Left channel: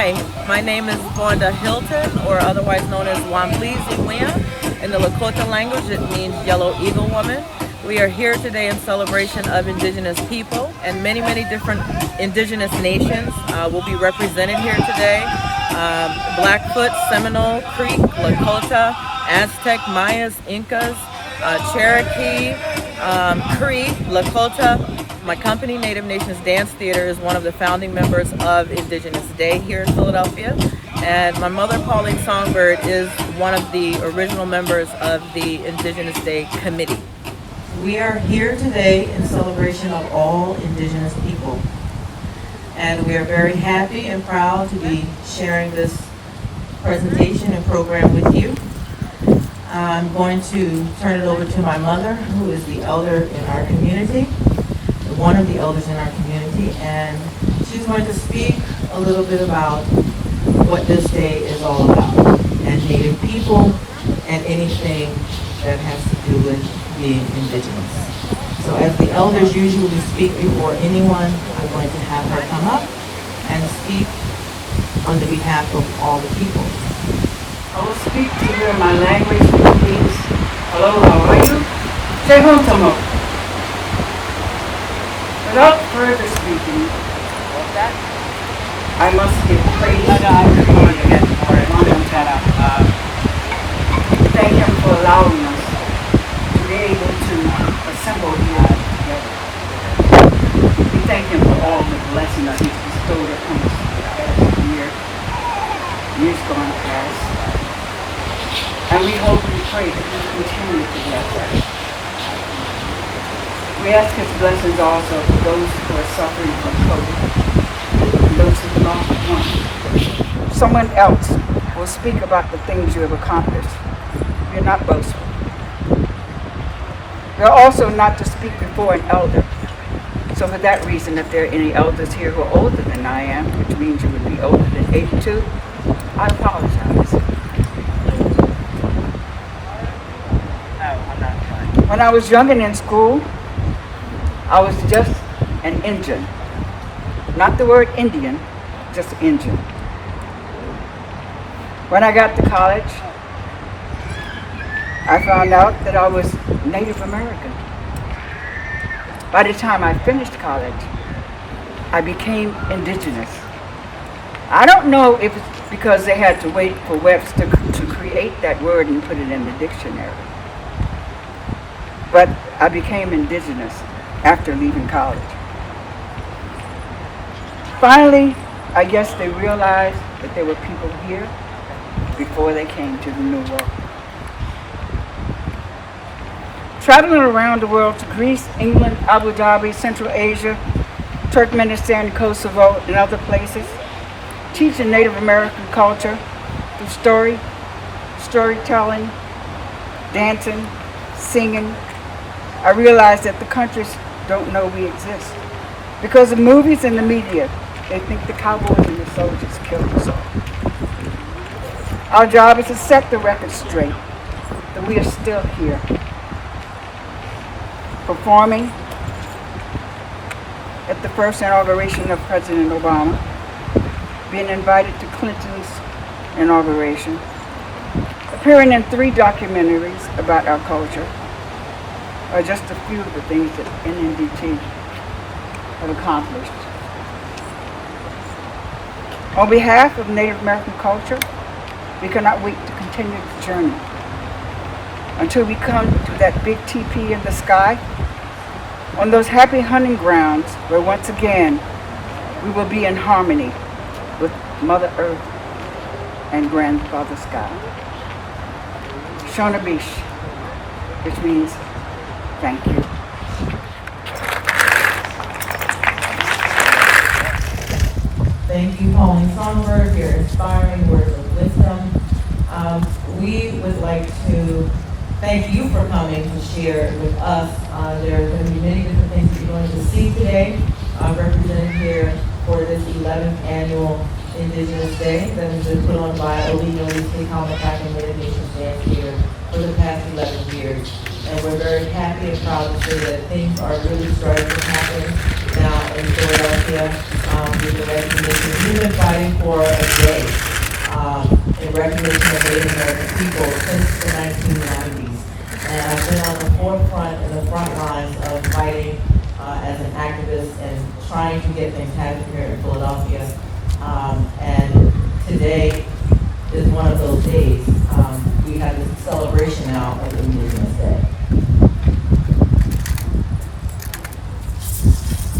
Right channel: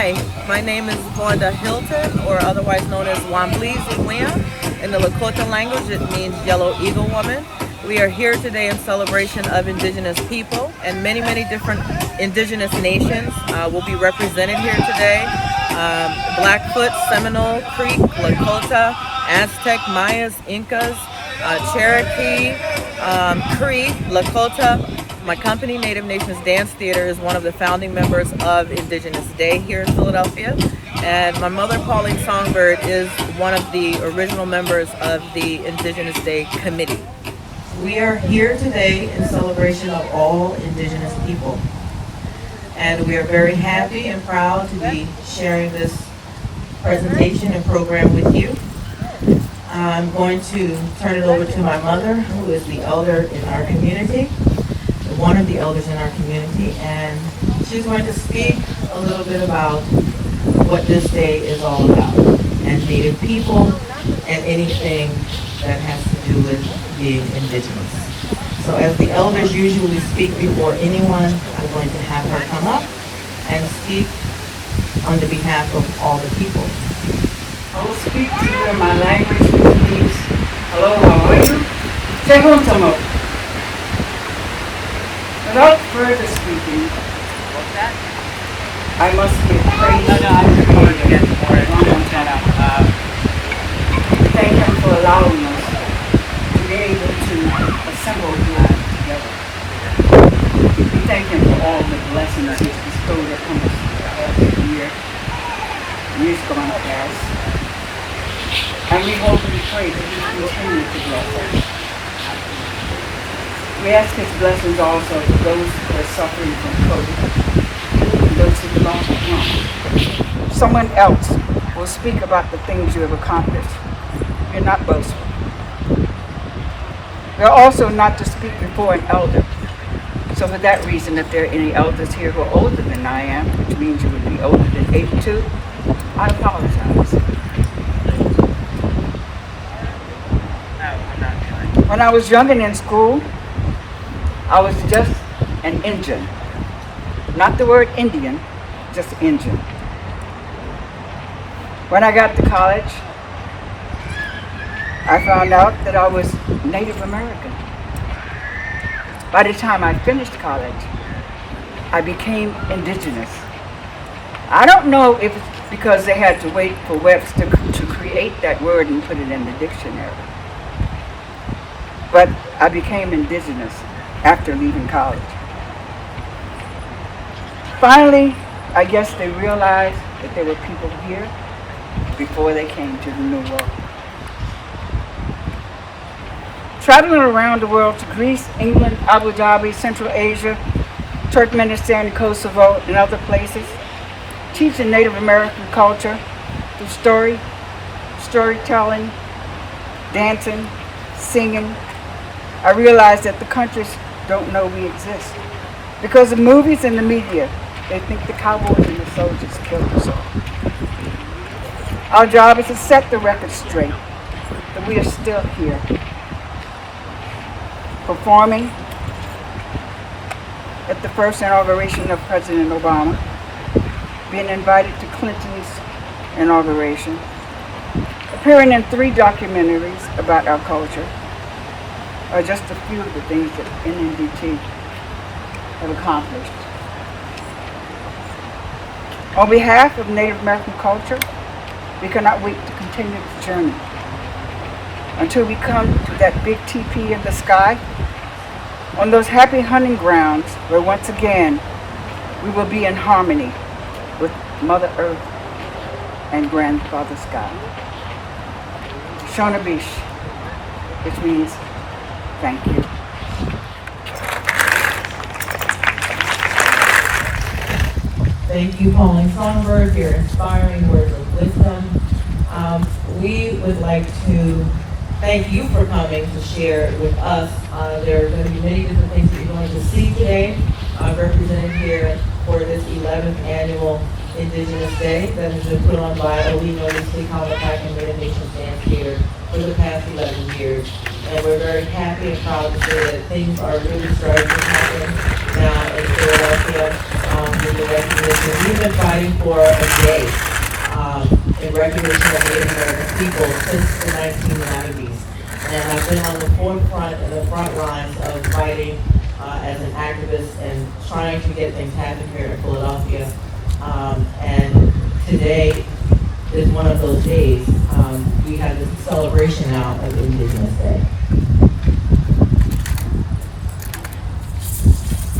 Hi, my name is Vonda Hilton, or otherwise known as Wamblizi Wia. In the Lakota language, it means yellow eagle woman. We are here today in celebration of Indigenous people, and many different Indigenous nations will be represented here today. Blackfoot, Seminole, Creek, Lakota, Aztec, Mayas, Incas, Cherokee, Cree, Lakota. My company, Native Nations Dance Theater, is one of the founding members of Indigenous Day here in Philadelphia. And my mother, Pauline Songbird, is one of the original members of the Indigenous Day Committee. We are here today in celebration of all Indigenous people. And we are very happy and proud to be sharing this presentation and program with you. I'm going to turn it over to my mother, who is the elder in our community, one of the elders in our community, and she's going to speak a little bit about what this day is all about, and Native people, and anything that has to do with being Indigenous. So as the elders usually speak before anyone, I'm going to have her come up and speak on the behalf of all the people. I will speak to you in my language, please. Hello, how are you? Tehotamo. Without further speaking, I must give praise to the Creator, thank Him for allowing us to be able to assemble here together. We thank Him for all the blessings He's bestowed upon us every year, years gone past. And we hope and pray that He continue to bless us. We ask His blessings also for those who are suffering from COVID and those who lost ones. Someone else will speak about the things you have accomplished. We're not boastful. We're also not to speak before an elder. So for that reason, if there are any elders here who are older than I am, which means you would be older than 82, I apologize. When I was young and in school, I was just an Indian. Not the word Indian, just Indian. When I got to college, I found out that I was Native American. By the time I finished college, I became Indigenous. I don't know if it's because they had to wait for Webster to create that word and put it in the dictionary. But I became Indigenous after leaving college. Finally, I guess they realized that there were people here before they came to the New World. Traveling around the world to Greece, England, Abu Dhabi, Central Asia, Turkmenistan, Kosovo, and other places, teaching Native American culture through storytelling, dancing, singing, I realized that the countries don't know we exist. Because of movies and the media, they think the cowboys and the soldiers killed us all. Our job is to set the record straight, that we are still here, performing at the first inauguration of President Obama, being invited to Clinton's inauguration, appearing in 3 documentaries about our culture, are just a few of the things that NNDT have accomplished. On behalf of Native American culture, we cannot wait to continue the journey until we come to that big teepee in the sky, on those happy hunting grounds where once again we will be in harmony with Mother Earth and Grandfather Sky. Shona Bish, which means thank you. Thank you, Pauline Songbird, for your inspiring words of wisdom. We would like to thank you for coming to share with us. There are going to be many different things that you're going to see today represented here for this 11th annual Indigenous Day that has been put on by Olino Lenapehoking Native Nations Dance Theater for the past 11 years. And we're very happy and proud to say that things are really starting to happen now in Philadelphia with the recognition. We've been fighting for a day in recognition of Native American people since the 1990s. And I've been on the forefront and the front lines of fighting as an activist and trying to get things happening here in Philadelphia. And today is one of those days. We have this celebration now of Indigenous Day.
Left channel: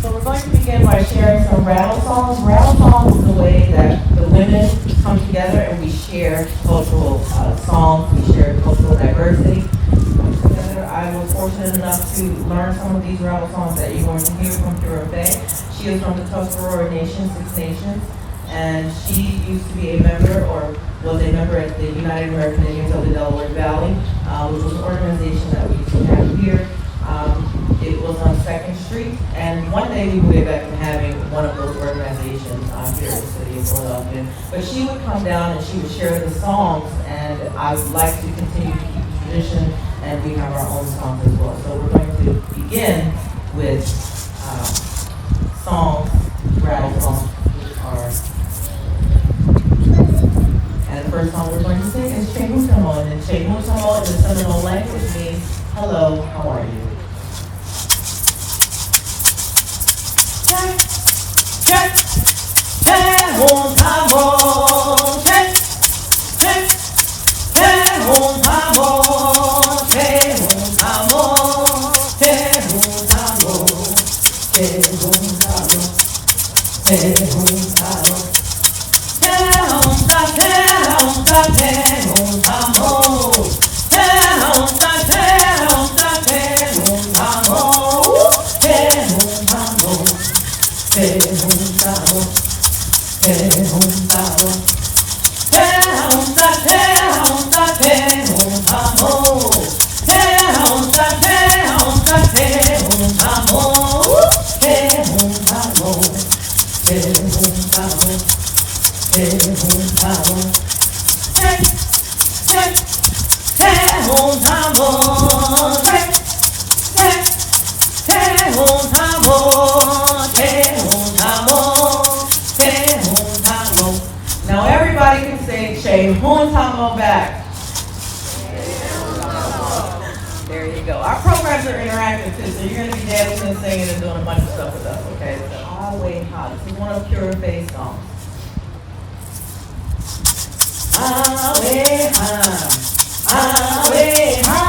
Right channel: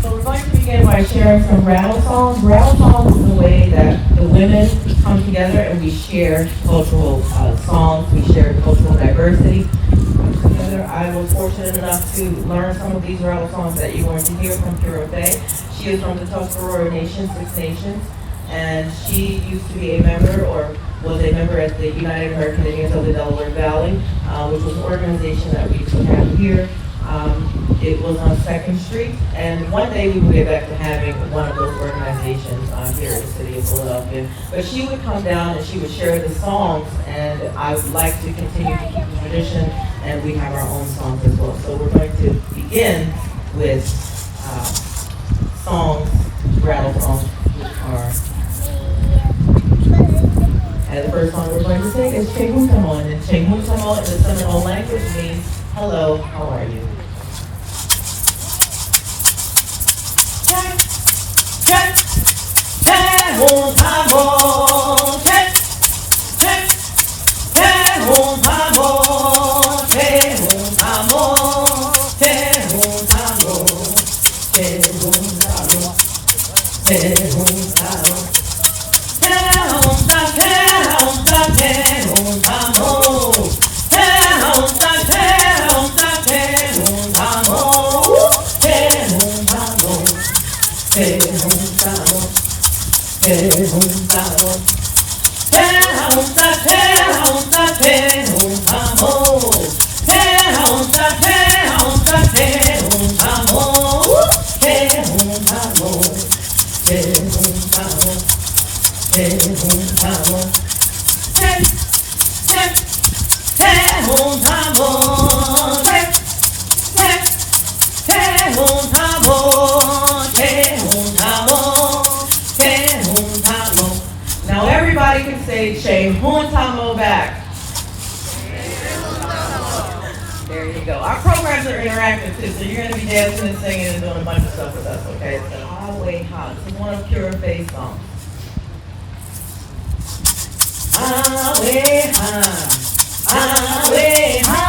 So we're going to begin by sharing some rattle songs. Rattle songs is the way that the women come together and we share cultural songs, we share cultural diversity. I was fortunate enough to learn some of these rattle songs that you're going to hear from Kira Faye. She is from the Tuscarora Nation, Six Nations, and she used to be a member or was a member at the United American Indians of the Delaware Valley, which was an organization that we have here. It was on 2nd Street, and one day we will get back to having one of those organizations here in the city of Philadelphia. But she would come down and she would share the songs, and I would like to continue to keep the tradition, and we have our own songs as well. So we're going to begin with songs, rattle songs, and the first song we're going to sing is Chehutamo, and Chehutamo in the Seminole language means hello, how are you? Now everybody can say Chehutamo back. There you go. Our programs are interactive too, so you're going to be dancing and singing and doing a bunch of stuff with us, okay? So, Awe-ha. This is one of Kira Faye's songs. Awe-ha, Awe-ha,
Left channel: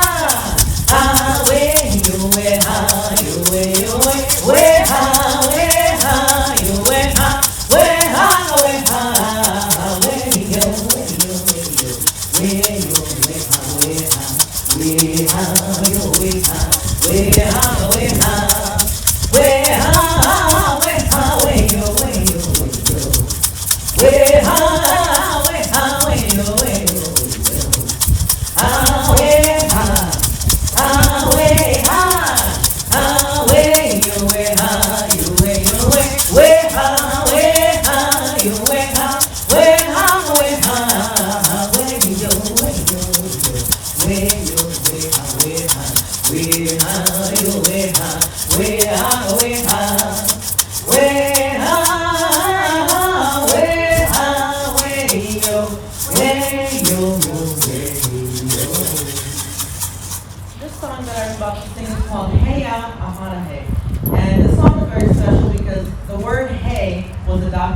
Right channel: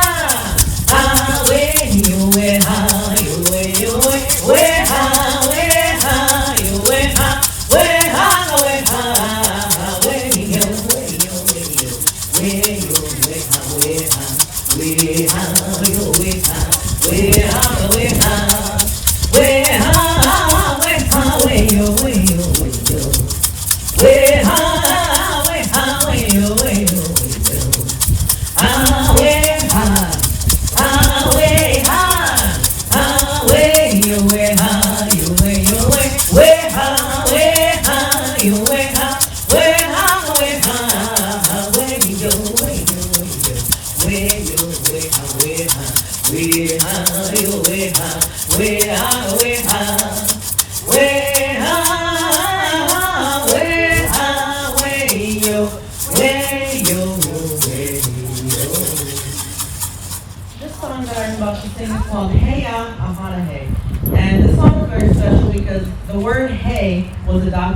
Awe-you-we-ha, you-we-you-we, we-ha, we-ha, you-we-ha, we-ha, we-ha, we-you-we-you-we-you, we-you-we-ha, we-ha, we-ha, you-we-ha, we-ha, we-ha, we-ha, we-ha, we-you-we-you-we-you, we-ha.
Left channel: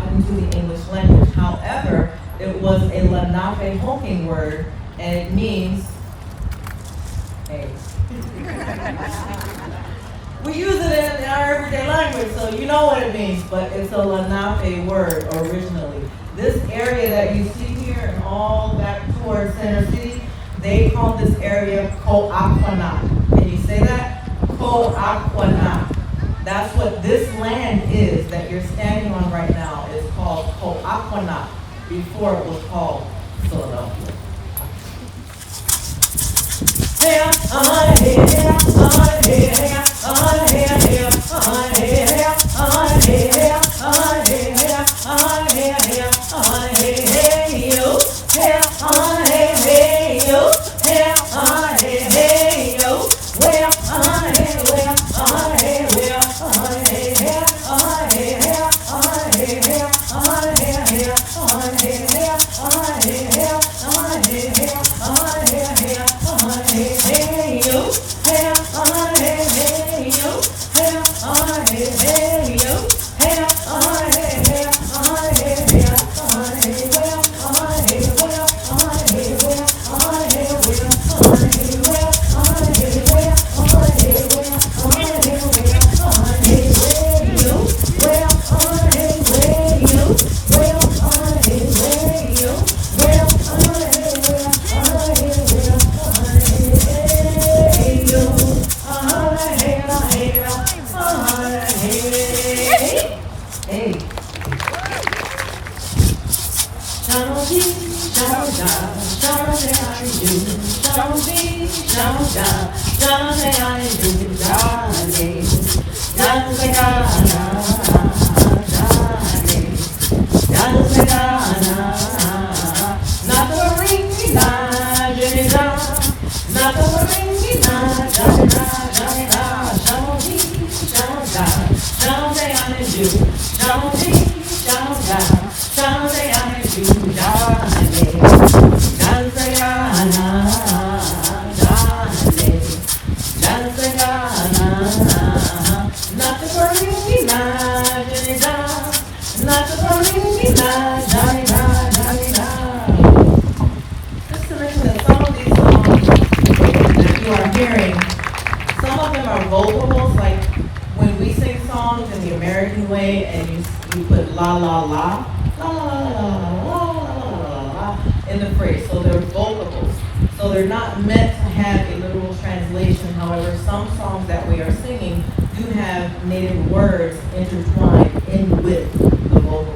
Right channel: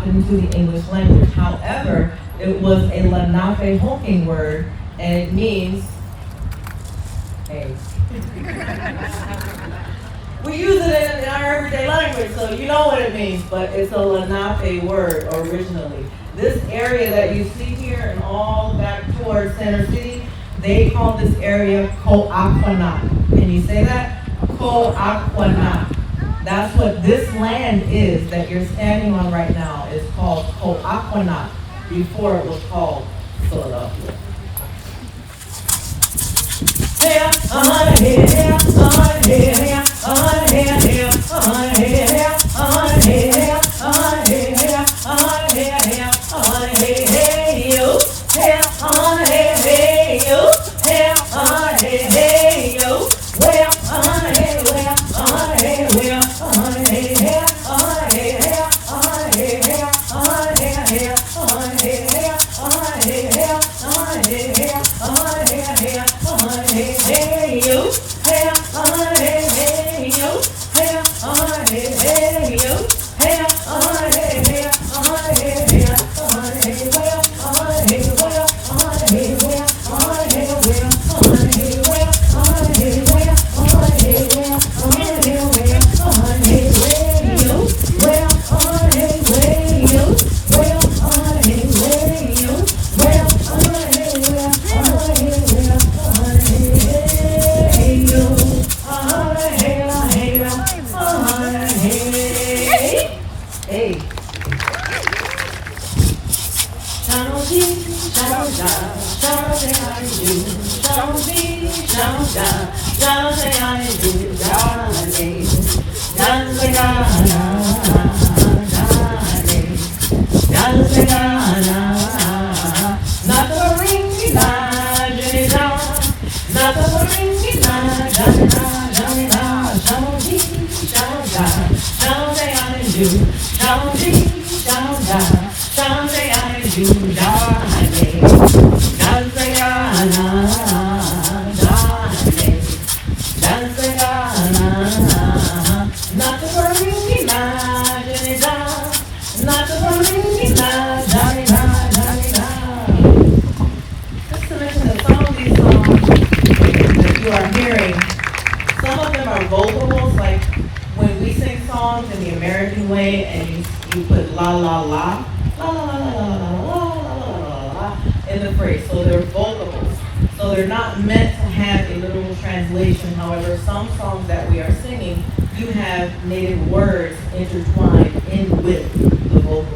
Into the English language. However, it was a Lenapehoking word, and it means hey. We use it in our everyday language, so you know what it means, but it's a Lenape word originally. This area that you see here and all back towards Center City, they call this area Ko'akwanat. Can you say that? Ko'akwanat. That's what this land is that you're standing on right now. Is called Ko'akwanat before it was called Philadelphia. Just to mention that some of these songs that you are hearing, some of them are vocables, like when we sing songs in the American way and you put la la la, la la la la la la la la la la la la in the phrase. So they're vocables. So they're not meant to have a literal translation. However, some songs that we are singing do have native words intertwined in with the vocal.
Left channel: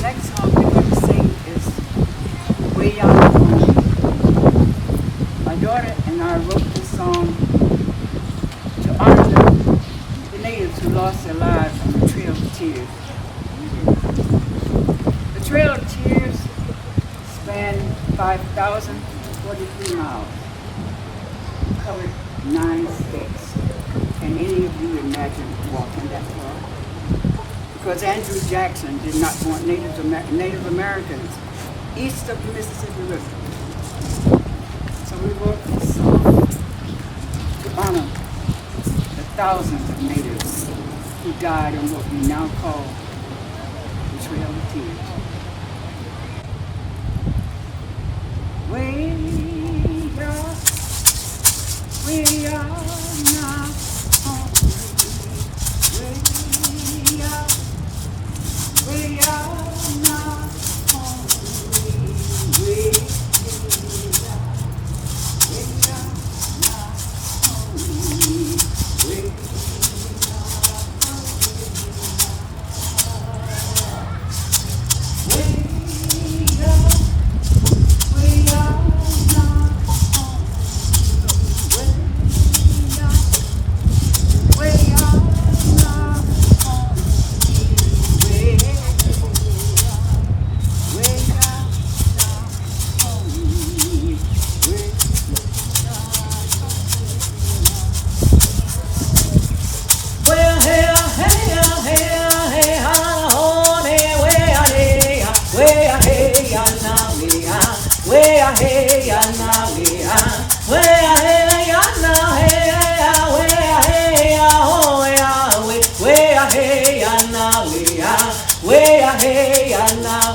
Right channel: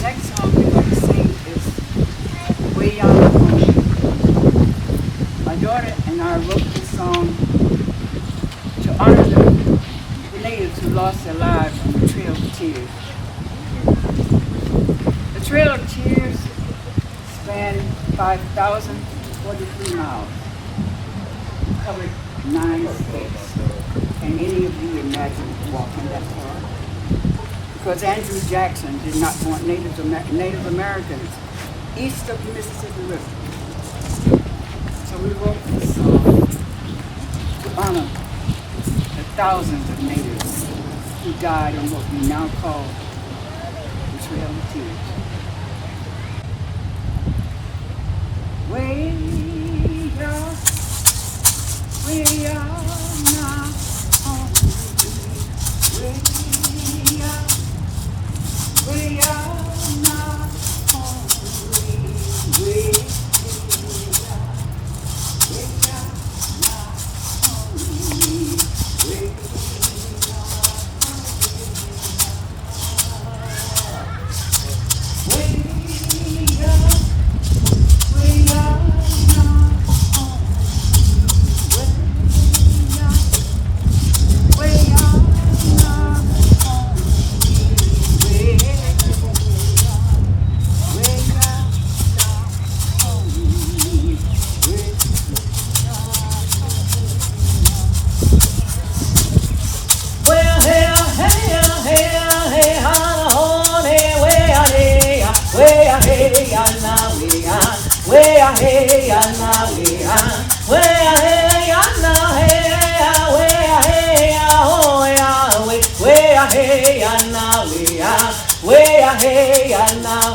Next song we're going to sing is Way Out Home. My daughter and I wrote this song to honor the natives who lost their lives on the Trail of Tears. The Trail of Tears spanned 5,043 miles and covered 9 states. Can any of you imagine walking that far? Because Andrew Jackson did not want Native Americans east of the Mississippi River. So we wrote this song to honor the thousands of natives who died on what we now call the Trail of Tears. Way out, way out now,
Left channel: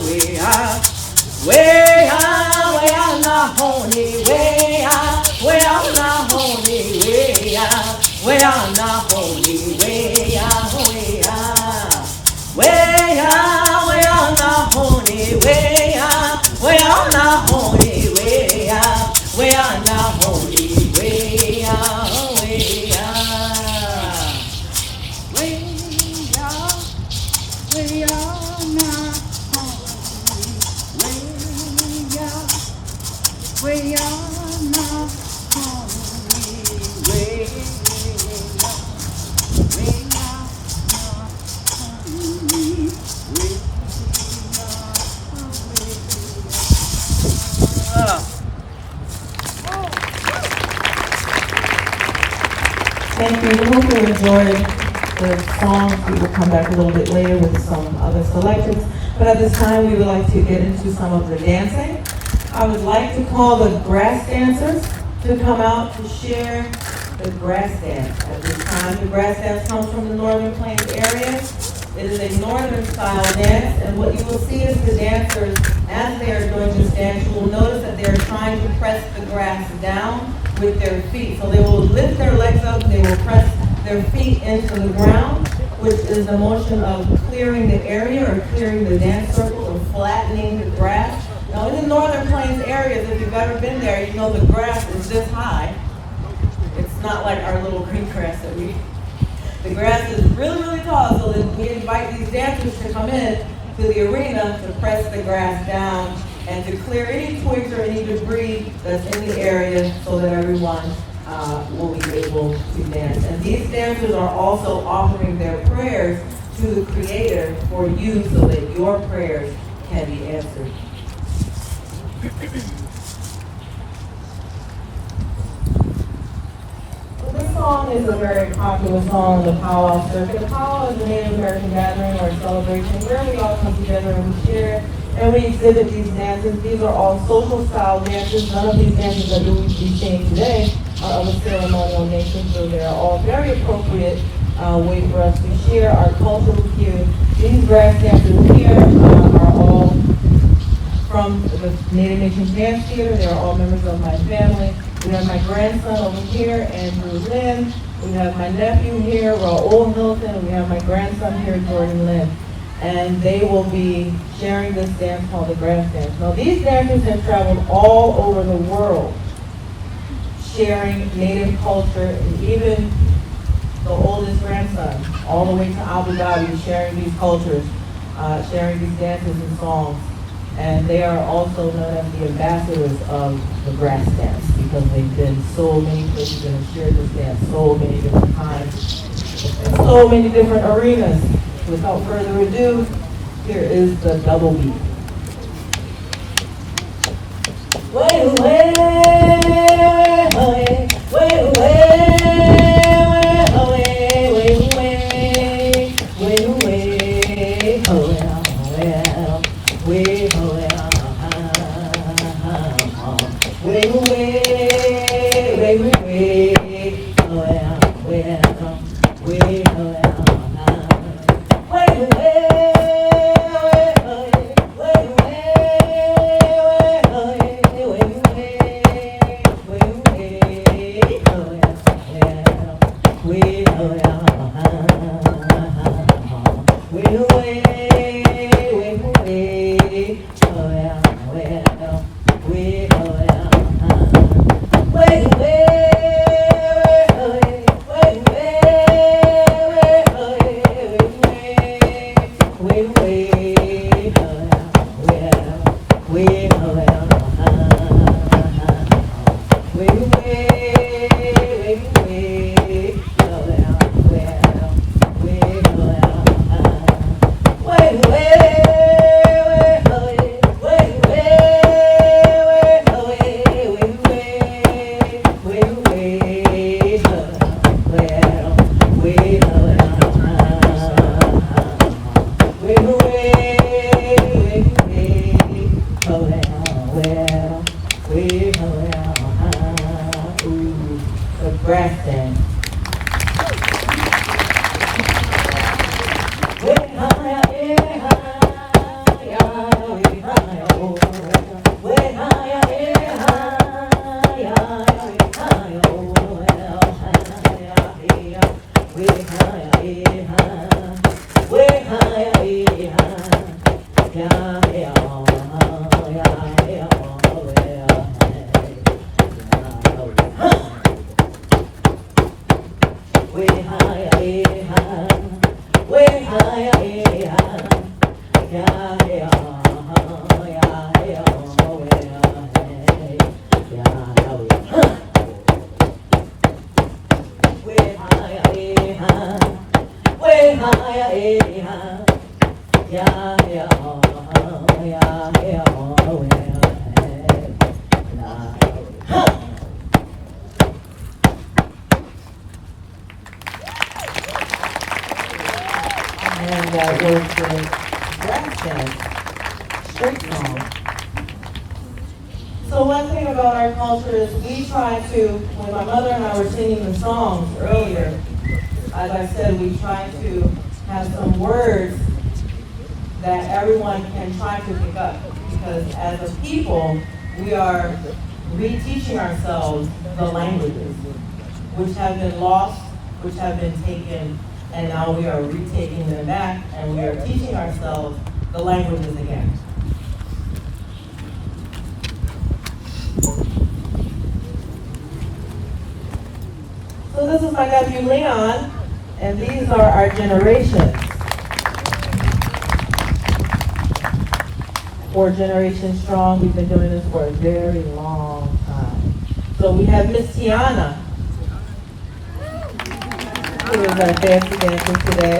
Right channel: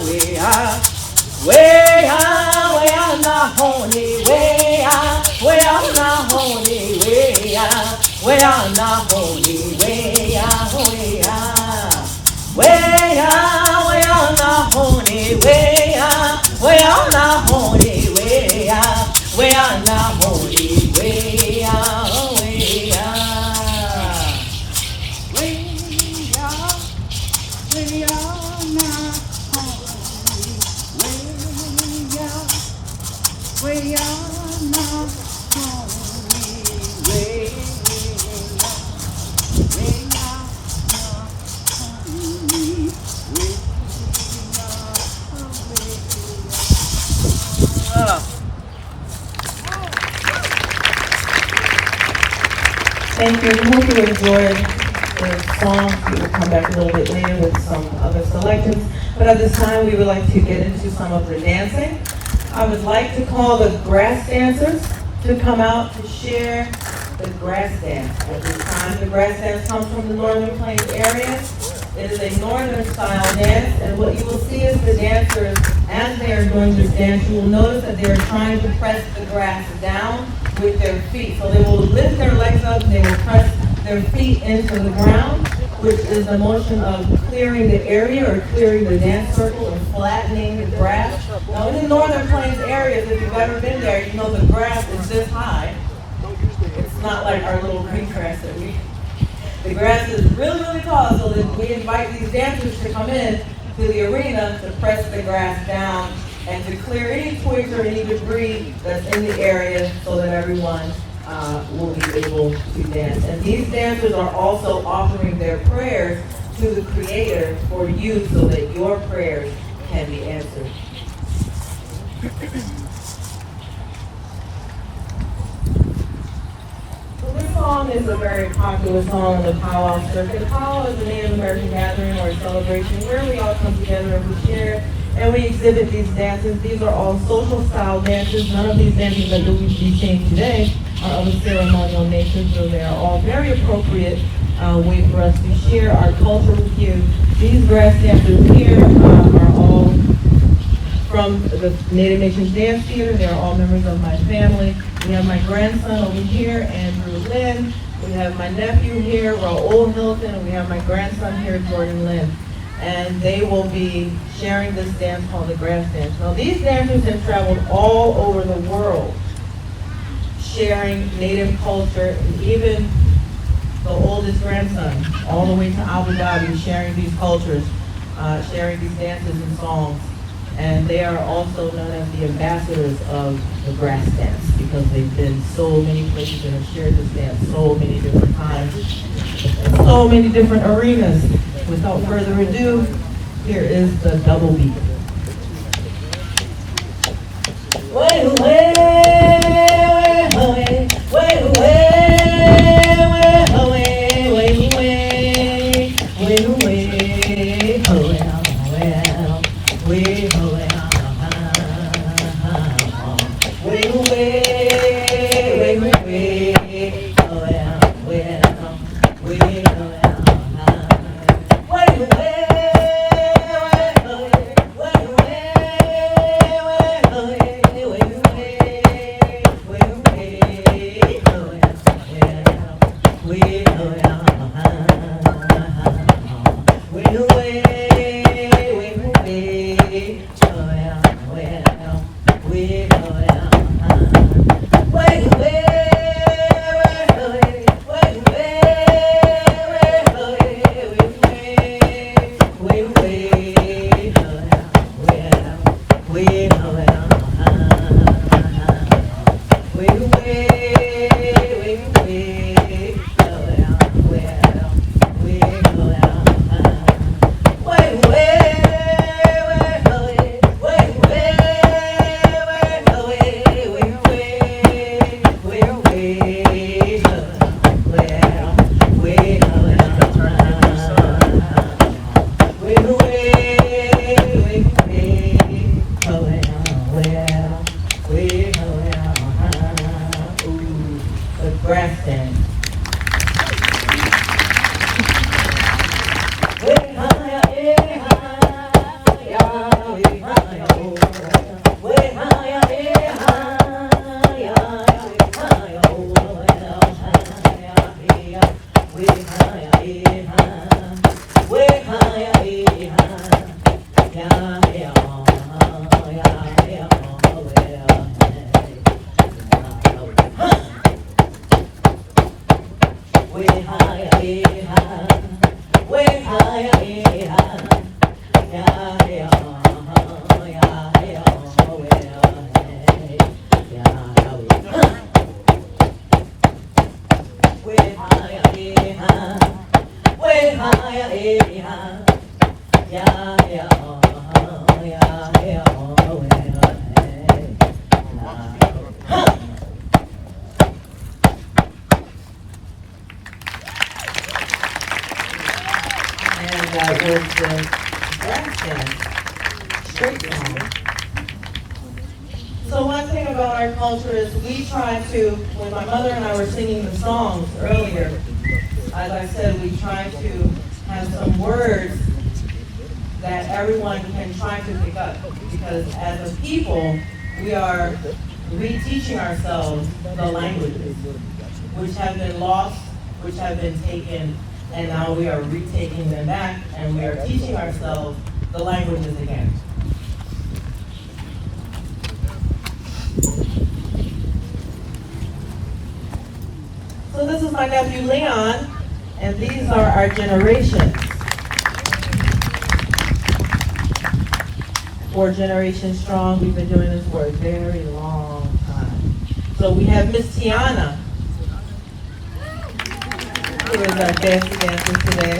way out. We are not only we are not only we Thank you. We hope you enjoyed the songs. We will come back a little bit later with some other selections. But at this time, we would like to get into some of the dancing. I would like to call the grass dancers to come out to share the grass dance. At this time, the grass dance comes from the Northern Plains area. It is a northern style dance, and what you will see is the dancers, as they are doing this dance, you will notice that they are trying to press the grass down with their feet. So they will lift their legs up, and they will press their feet into the ground, which is the motion of clearing the area or clearing the dance circle or flattening the grass. Now in the Northern Plains areas, if you've ever been there, you know the grass is this high. It's not like our little green grass that the grass is really, really tall, so that we invite these dancers to come in to the arena to press the grass down and to clear any twigs or any debris that's in the area so that everyone will be able to dance. And these dancers are also offering their prayers to the Creator for you so that your prayers can be answered. This song is a very popular song on the powwow circuit. A powwow is a Native American gathering or celebration where we all come together and we share and we exhibit these dances. These are all social style dances. None of these dances that you will be seeing today are of a ceremonial nature, so they are all very appropriate way for us to share our culture with you. These grass dancers here are all from the Native Nations Dance Theater. They are all members of my family. We have my grandson over here, Andrew Lynn. We have my nephew here, Raul Hilton, and we have my grandson here, Jordan Lynn. And they will be sharing this dance called the grass dance. Now these dancers have traveled all over the world, sharing Native culture, and even the oldest grandson, all the way to Abu Dhabi, sharing these cultures, sharing these dances and songs. And they are also known as the ambassadors of the grass dance because they've been so many places and have shared this dance so many different times, in so many different arenas. Without further ado, here is the double beat. Way, way, way, way, again. Straight song. So one thing about our culture is we try to, when my mother and I were singing the songs earlier, as I said, we try to have some words that everyone can try to pick up. Because as a people, we are reteaching ourselves the languages, which have been lost, which have been taken, and now we are retaking them back, and we are teaching ourselves the languages again. So this is my nephew Leon, and these are our generations. 4 generations strong. We've been doing this for a very long time. So we have Miss Tiana, who is our fancy dancer today.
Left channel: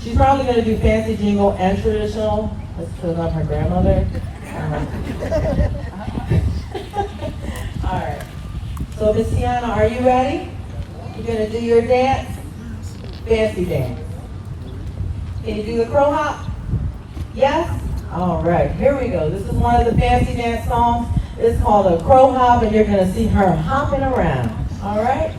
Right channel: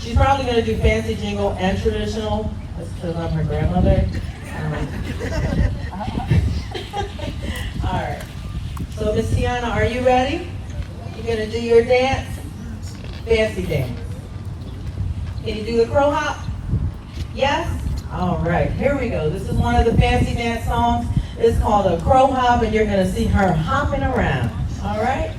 She's probably going to do fancy jingle and traditional. That's because I'm her grandmother. All right. So Miss Tiana, are you ready? You're going to do your dance? Fancy dance. Can you do the crow hop? Yes? All right, here we go. This is one of the fancy dance songs. It's called a crow hop, and you're going to see her hopping around. All right?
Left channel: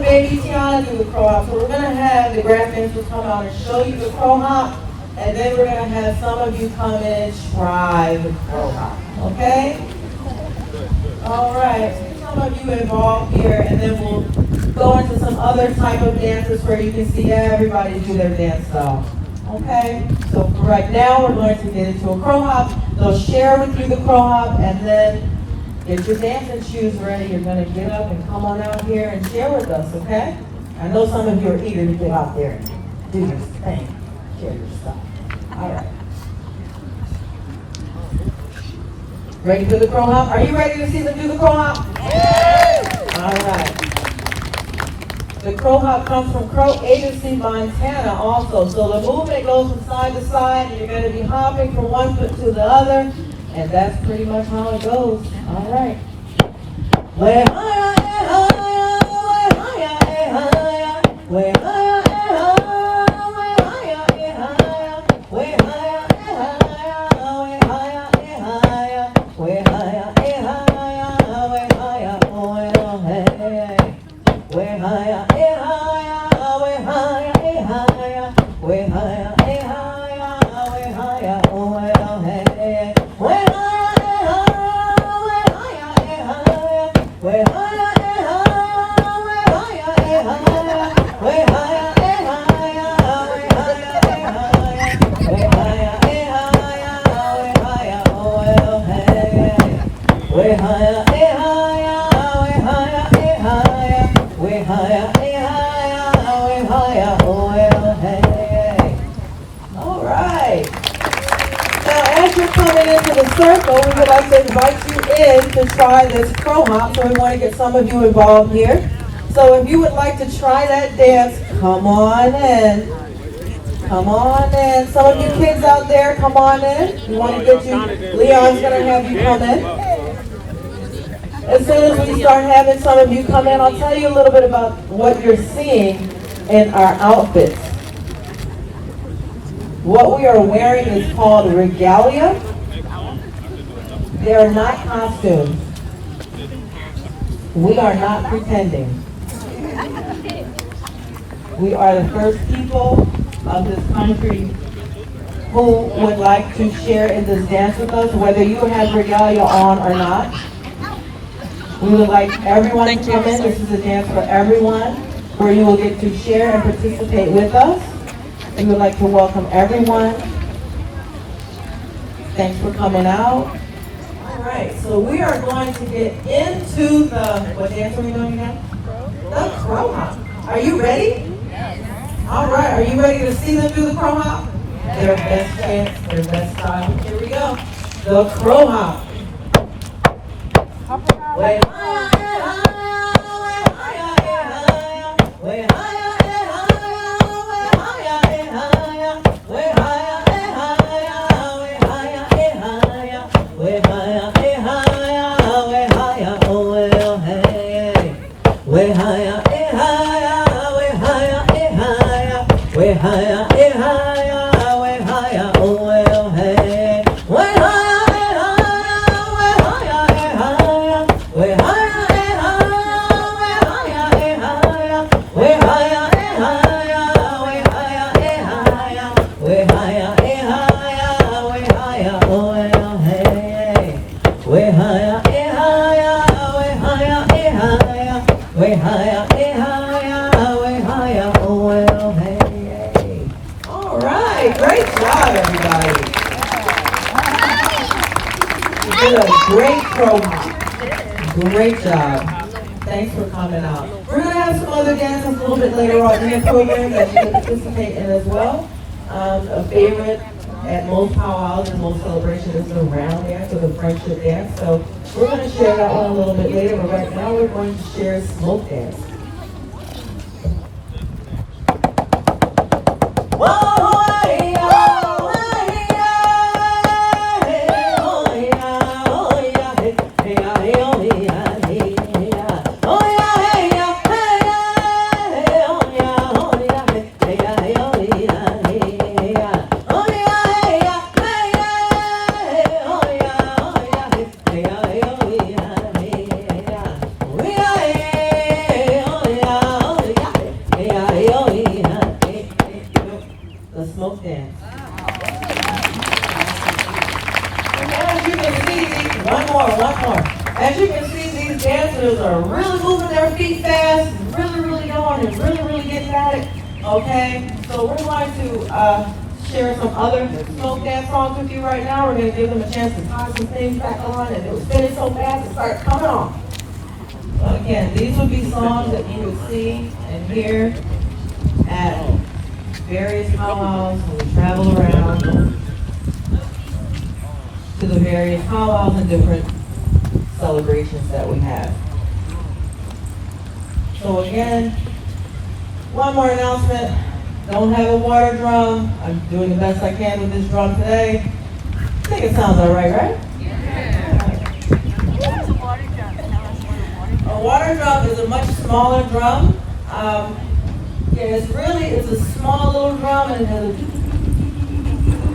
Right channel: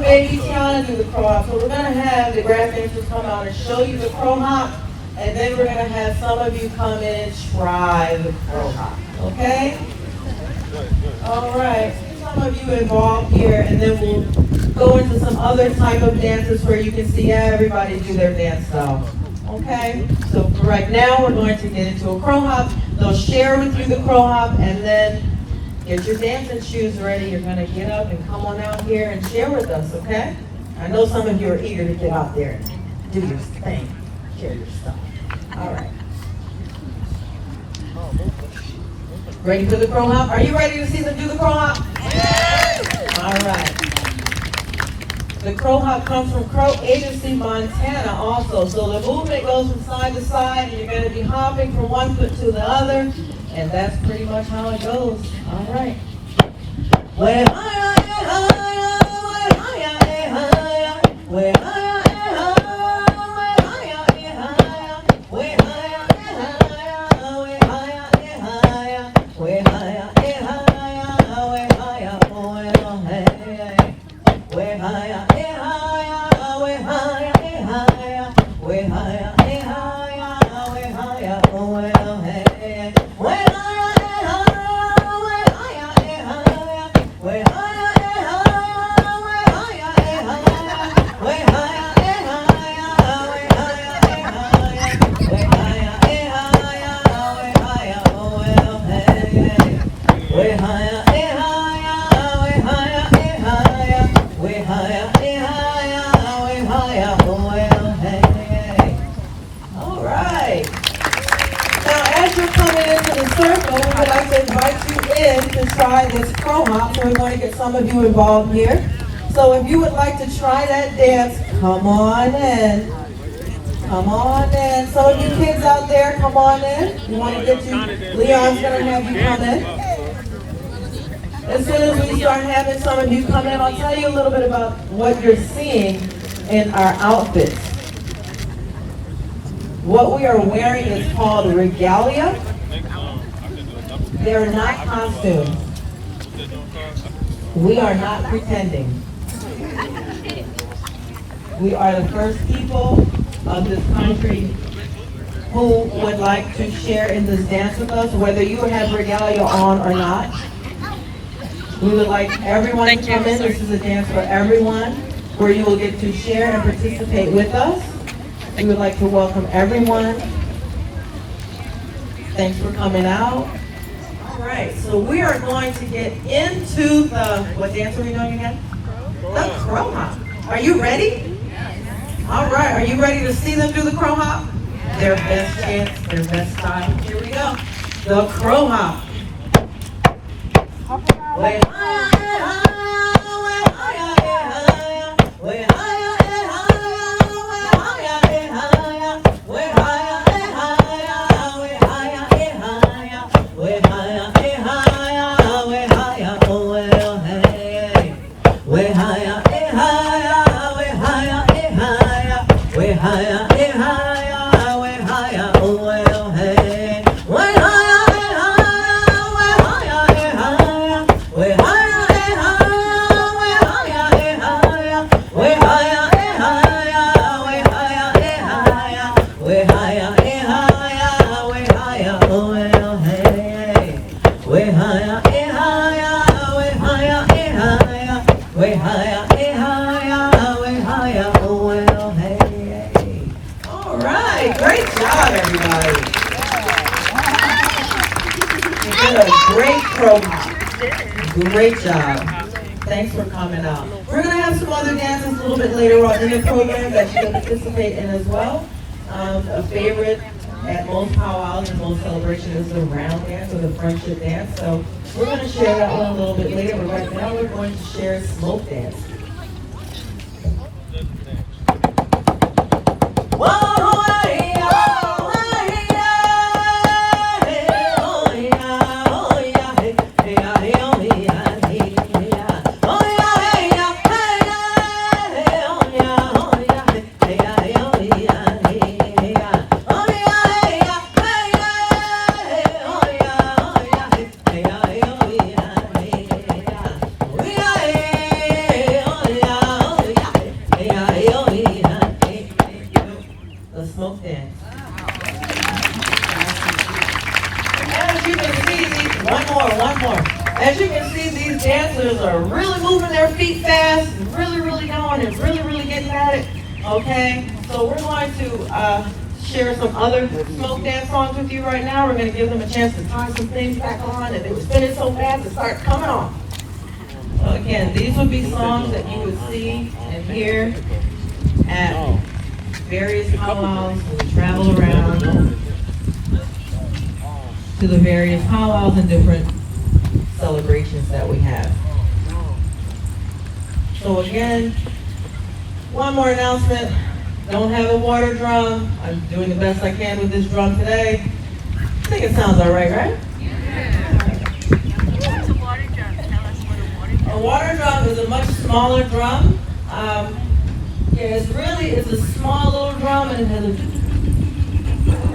Baby Tiana do the crow hop. So we're going to have the grass dancers come out and show you the crow hop, and then we're going to have some of you come in and try the crow hop. Okay? All right. Some of you involved here, and then we'll go into some other type of dances where you can see everybody do their dance style. Okay? So for right now, we're going to get into a crow hop. They'll share with you the crow hop, and then get your dancing shoes ready. You're going to get up and come on out here and share with us, okay? I know some of you are eager to get out there and do your thing, share your stuff. All right. Ready for the crow hop? Are you ready to see them do the crow hop? Yeah. All right. The crow hop comes from Crow Agency, Montana also. So the movement goes from side to side, and you're going to be hopping from one foot to the other. And that's pretty much how it goes. All right. circle, we would like to invite you in to try this crow hop. So we want to get some of you involved here. So if you would like to try that dance, come on in. Come on in. Some of you kids out there, come on in. We want to get you. Leon's going to have you come in. As soon as we start having some of you come in, I'll tell you a little bit about what you're seeing in our outfits. What we are wearing is called regalia. They are not costumes. We are not pretending. We are the first people of this country who would like to share in this dance with us, whether you have regalia on or not. We would like everyone to come in. This is a dance for everyone, where you will get to share and participate with us. We would like to welcome everyone. Thanks for coming out. All right, so we are going to get into the, what dance are we doing again? The crow hop. Are you ready? All right, are you ready to see them do the crow hop? Their best chance, their best style. Here we go. The crow hop. Way higher, way higher, way higher, way higher, way higher, way higher, oh well, hey. Way higher, way higher, all right, great job, everybody. You did a great program. Great job. Thanks for coming out. We're going to have some other dances a little bit later on in the program that you can participate in as well. A favorite at most powwows and most celebrations is the round dance or the friendship dance. So we're going to share that one a little bit later, but right now we're going to share smoke dance. One more. As you can see, these dancers are really moving their feet fast, really going and really getting at it. Okay, so we're going to share some other smoke dance songs with you right now. We're going to give them a chance to tie some things back on, and it was spinning so fast it started coming off. Again, these would be songs that you would see and hear at various powwows when we travel around to the various powwows and different celebrations that we have. So again, one more announcement. Don't have a water drum. I'm doing the best I can with this drum today. I think it sounds all right, right? A water drum is a much smaller drum. It's a small little drum, and it has a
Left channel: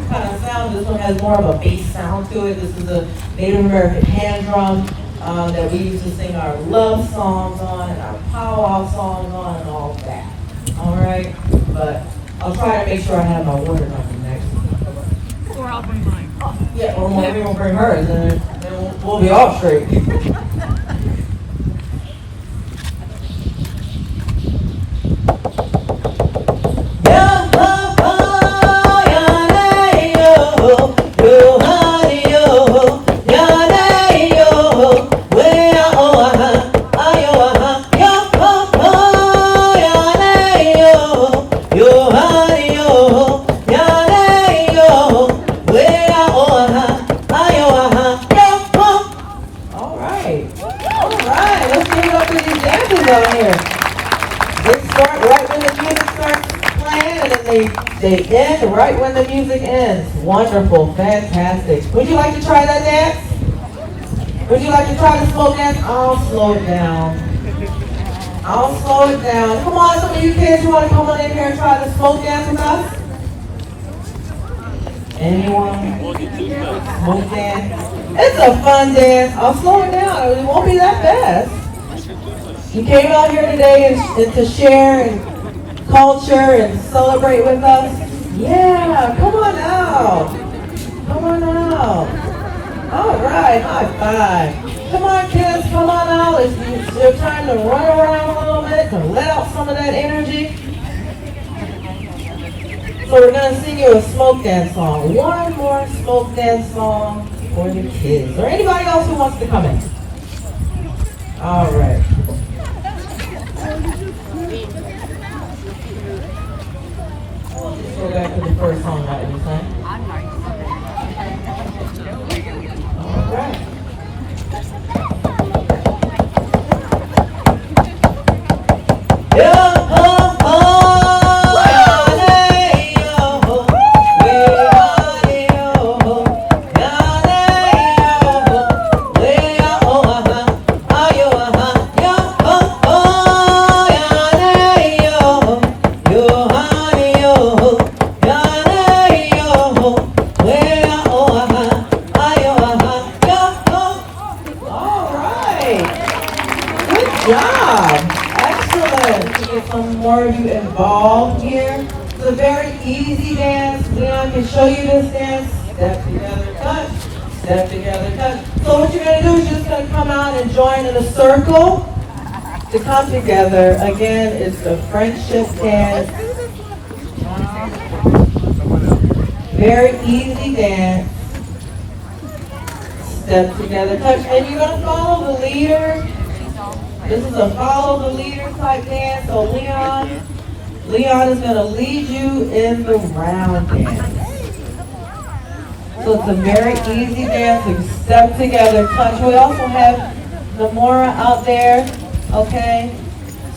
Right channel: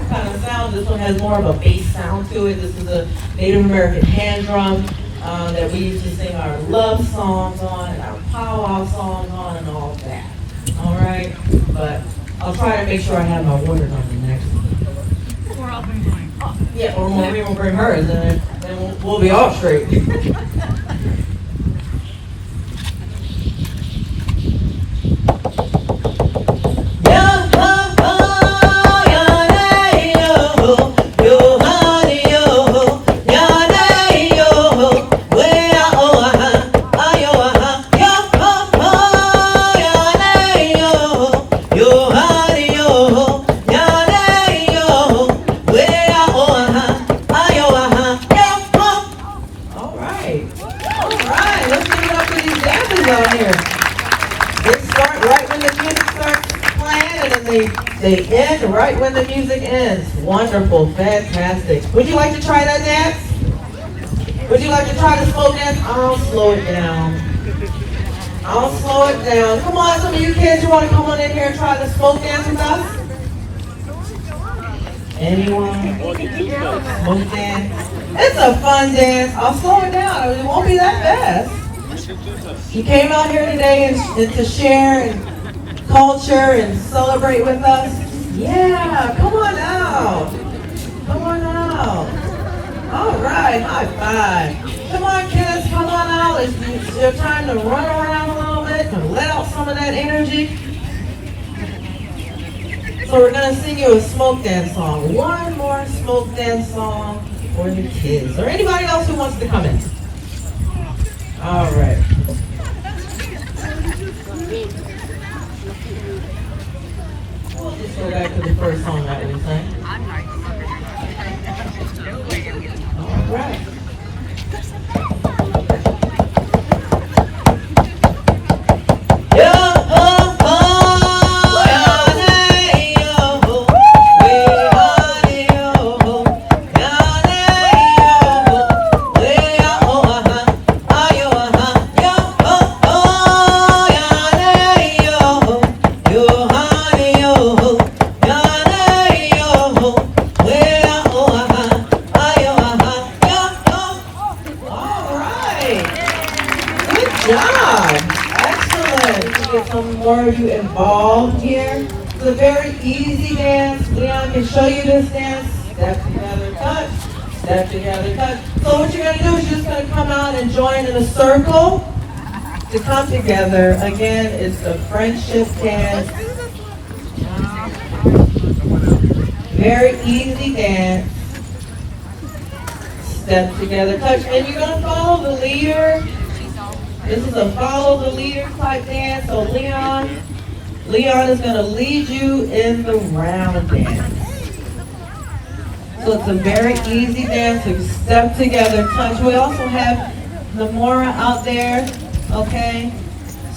kind of sound. This one has more of a bass sound to it. This is a Native American hand drum that we used to sing our love songs on and our powwow songs on and all of that. All right, but I'll try to make sure I have my water drum next to me. Or I'll bring mine. Oh, yeah, or maybe we'll bring hers, and then we'll be all straight. They end right when the music ends. Wonderful, fantastic. Would you like to try that dance? Would you like to try the slow dance? I'll slow it down. I'll slow it down. Come on, some of you kids, you want to come on in here and try the slow dance with us? Anyone? Smoke dance? It's a fun dance. I'll slow it down. It won't be that fast. You came out here today and to share and culture and celebrate with us. Yeah, come on out. Come on out. All right, high five. Come on, kids, come on out. It's time to run around a little bit to let out some of that energy. So we're going to sing you a smoke dance song. One more smoke dance song for the kids. Or anybody else who wants to come in. All right. I'll just go back to the first song that we sang. All right. Some more of you involved here. It's a very easy dance. Leon can show you this dance. Step together, touch. Step together, touch. So what you're going to do is you're just going to come out and join in a circle to come together. Again, it's the friendship dance. Very easy dance. Step together, touch. And you're going to follow the leader. This is a follow the leader type dance. So Leon is going to lead you in the round dance. So it's a very easy dance. We step together, touch. We also have Namora out there. Okay.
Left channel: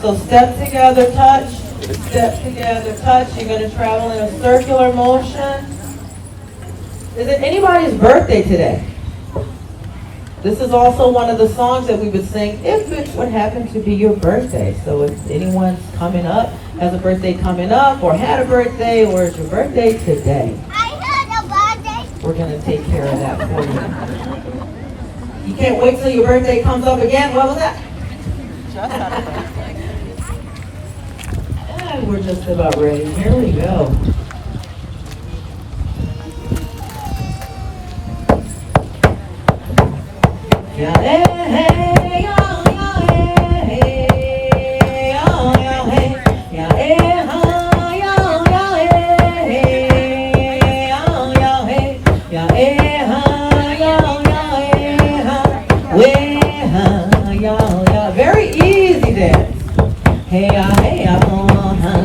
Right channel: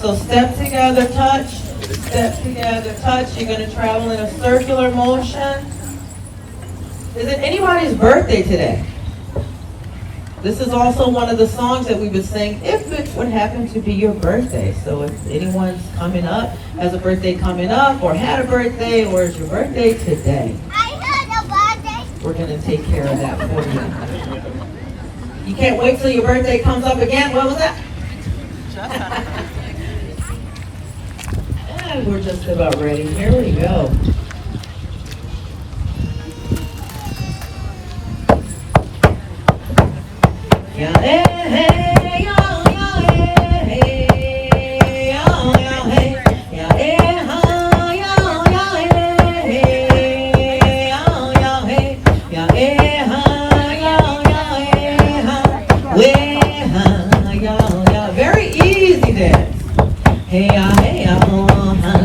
So step together, touch. Step together, touch. You're going to travel in a circular motion. Is it anybody's birthday today? This is also one of the songs that we would sing if it would happen to be your birthday. So if anyone's coming up, has a birthday coming up, or had a birthday, or it's your birthday today, I had a birthday. we're going to take care of that for you. You can't wait till your birthday comes up again. What was that? And we're just about ready. Here we go. Very easy dance. Hey, hey, hey,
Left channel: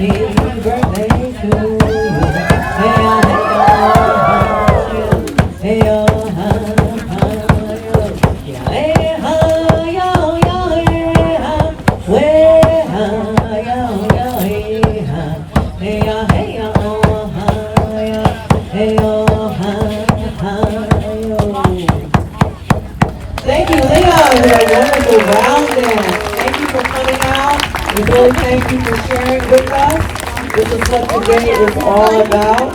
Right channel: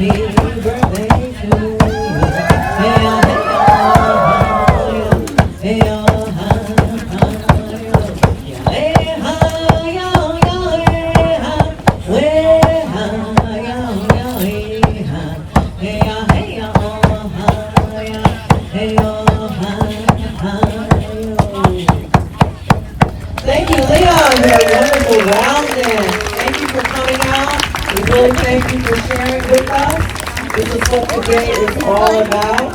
Happy Hey, hey, hey, thank you, Leon, for a wonderful round dance. Thank you for coming out. And really thank you for sharing with us. This is what the day is all about.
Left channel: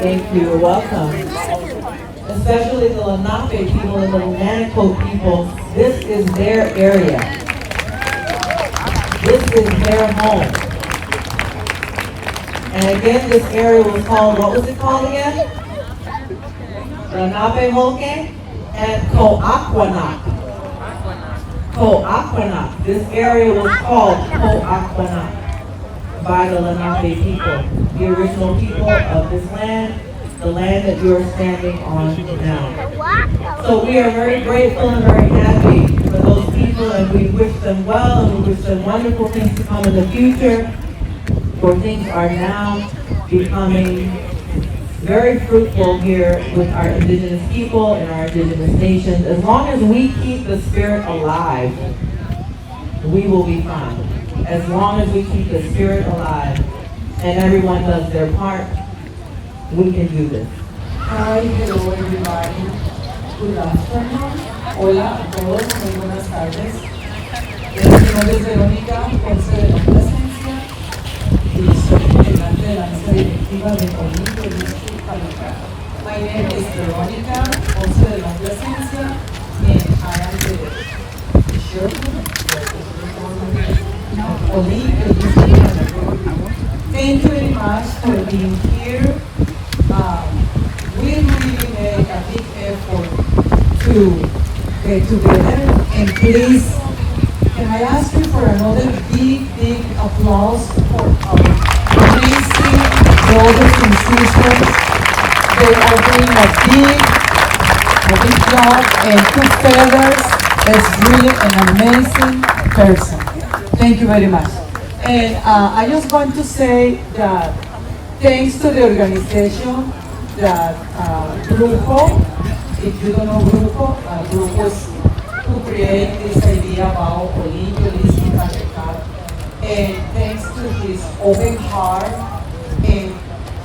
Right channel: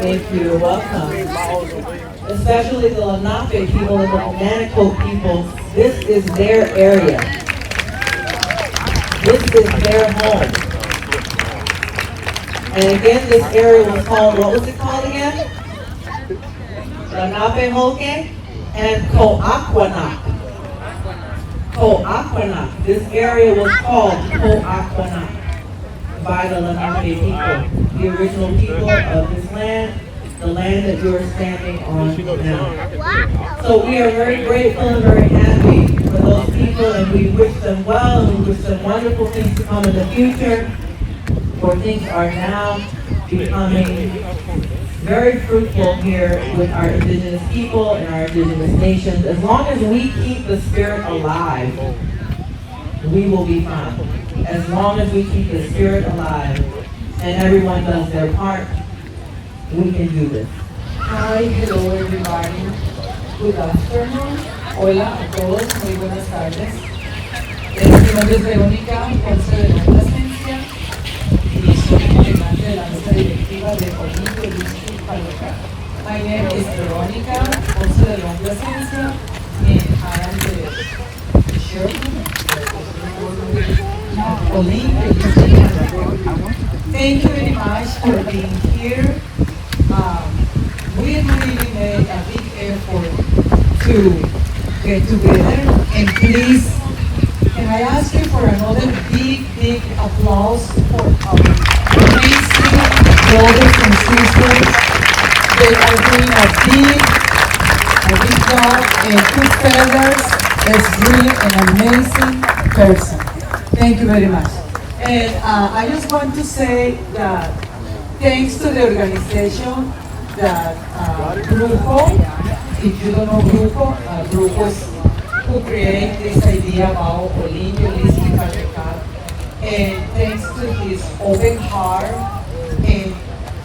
Thank you. Welcome. Especially the Lenape people and the Lenapehoking people. This is their area. This is their home. And again, this area was called, what was it called again? Lenapehoking and Coaquanac. Coaquanac. This area was called Coaquanac by the Lenape people, the original people of this land, the land that you're standing on now. So we are very grateful and very happy for those people, and we wish them well, and we wish them wonderful things to come in the future, where things are now becoming very fruitful here with our indigenous people and our indigenous nations. As long as we keep the spirit alive, we will be fine. As long as we keep the spirit alive and everyone does their part, we can do this. Hi, hello everybody. Good afternoon. Hola a todos, muy buenas tardes. Mi nombre es Verónica, Ponce de la Plasencia, y soy integrante de la mesa directiva de Indigenous Peoples. My name is Verónica, Ponce de la Plasencia, and I am the chairman of Indigenous Peoples. Thank you very much for being here. We really made a big effort to get together, and please, can I ask you for another big applause for our amazing brothers and sisters. They are doing a big job, and two feathers is really an amazing person. Thank you very much. And I just want to say that thanks to the organization that Grupo, if you don't know Grupo, Grupos who created this idea about Indigenous Peoples, and thanks to his open heart and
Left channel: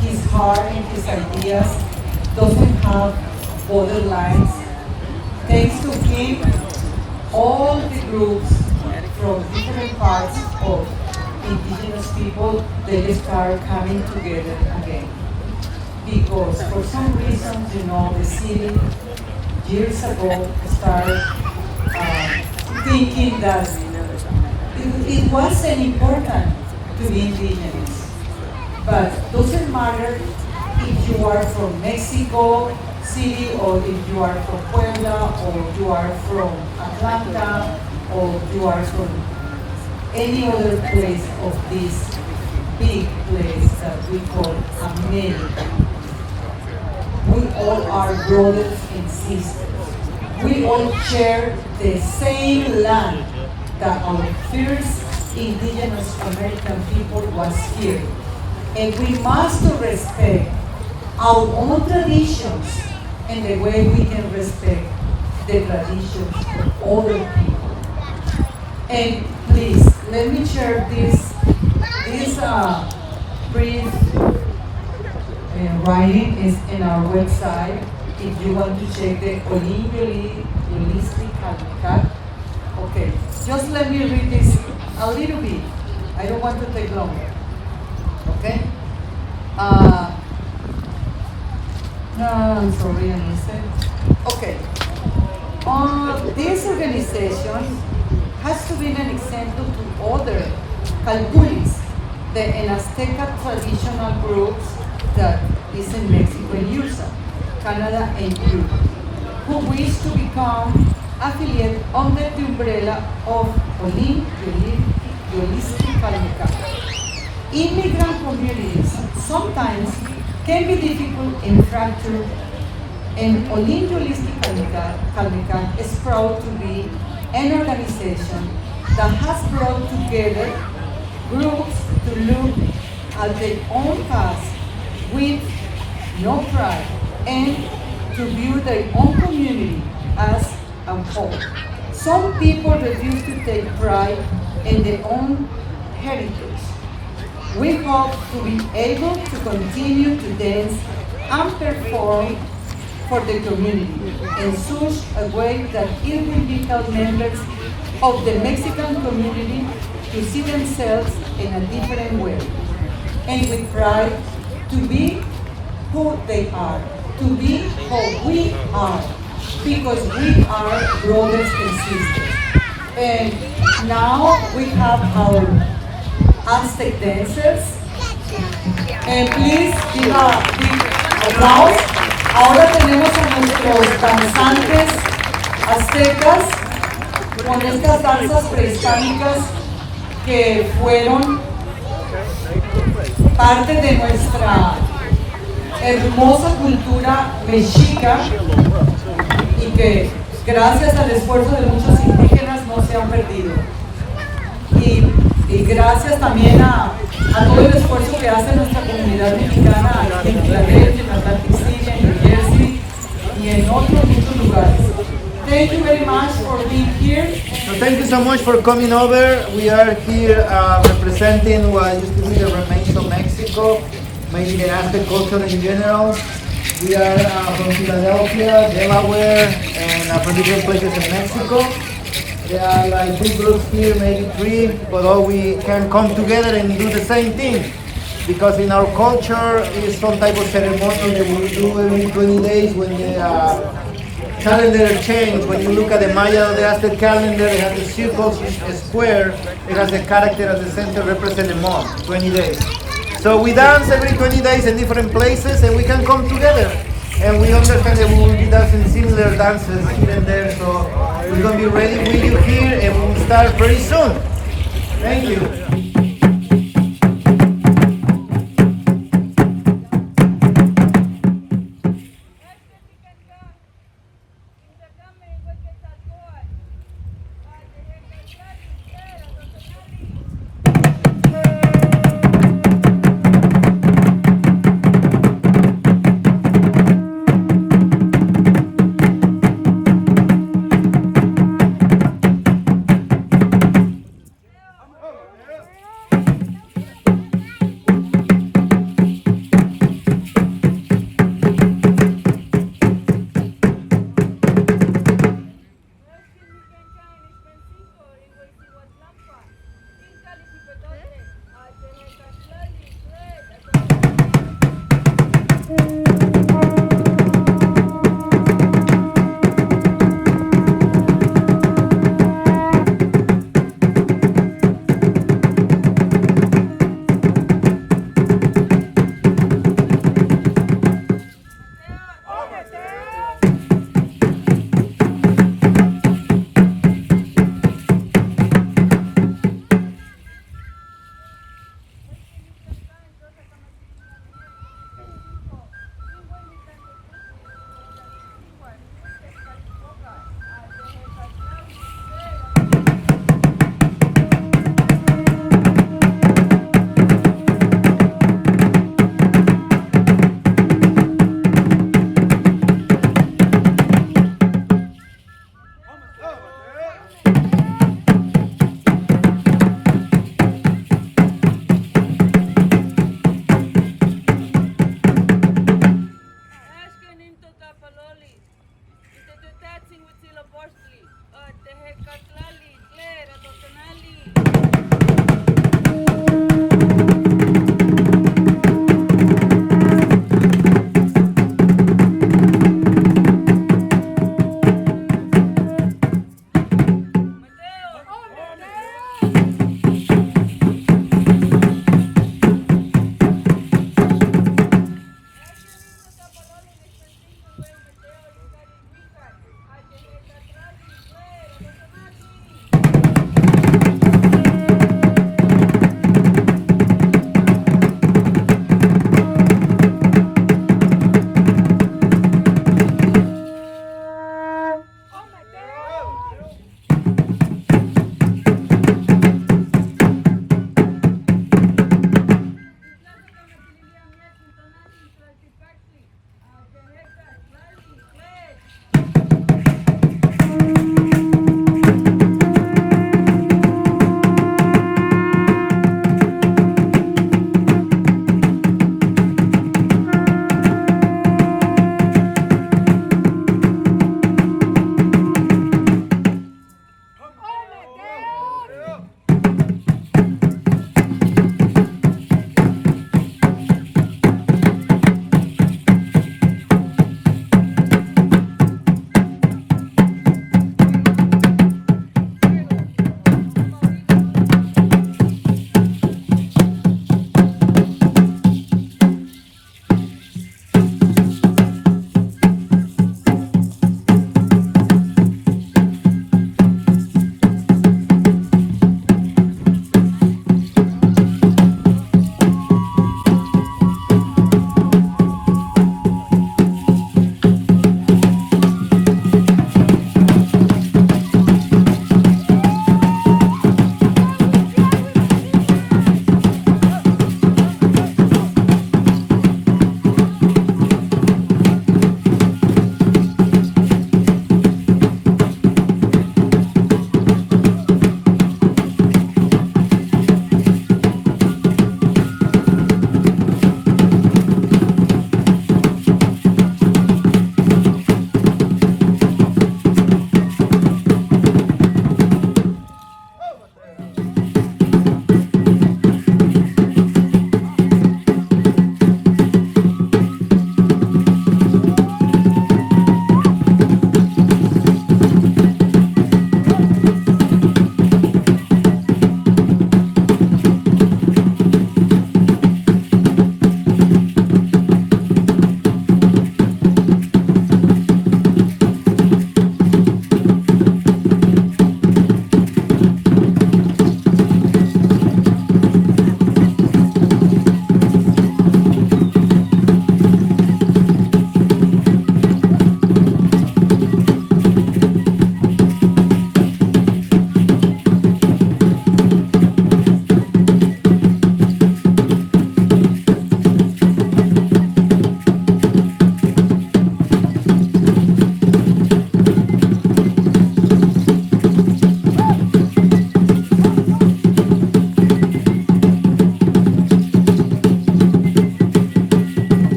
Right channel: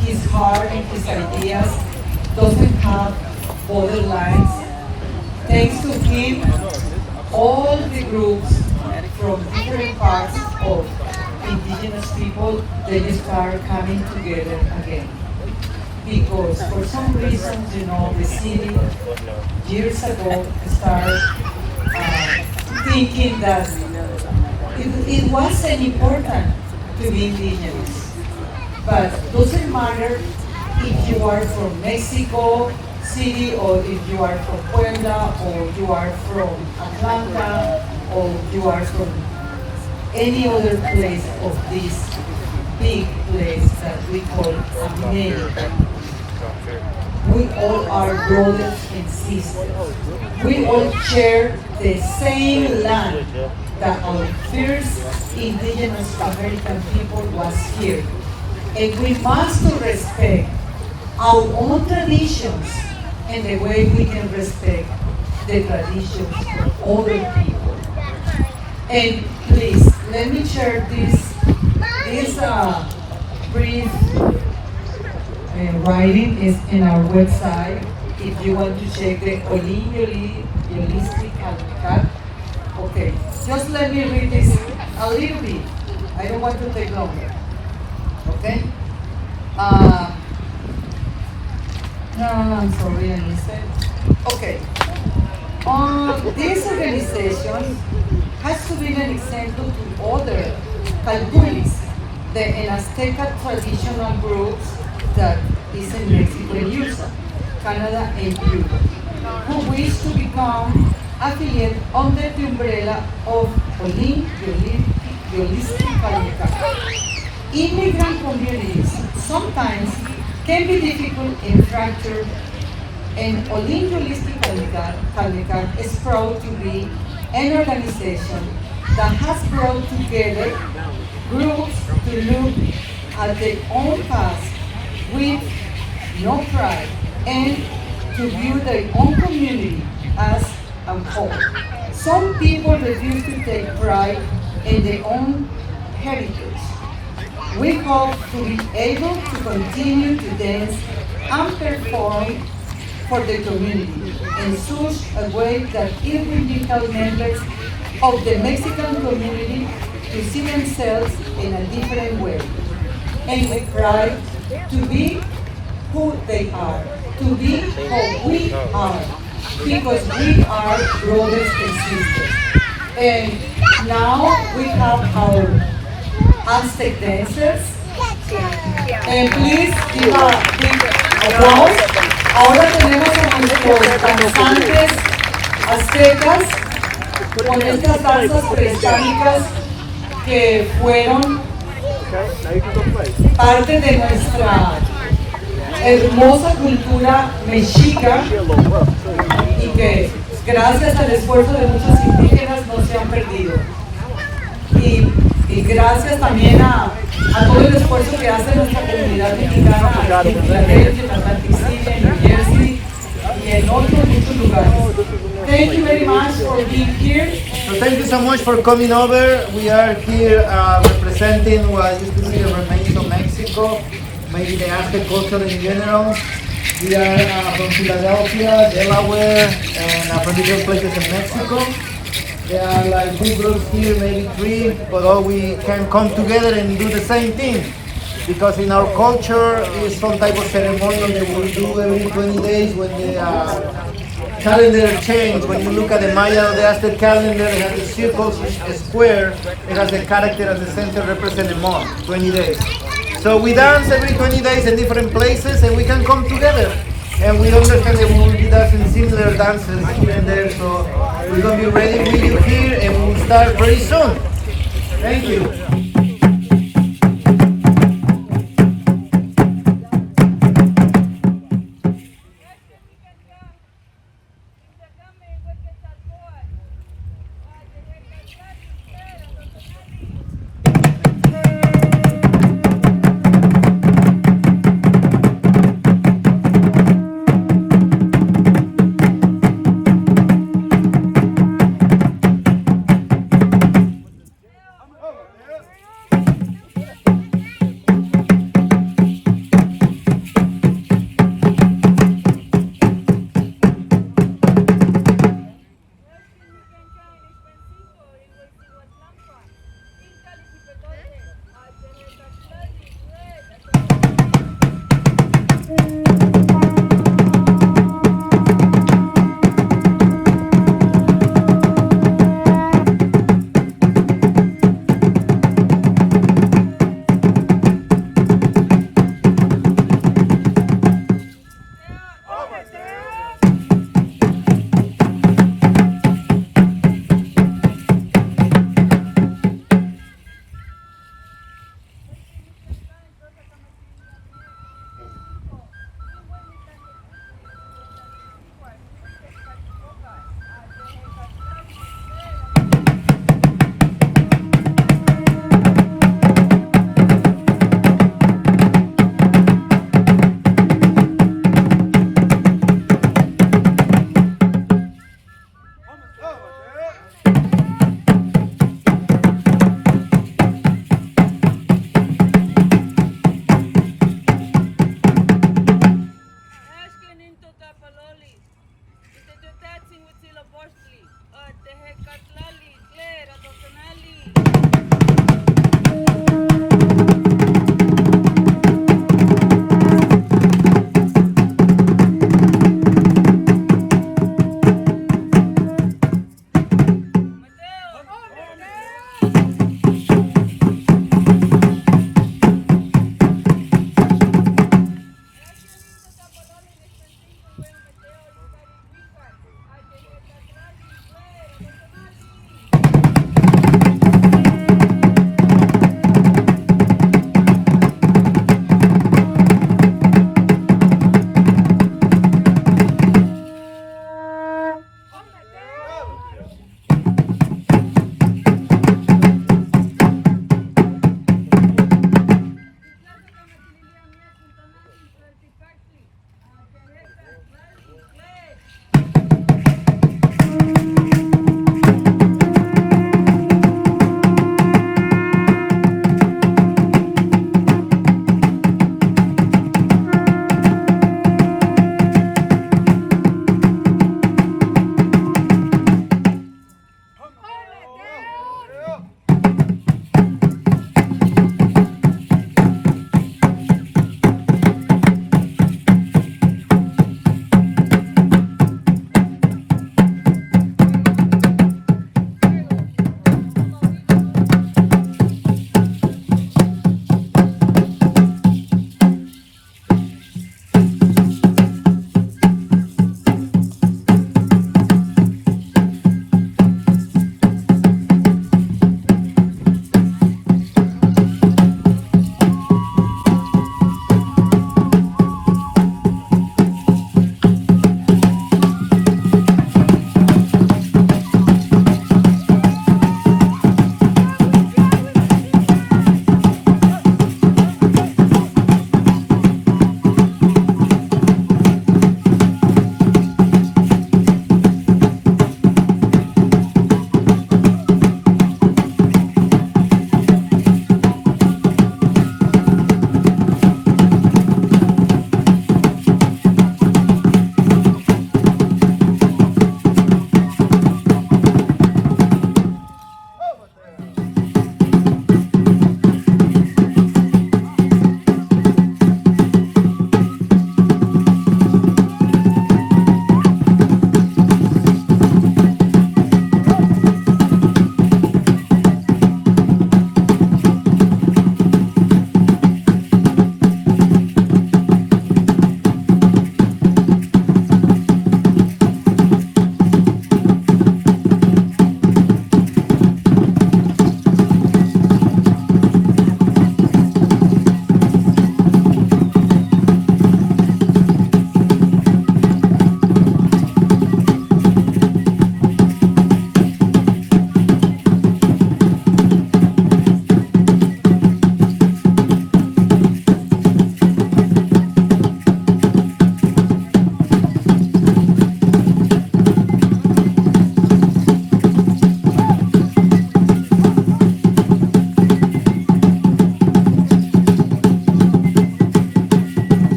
his ideas doesn't have borderlines. Thanks to him, all the groups from different parts of indigenous people, they start coming together again. Because for some reason, the city years ago started thinking that it wasn't important to be indigenous. But doesn't matter if you are from Mexico City, or if you are from Puebla, or you are from Atlanta, or you are from any other place of this big place that we call America. We all are brothers and sisters. We all share the same land that our first indigenous American people was here. And we must respect our own traditions and the way we can respect the traditions of other people. And please, let me share this brief writing is in our website. If you want to check the holistic habitat. Okay, just let me read this a little bit. I don't want to take longer. Okay? No, I'm sorry, I missed it. Okay. This organization has to be an example to other Calpulis, the Azteca traditional groups that is in Mexico and USA, Canada and Europe, who wish to become affiliate under the umbrella of Holistic. Immigrant communities sometimes can be difficult and fractured, and Holistic is proud to be an organization that has brought together groups to look at their own past with no pride and to view their own community as a whole. Some people refuse to take pride and their own heritage. We hope to be able to continue to dance and perform for the community in such a way that it will be help members of the Mexican community to see themselves in a different way and with pride to be who they are, to be who we are, because we are brothers and sisters. And now we have our Aztec dancers. And please give a big applause. Ahora tenemos a nuestros danzantes aztecas con estas danzas prehispánicas que fueron parte de nuestra hermosa cultura mexica y que gracias al esfuerzo de muchos indígenas no se han perdido. Y gracias también a todo el esfuerzo que hace nuestra comunidad mexicana aquí en Filadelfia, en Atlantic City, en New Jersey y en otros muchos lugares. Thank you very much for being here. So thank you so much for coming over. We are here representing what used to be the remains of Mexico, maybe the Aztec culture in general. We are from Philadelphia, Delaware, and from different places in Mexico. There are like 2 groups here, maybe 3, but all we can come together and do the same thing. Because in our culture is some type of ceremonial that we do every 20 days when the calendar change. When you look at the Maya or the Aztec calendar, it has the circles, a square, it has a character at the center represent a month, 20 days. So we dance every 20 days in different places and we can come together. And we understand that we will be dancing similar dances here and there. So we're going to be ready with you here and we will start very soon. Thank you.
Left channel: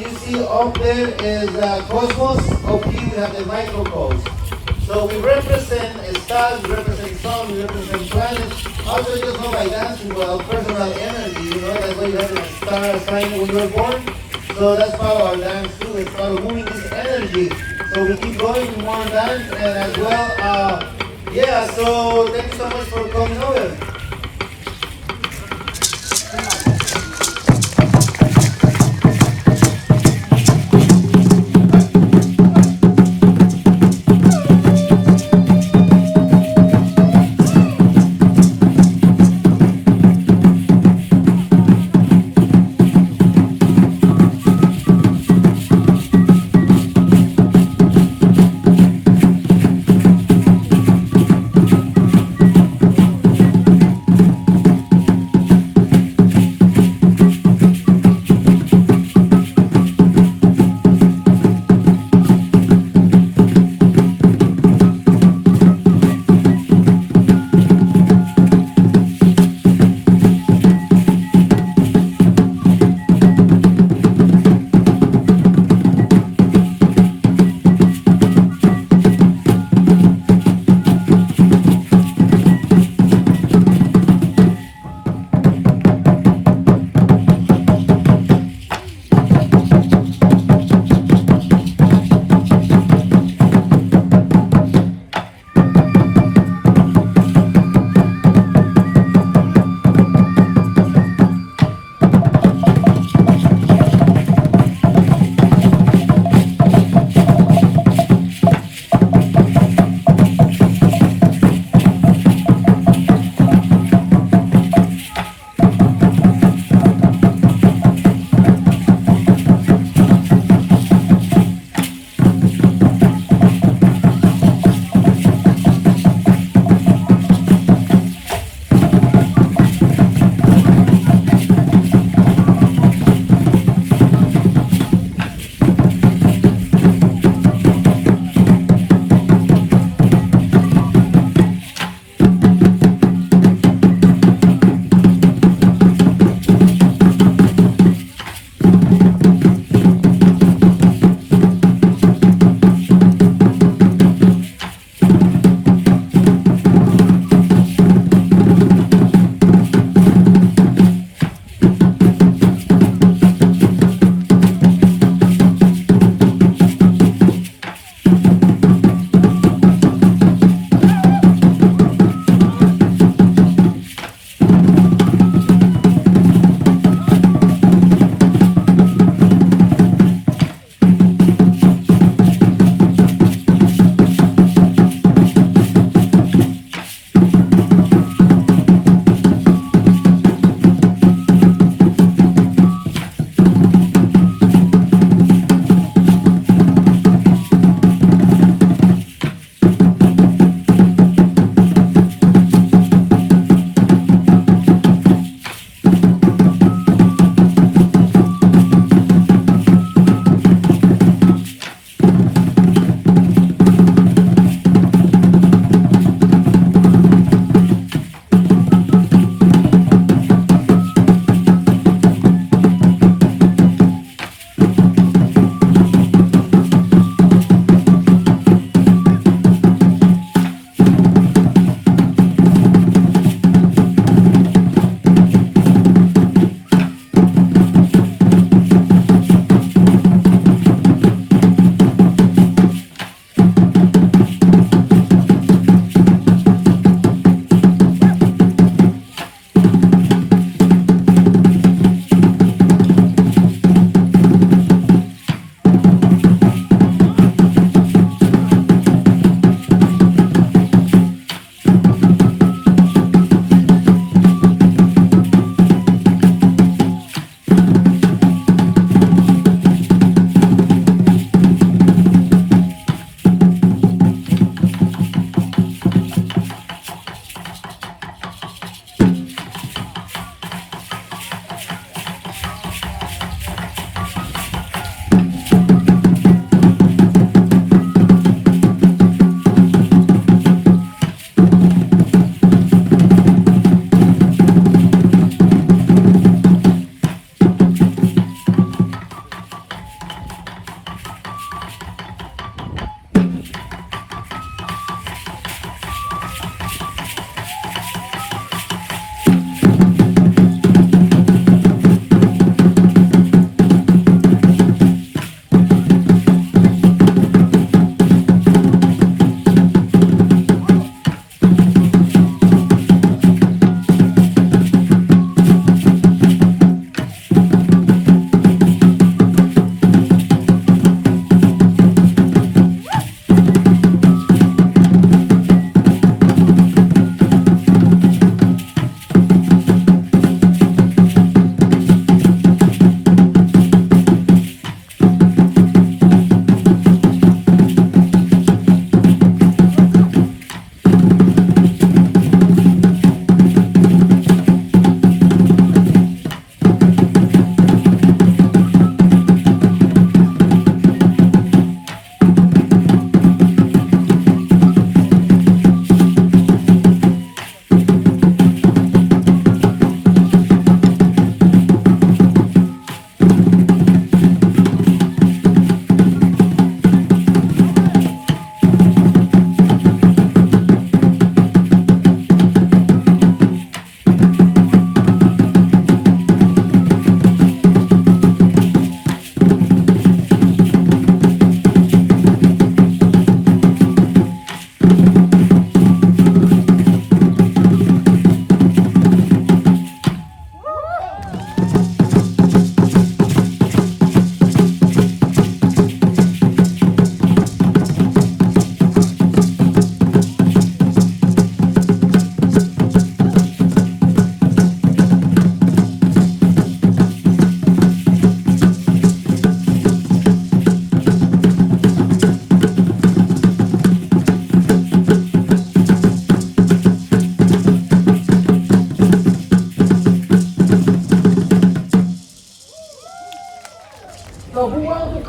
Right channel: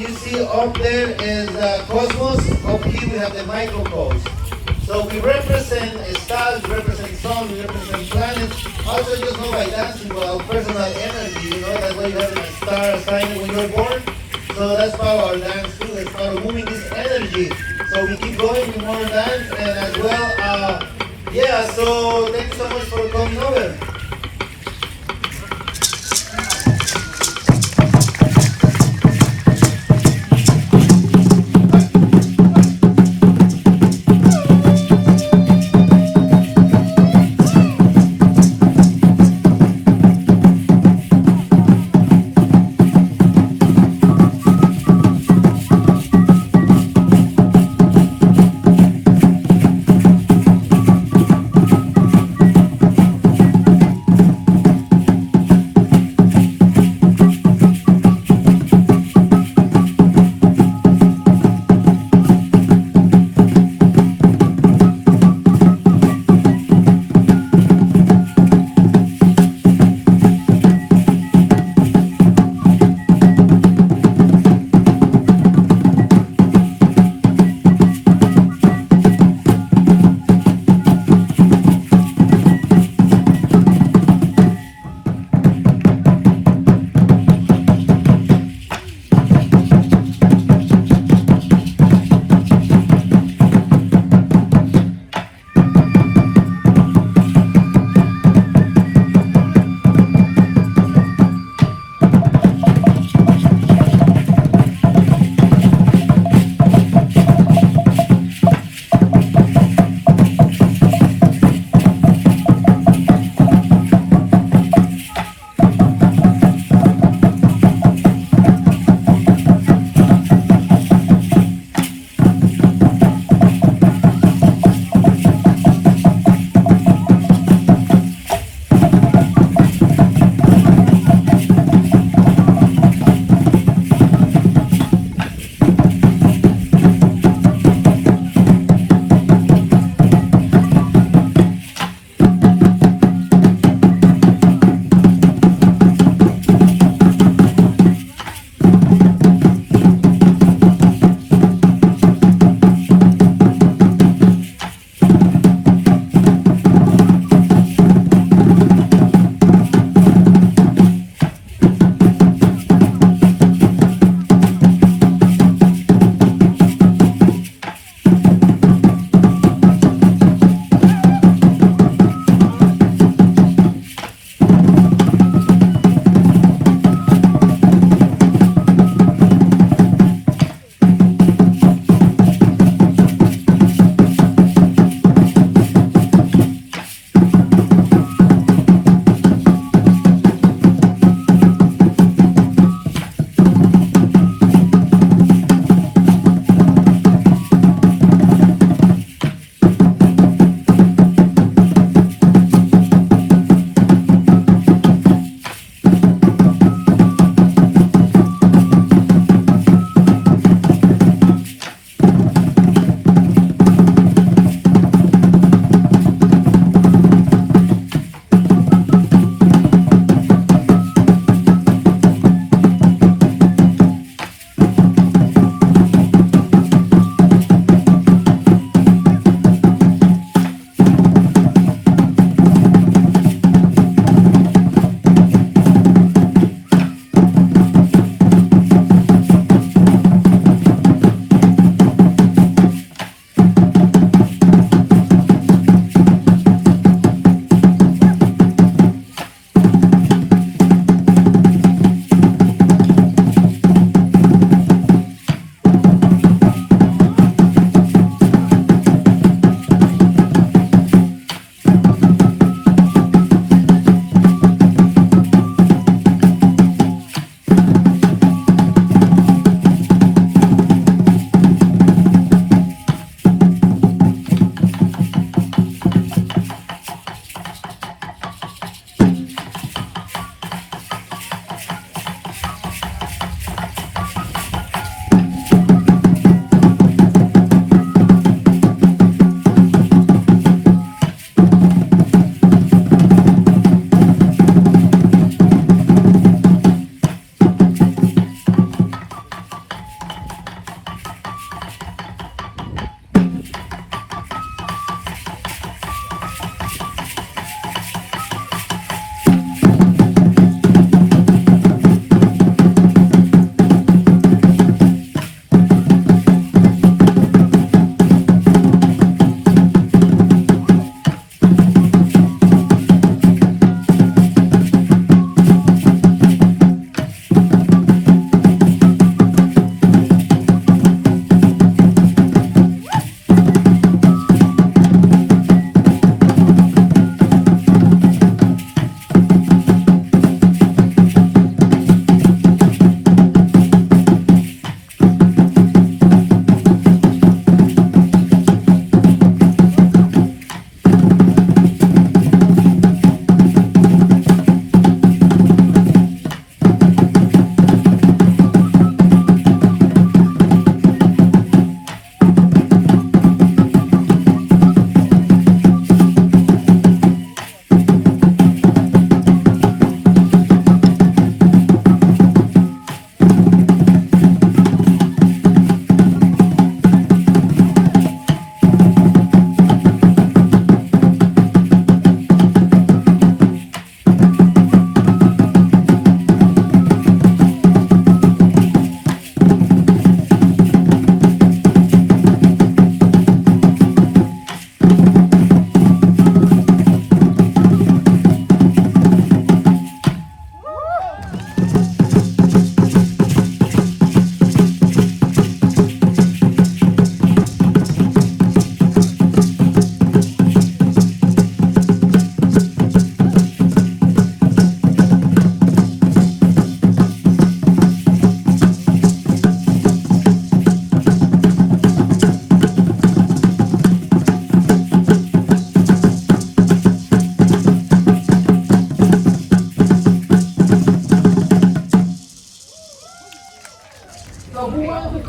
you see up there is cosmos. Up here we have the microcosmos. So we represent stars, we represent suns, we represent planets. Also, you know by dancing, well, personal energy. You know that's why you have a star sign when you were born. So that's part of our dance too. That's part of moving this energy. So we keep going with more dance, and as well, yeah. So thank you so much for coming over.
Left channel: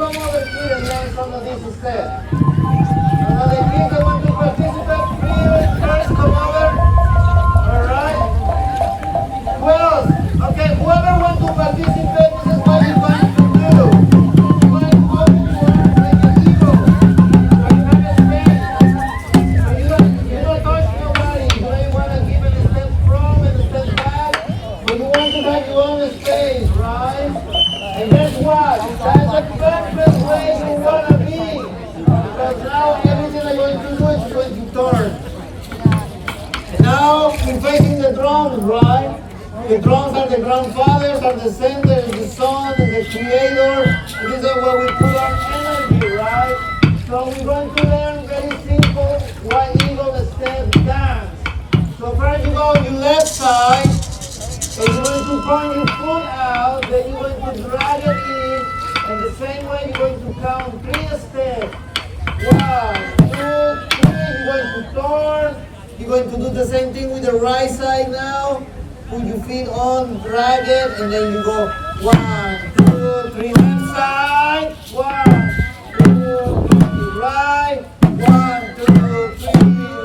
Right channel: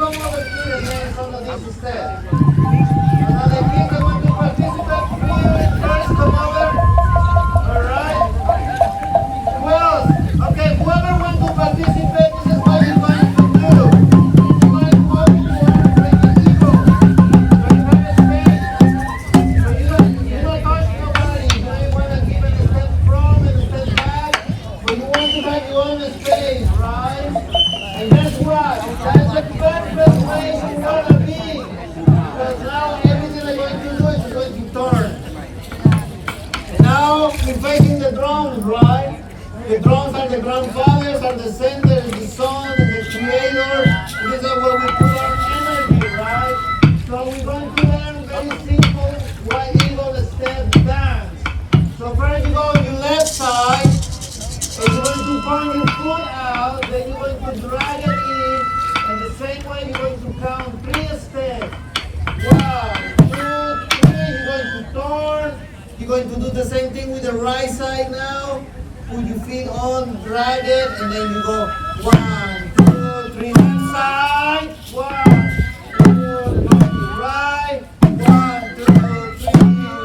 come over here and learn some of these steps. And then the kids that want to participate, first come over. All right? Who else? Okay, whoever wants to participate, this is what you're going to do. You're going to walk forward like an eagle. So you have a space. So you don't touch nobody. You may want to give it a step from and a step back. But you want to have your own space, right? And guess what? That's the perfect way you want to be. Because now everything they're going to do is going to turn. And now we're facing the drums, right? The drums are the grandfathers, are the senders, the son, the creator. These are where we put our energy, right? So we're going to learn very simple white eagle step dance. So first you go on your left side, and you're going to point your foot out, then you're going to drag it in, and the same way you're going to count 3 steps. 1, 2, 3, you're going to turn. You're going to do the same thing with the right side now. Put your feet on, drag it, and then you go 1, 2, 3, left side. 1, 2, right. 1, 2, 3,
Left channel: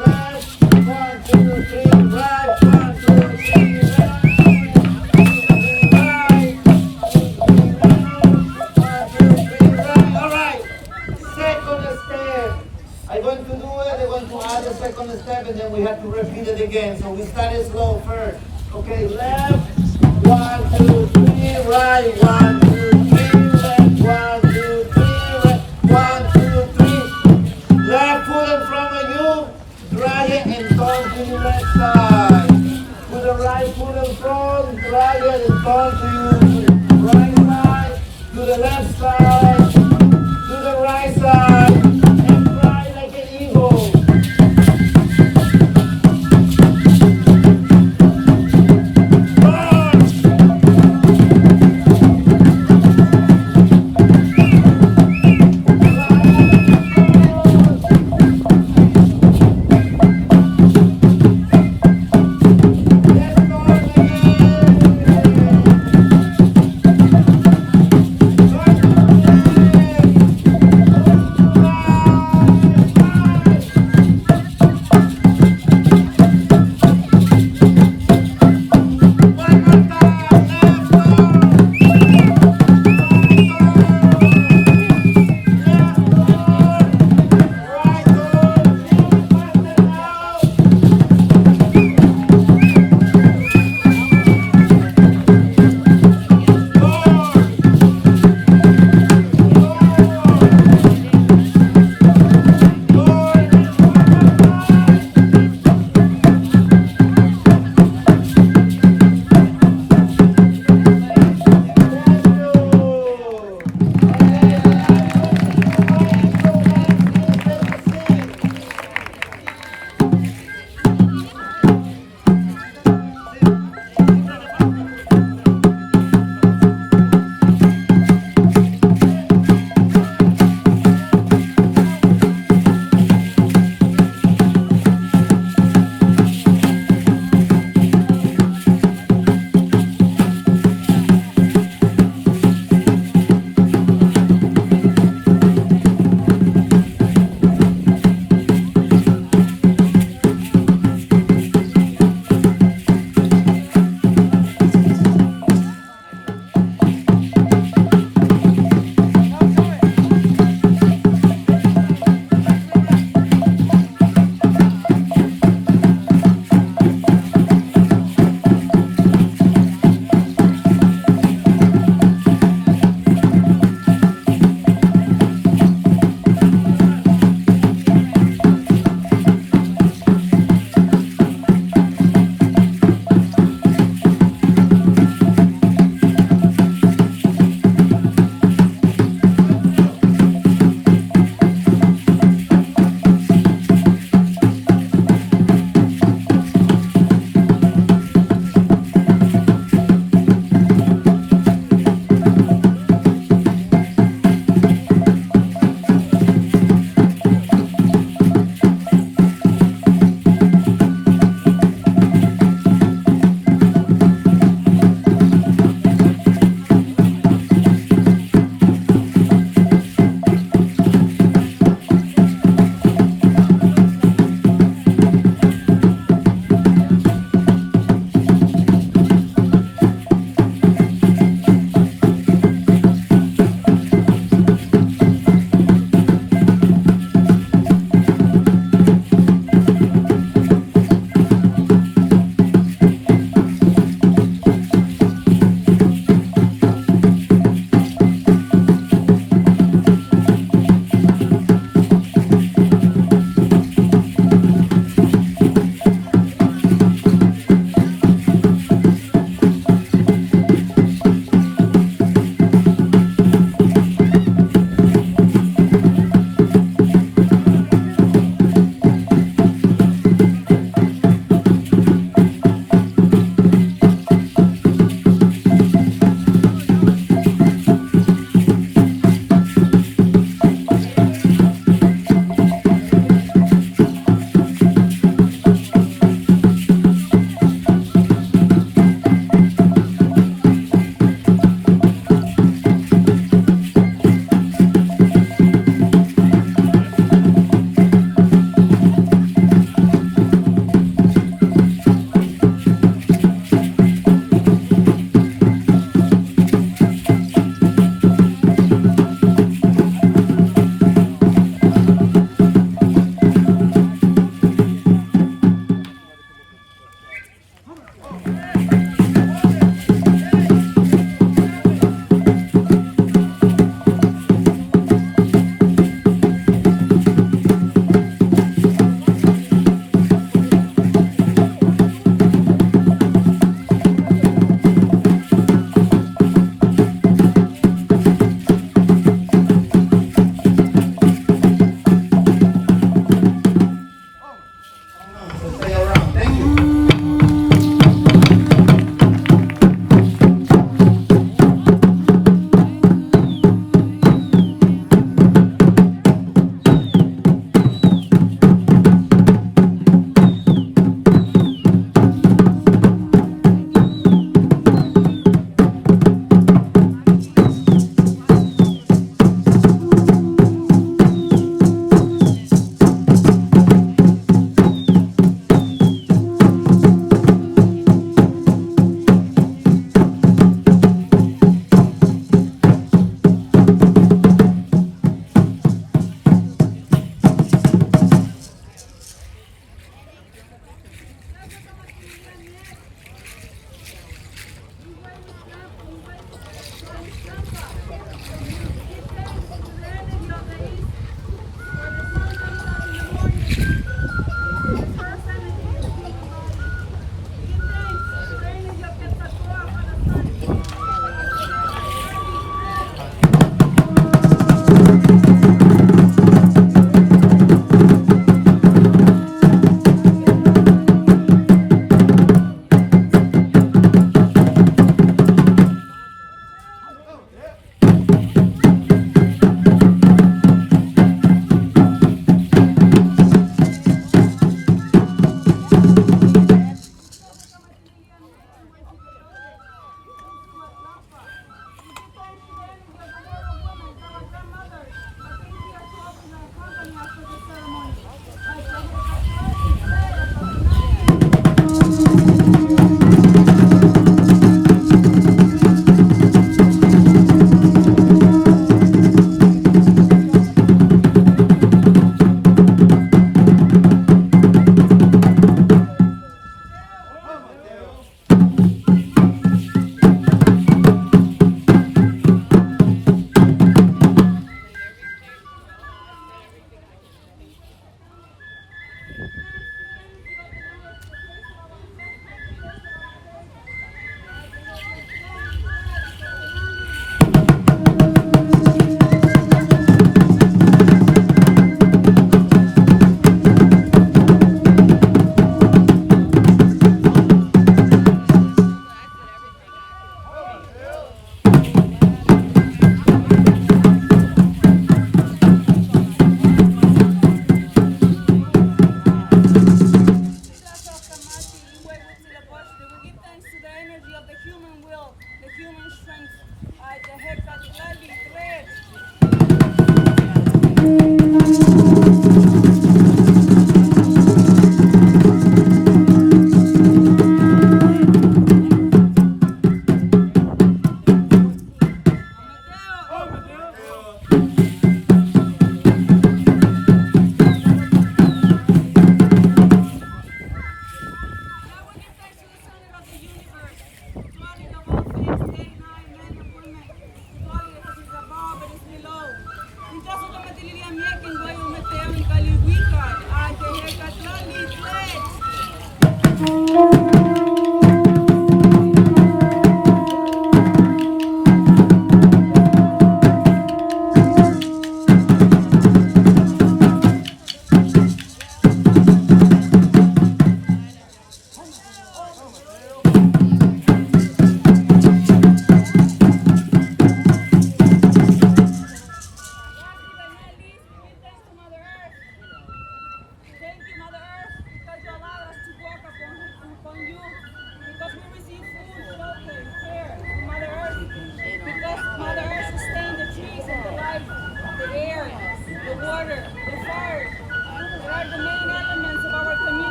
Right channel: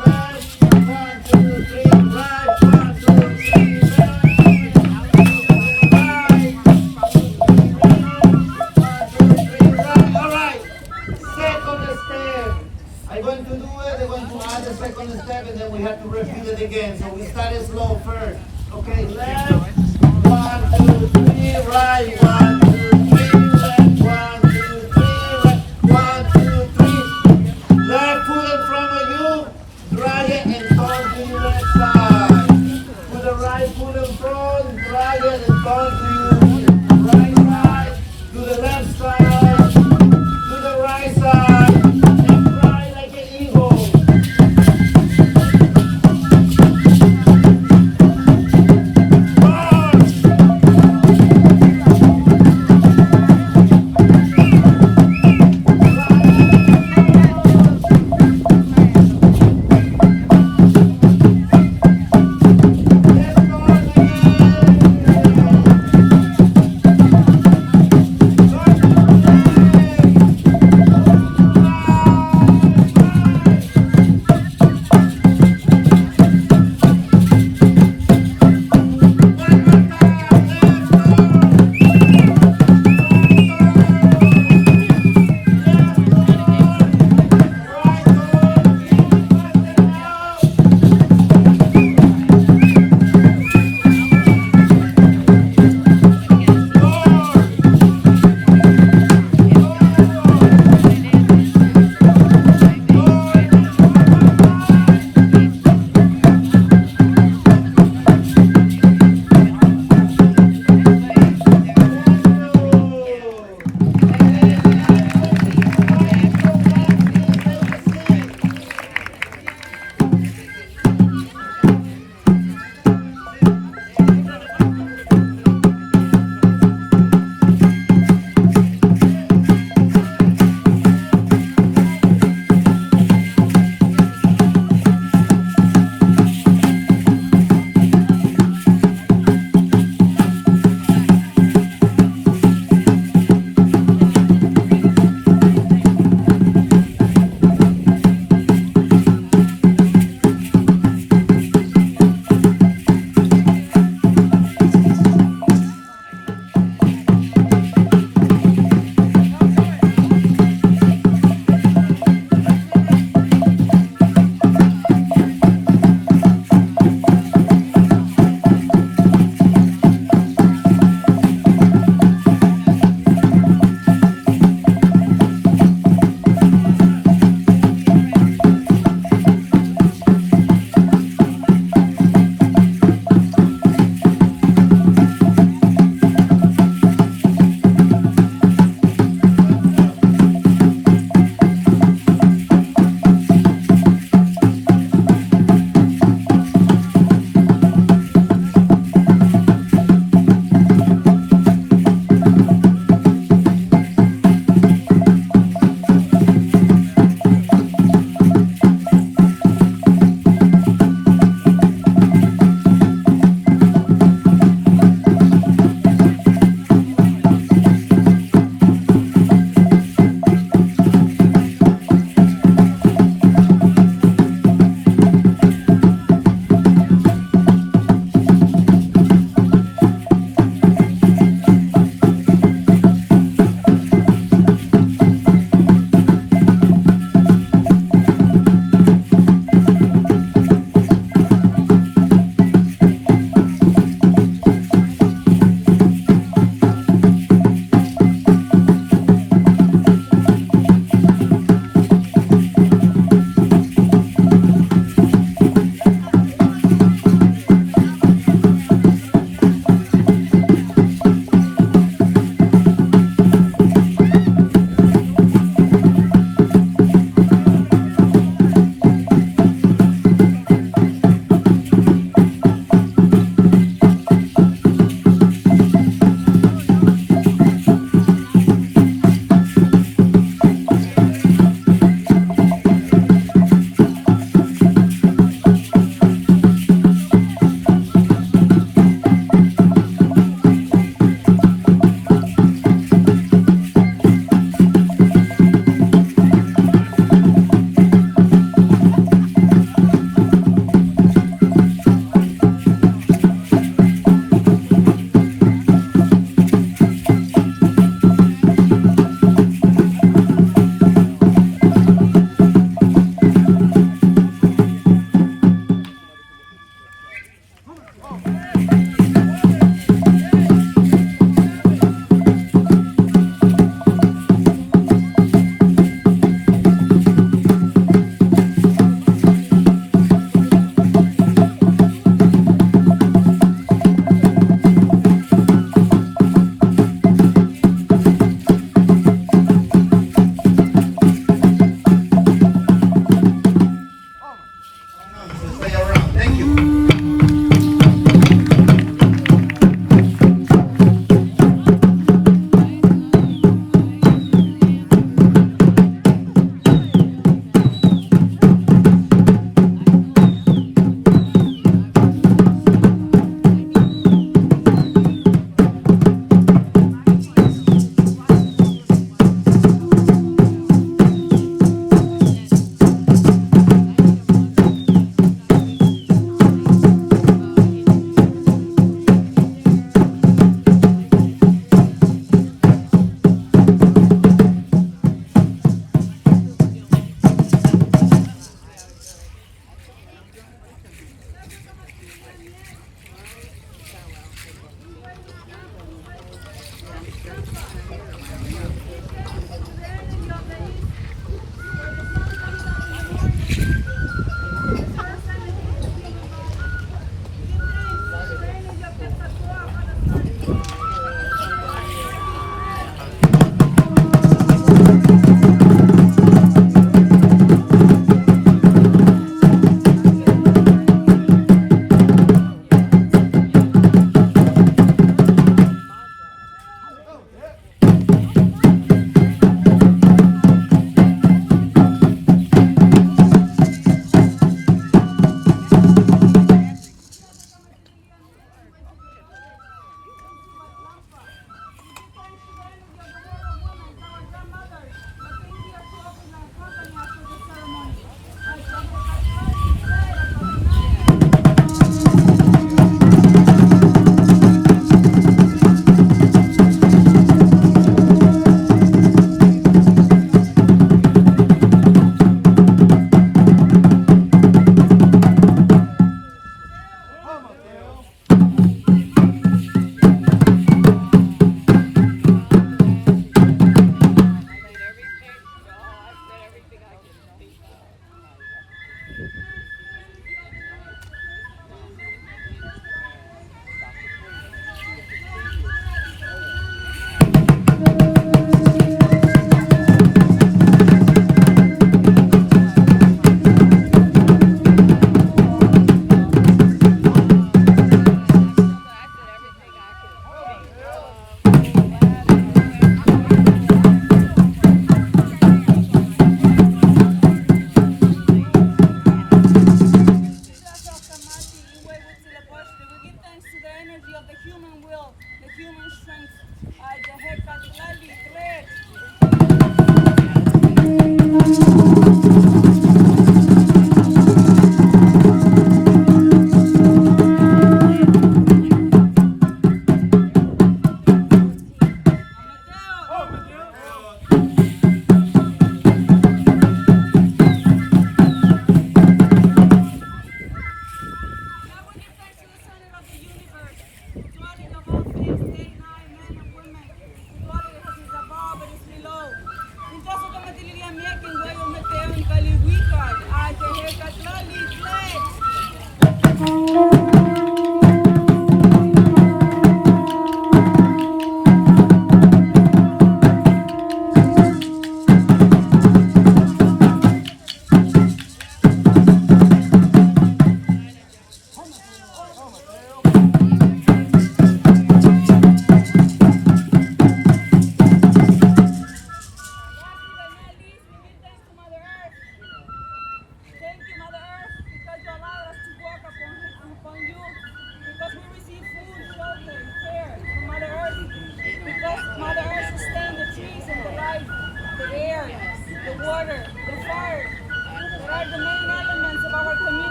left. 1, 2, 3, right. 1, 2, 3, left. 1, 2, 3, right. All right. Second step. I'm going to do it. I'm going to add a second step, and then we have to repeat it again. So we started slow first. Okay, left, 1, 2, 3, right, 1, 2, 3, left, 1, 2, 3,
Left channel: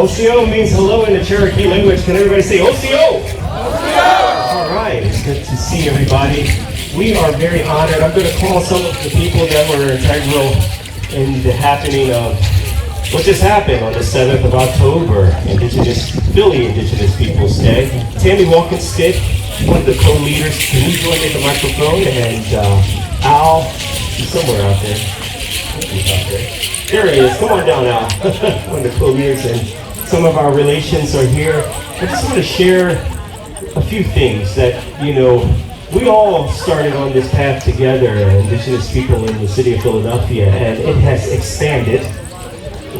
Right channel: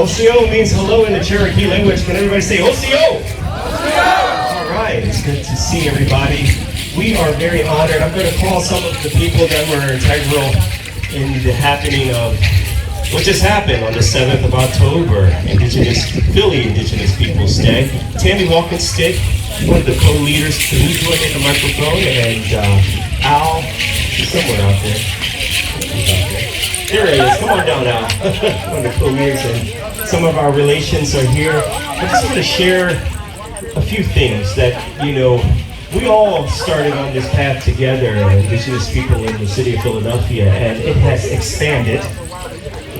Osio means hello in the Cherokee language. Can everybody say Osio? All right, it's good to see everybody. We are very honored. I'm going to call some of the people that were integral in the happening of what just happened on the 7th of October, Philly Indigenous Peoples Day. Tammy Walking-Stick, one of the co-leaders, can you go get the microphone? And Al, somewhere out there. There he is. Come on down, Al. One of the co-leaders, and some of our relations are here. I just want to share a few things that, we all started on this path together, Indigenous people in the city of Philadelphia, and it has expanded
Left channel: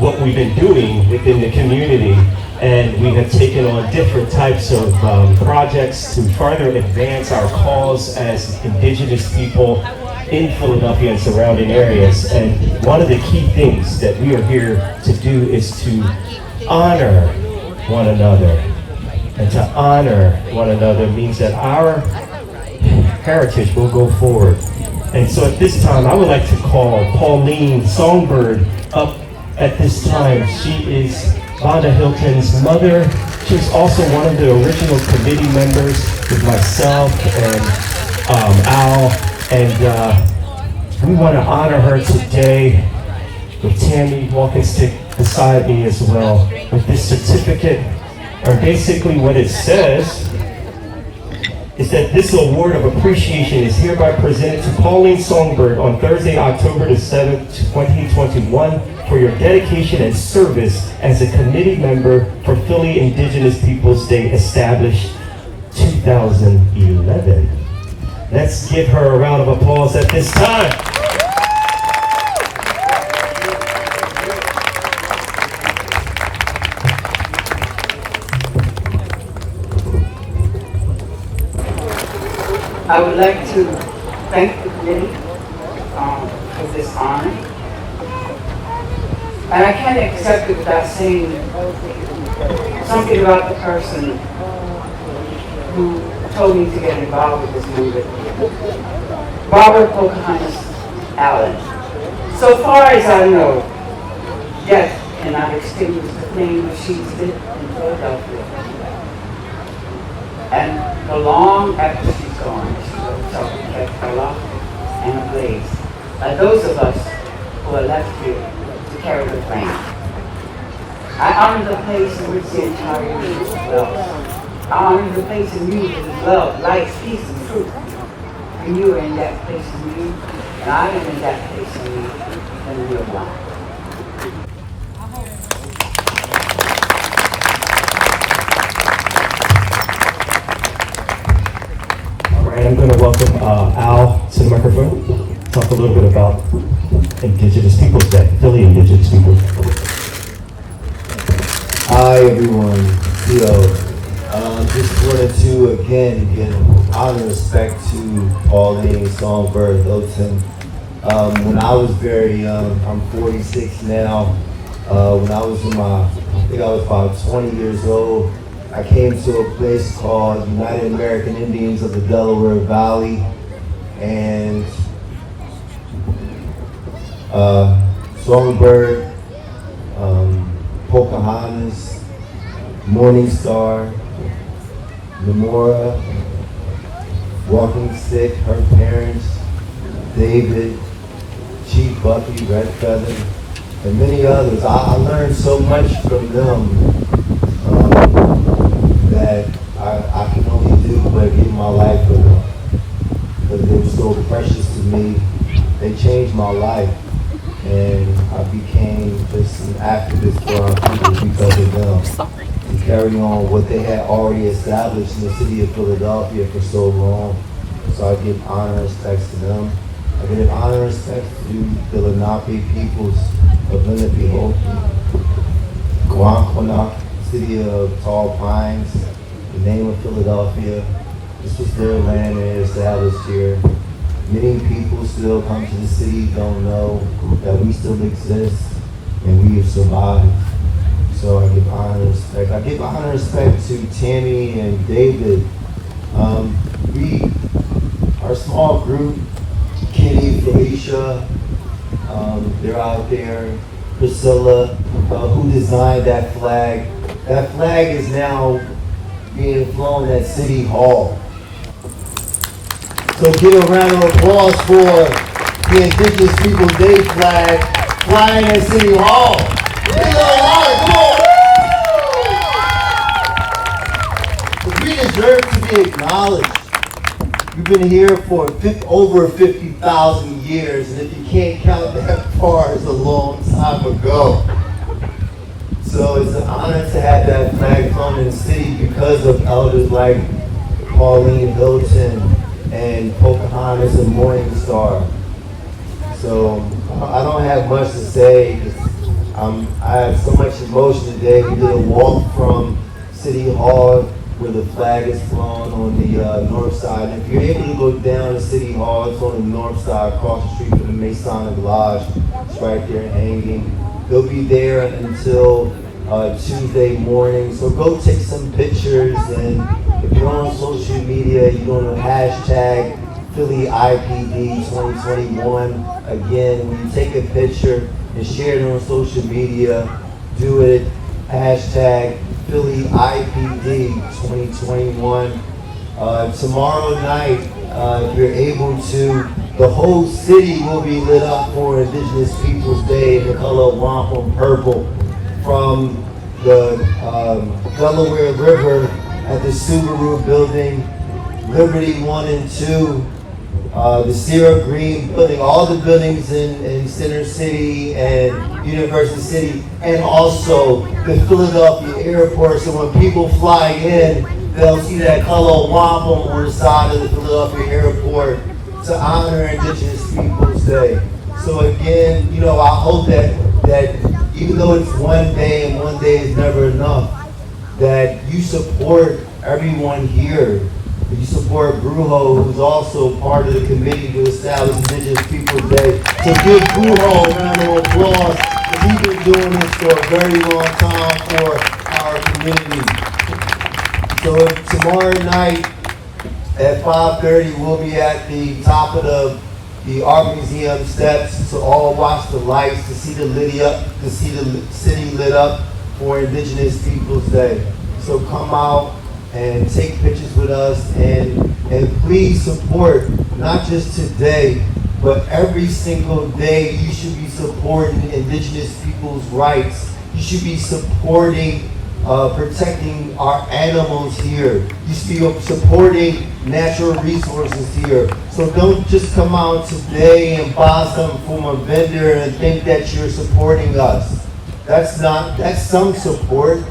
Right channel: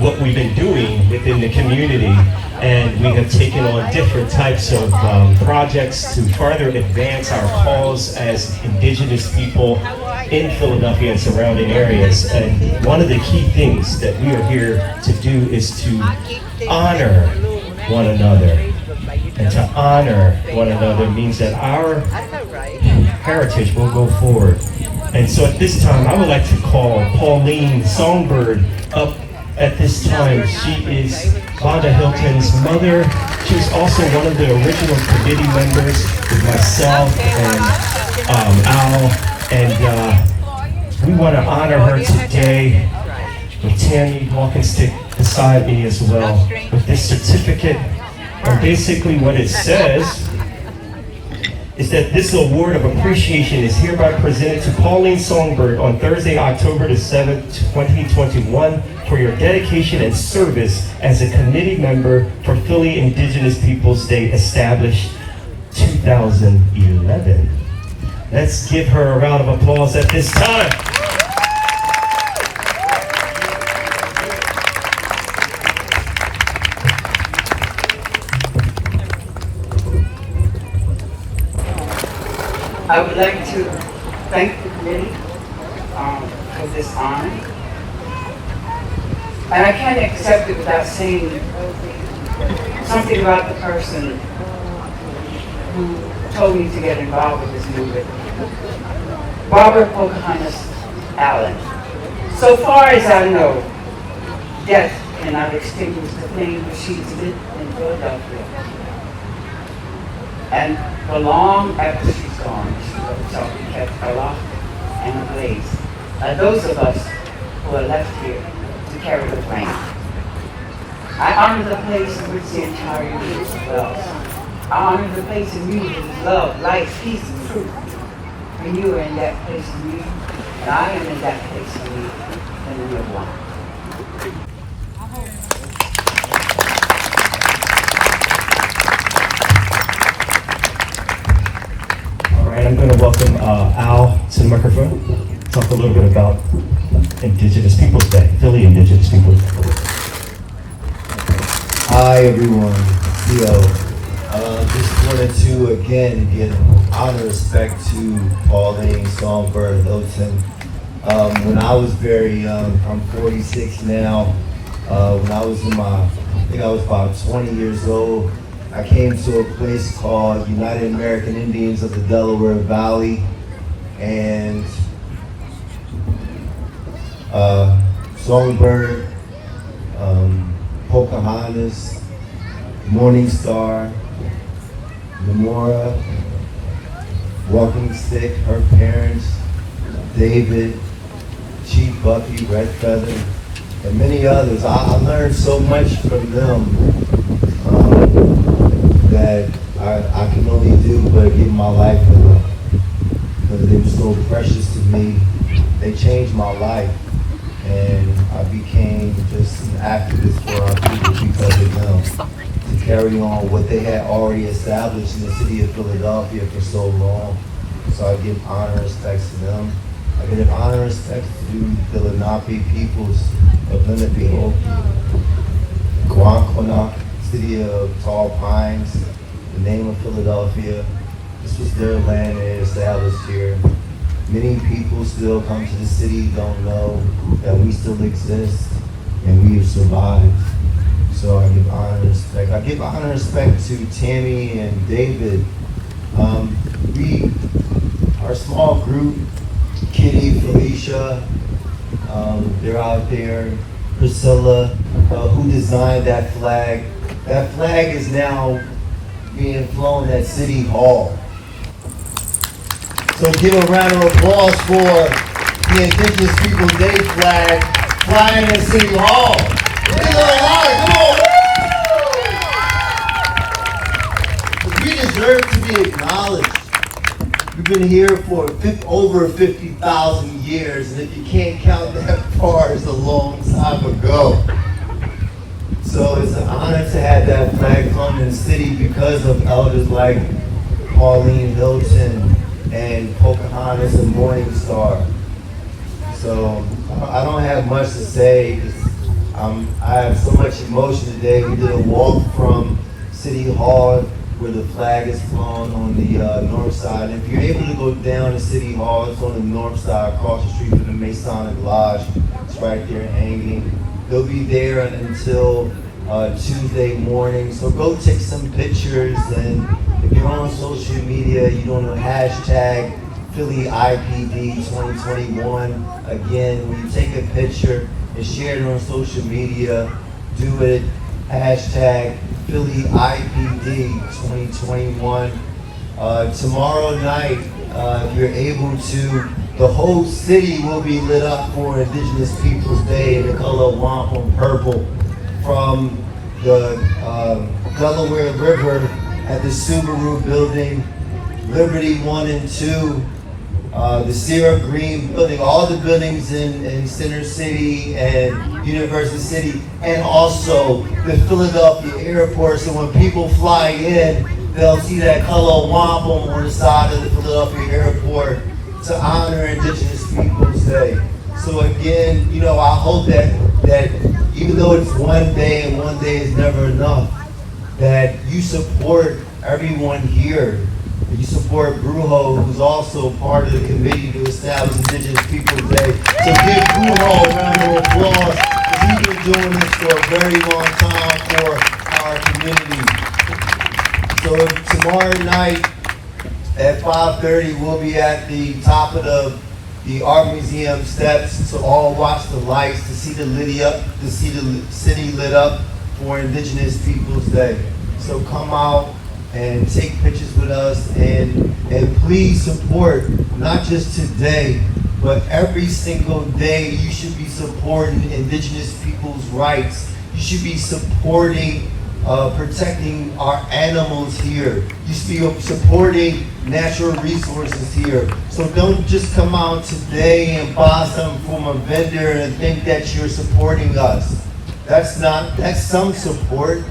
what we've been doing within the community, and we have taken on different types of projects to further advance our cause as Indigenous people in Philadelphia and surrounding areas. And one of the key things that we are here to do is to honor one another. And to honor one another means that our heritage will go forward. And so at this time, I would like to call Pauline Songbird up at this time. She is Vonda Hilton's mother. She's also one of the original committee members with myself and Al. And we want to honor her today with Tammy Walking-Stick beside me as well with this certificate. And basically what it says is that this award of appreciation is hereby presented to Pauline Songbird on Thursday, October the 7th, 2021 for your dedication and service as a committee member for Philly Indigenous Peoples Day established 2011. Let's give her a round of applause at this time. I would like to thank the committee for this honor. And I can't accept it without saying something about the person who told me to get involved with this movement. Barbara Pocahontas Allen. So far as I know, death cannot extinguish the flame that she's lit in Philadelphia. And for long after she's gone, she will also protect the lost and the blaze by those of us who are left here to carry the flame. I honor the place in which the entire universe dwells. I honor the place in you whose love, light, peace, and truth. For you are in that place in me, and I am in that place in you, and we are one. All right, I'm going to welcome Al to the microphone. Talk a little bit about Indigenous Peoples Day, Philly Indigenous People. Hi everyone, Theo. Just wanted to again give honor and respect to Pauline, Songbird, Hilton. When I was very young, I'm 46 now. When I was I think I was about 20 years old, I came to a place called United American Indians of the Delaware Valley, and Songbird, Pocahontas, Morning Star, Namora, Walking Stick, her parents, David, Chief Bucky, Red Feather, and many others. I learned so much from them that I can only do but give my life for them, because they were so precious to me. They changed my life, and I became just an activist for our people because of them, to carry on what they had already established in the city of Philadelphia for so long. So I give honor and respect to them. I give honor and respect to the Lenape peoples of Lenapehoking, Guanquana, city of tall pines, the name of Philadelphia. This was their land and they established here. Many people still come to the city, don't know that we still exist and we have survived. So I give honor and respect. I give honor and respect to Tammy and David. Our small group, Kitty, Felicia, they're out there. Priscilla, who designed that flag. That flag is now being flown at City Hall. So give a round of applause for the Indigenous Peoples Day flag flying at City Hall. We deserve to be acknowledged. We've been here for over 50,000 years, and if you can't count that far, it's a long time ago. So it's an honor to have that flag flown in the city because of elders like Pauline Hilton and Pocahontas and Morning Star. So I don't have much to say. I have so much emotion today. We did a walk from City Hall where the flag is flown on the north side. If you're able to go down to City Hall, it's on the north side, across the street from the Maison Lodge. It's right there hanging. He'll be there until Tuesday morning. So go take some pictures, and if you're on social media, you're doing a hashtag Philly IPD 2021. Again, when you take a picture and share it on social media, do it hashtag Philly IPD 2021. Tomorrow night, if you're able to, the whole city will be lit up for Indigenous Peoples Day in the color of wampum purple, from the Delaware River at the Subaru building, Liberty 1 and 2, the Sierra Green building, all the buildings in Center City and University City, and also the Philadelphia airport. So when people fly in, they'll see that color of wampum on the side of the Philadelphia airport to honor Indigenous Peoples Day. So again, I hope that even though it's one day and one day is never enough, that you support everyone here. You support Brujo, who's also part of the committee to establish Indigenous Peoples Day. So give Brujo a round of applause, because he's been doing this for a very long time for our community. So tomorrow night at 5:30, we'll be at the top of the Art Museum steps to all watch the lights, to see the city lit up for Indigenous Peoples Day. So come out, and take pictures with us, and please support, not just today, but every single day. You should be supporting Indigenous people's rights. You should be supporting protecting our animals here. You should be supporting natural resources here. So don't just come out today and buy something from a vendor and think that you're supporting us. That's some support.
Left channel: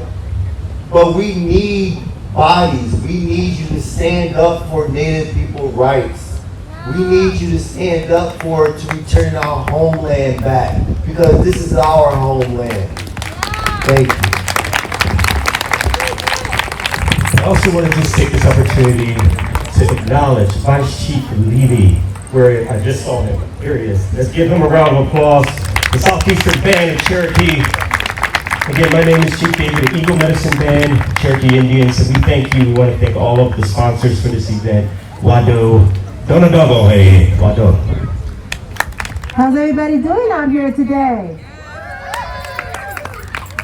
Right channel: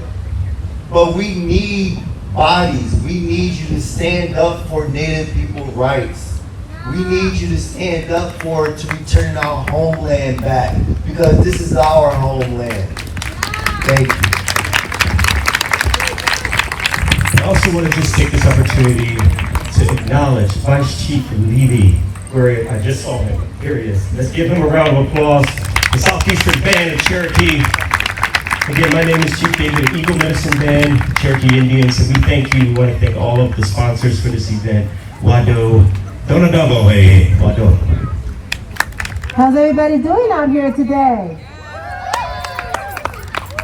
But we need bodies. We need you to stand up for Native people rights. We need you to stand up to return our homeland back, because this is our homeland. Thank you. I also want to just take this opportunity to acknowledge Vice Chief Levy, where I just saw him. Here he is. Let's give him a round of applause. The Southeastern Band of Cherokee. Again, my name is Chief David of Eagle Medicine Band, Cherokee Indians. So we thank you. We want to thank all of the sponsors for this event. Wado, Donadabo, hey, Wado. How's everybody doing out here today?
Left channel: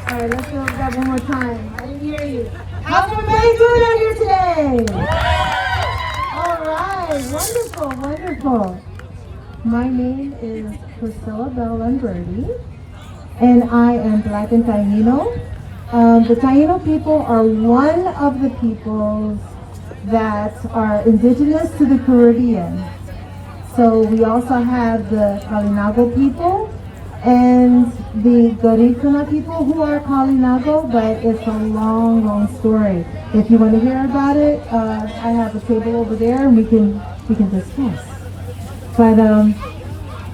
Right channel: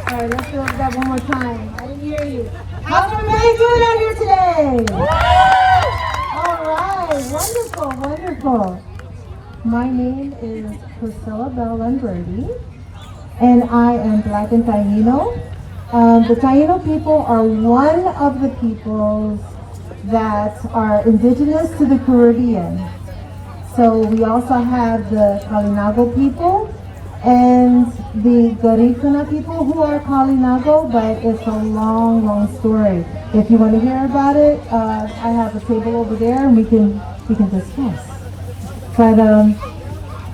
All right, let's do that one more time. I didn't hear you. How's everybody doing out here today? All right, wonderful, wonderful. My name is Priscilla Bell Brady, and I am Black and Taino. The Taino people are one of the peoples that are indigenous to the Caribbean. So we also have the Kalinago people and the Garifuna people who are Kalinago, but it's a long, long story. If you want to hear about it, I have a table over there and we can discuss. But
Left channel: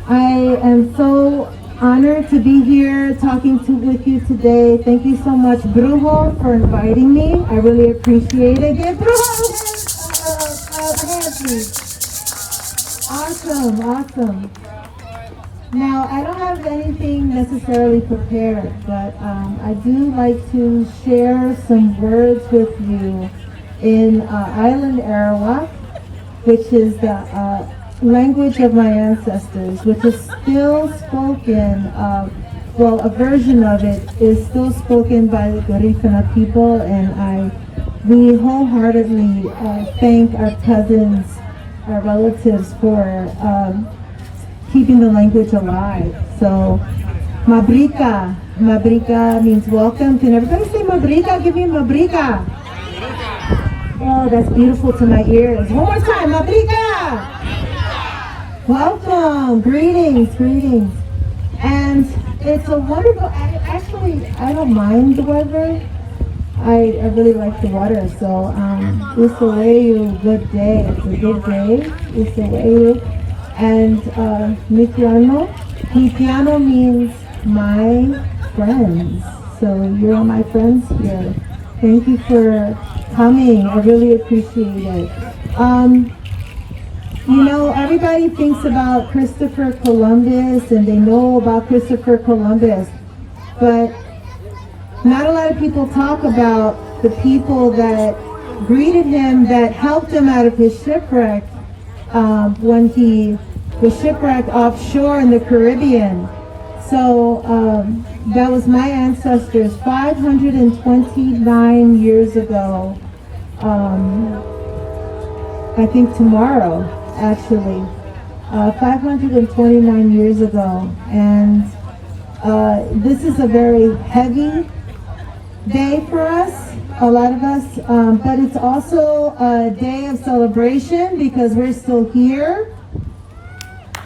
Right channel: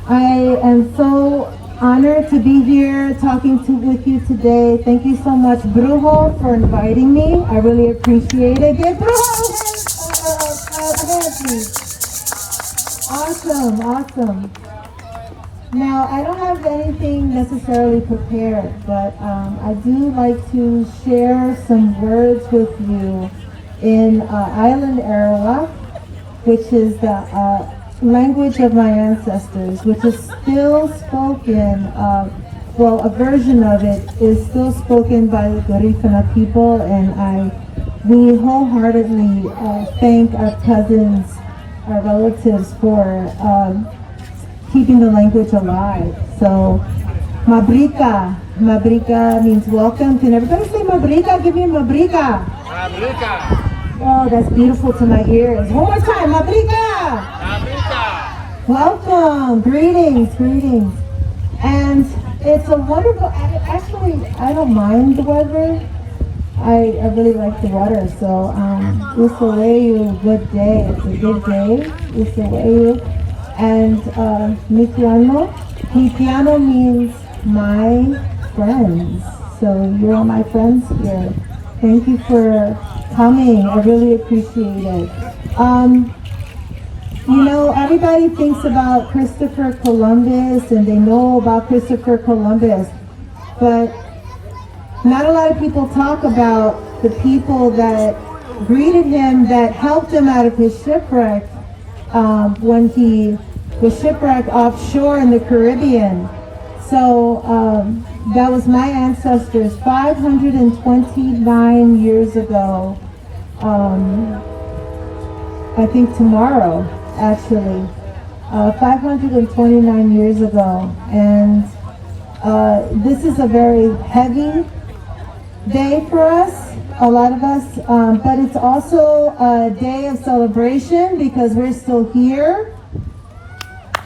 I am so honored to be here talking with you today. Thank you so much, Brujo, for inviting me. I really appreciate it. Give Brujo a hand, please. Awesome, awesome. Now, I don't have anything necessarily prepared, but I do like to share some words with you in Island Arawak, which is the language of my ancestors, which is still spoken, well, a version of it is still spoken by the Garifuna people, and we wholeheartedly thank our cousins, our relatives for keeping the language alive. So, Mabrika. Mabrika means welcome. Can everybody say Mabrika? Give me Mabrika. Mabrika. Oh, that's beautiful to my ears. One more time, Mabrika. Mabrika. Welcome. Greetings, greetings. And it's a wonderful, actually, I don't mind the weather. I really like the weather, so it's a very good day. It's a good day. It's a way. And Mitiano means my friends. So you're my friends here. Thank you for coming. I really appreciate it. You know, everybody thinks about Christopher Columbus and they know about Christopher Columbus, but not a lot of people talk about the people that greeted him, that helped him out of his shipwreck when he was shipwrecked offshore in the Caribbean. So that was my ancestors 529 years ago. I think tomorrow, actually, 529 years ago. And this is a very heavy day for us, a lot of us, but it's also a day of celebration because we're still here.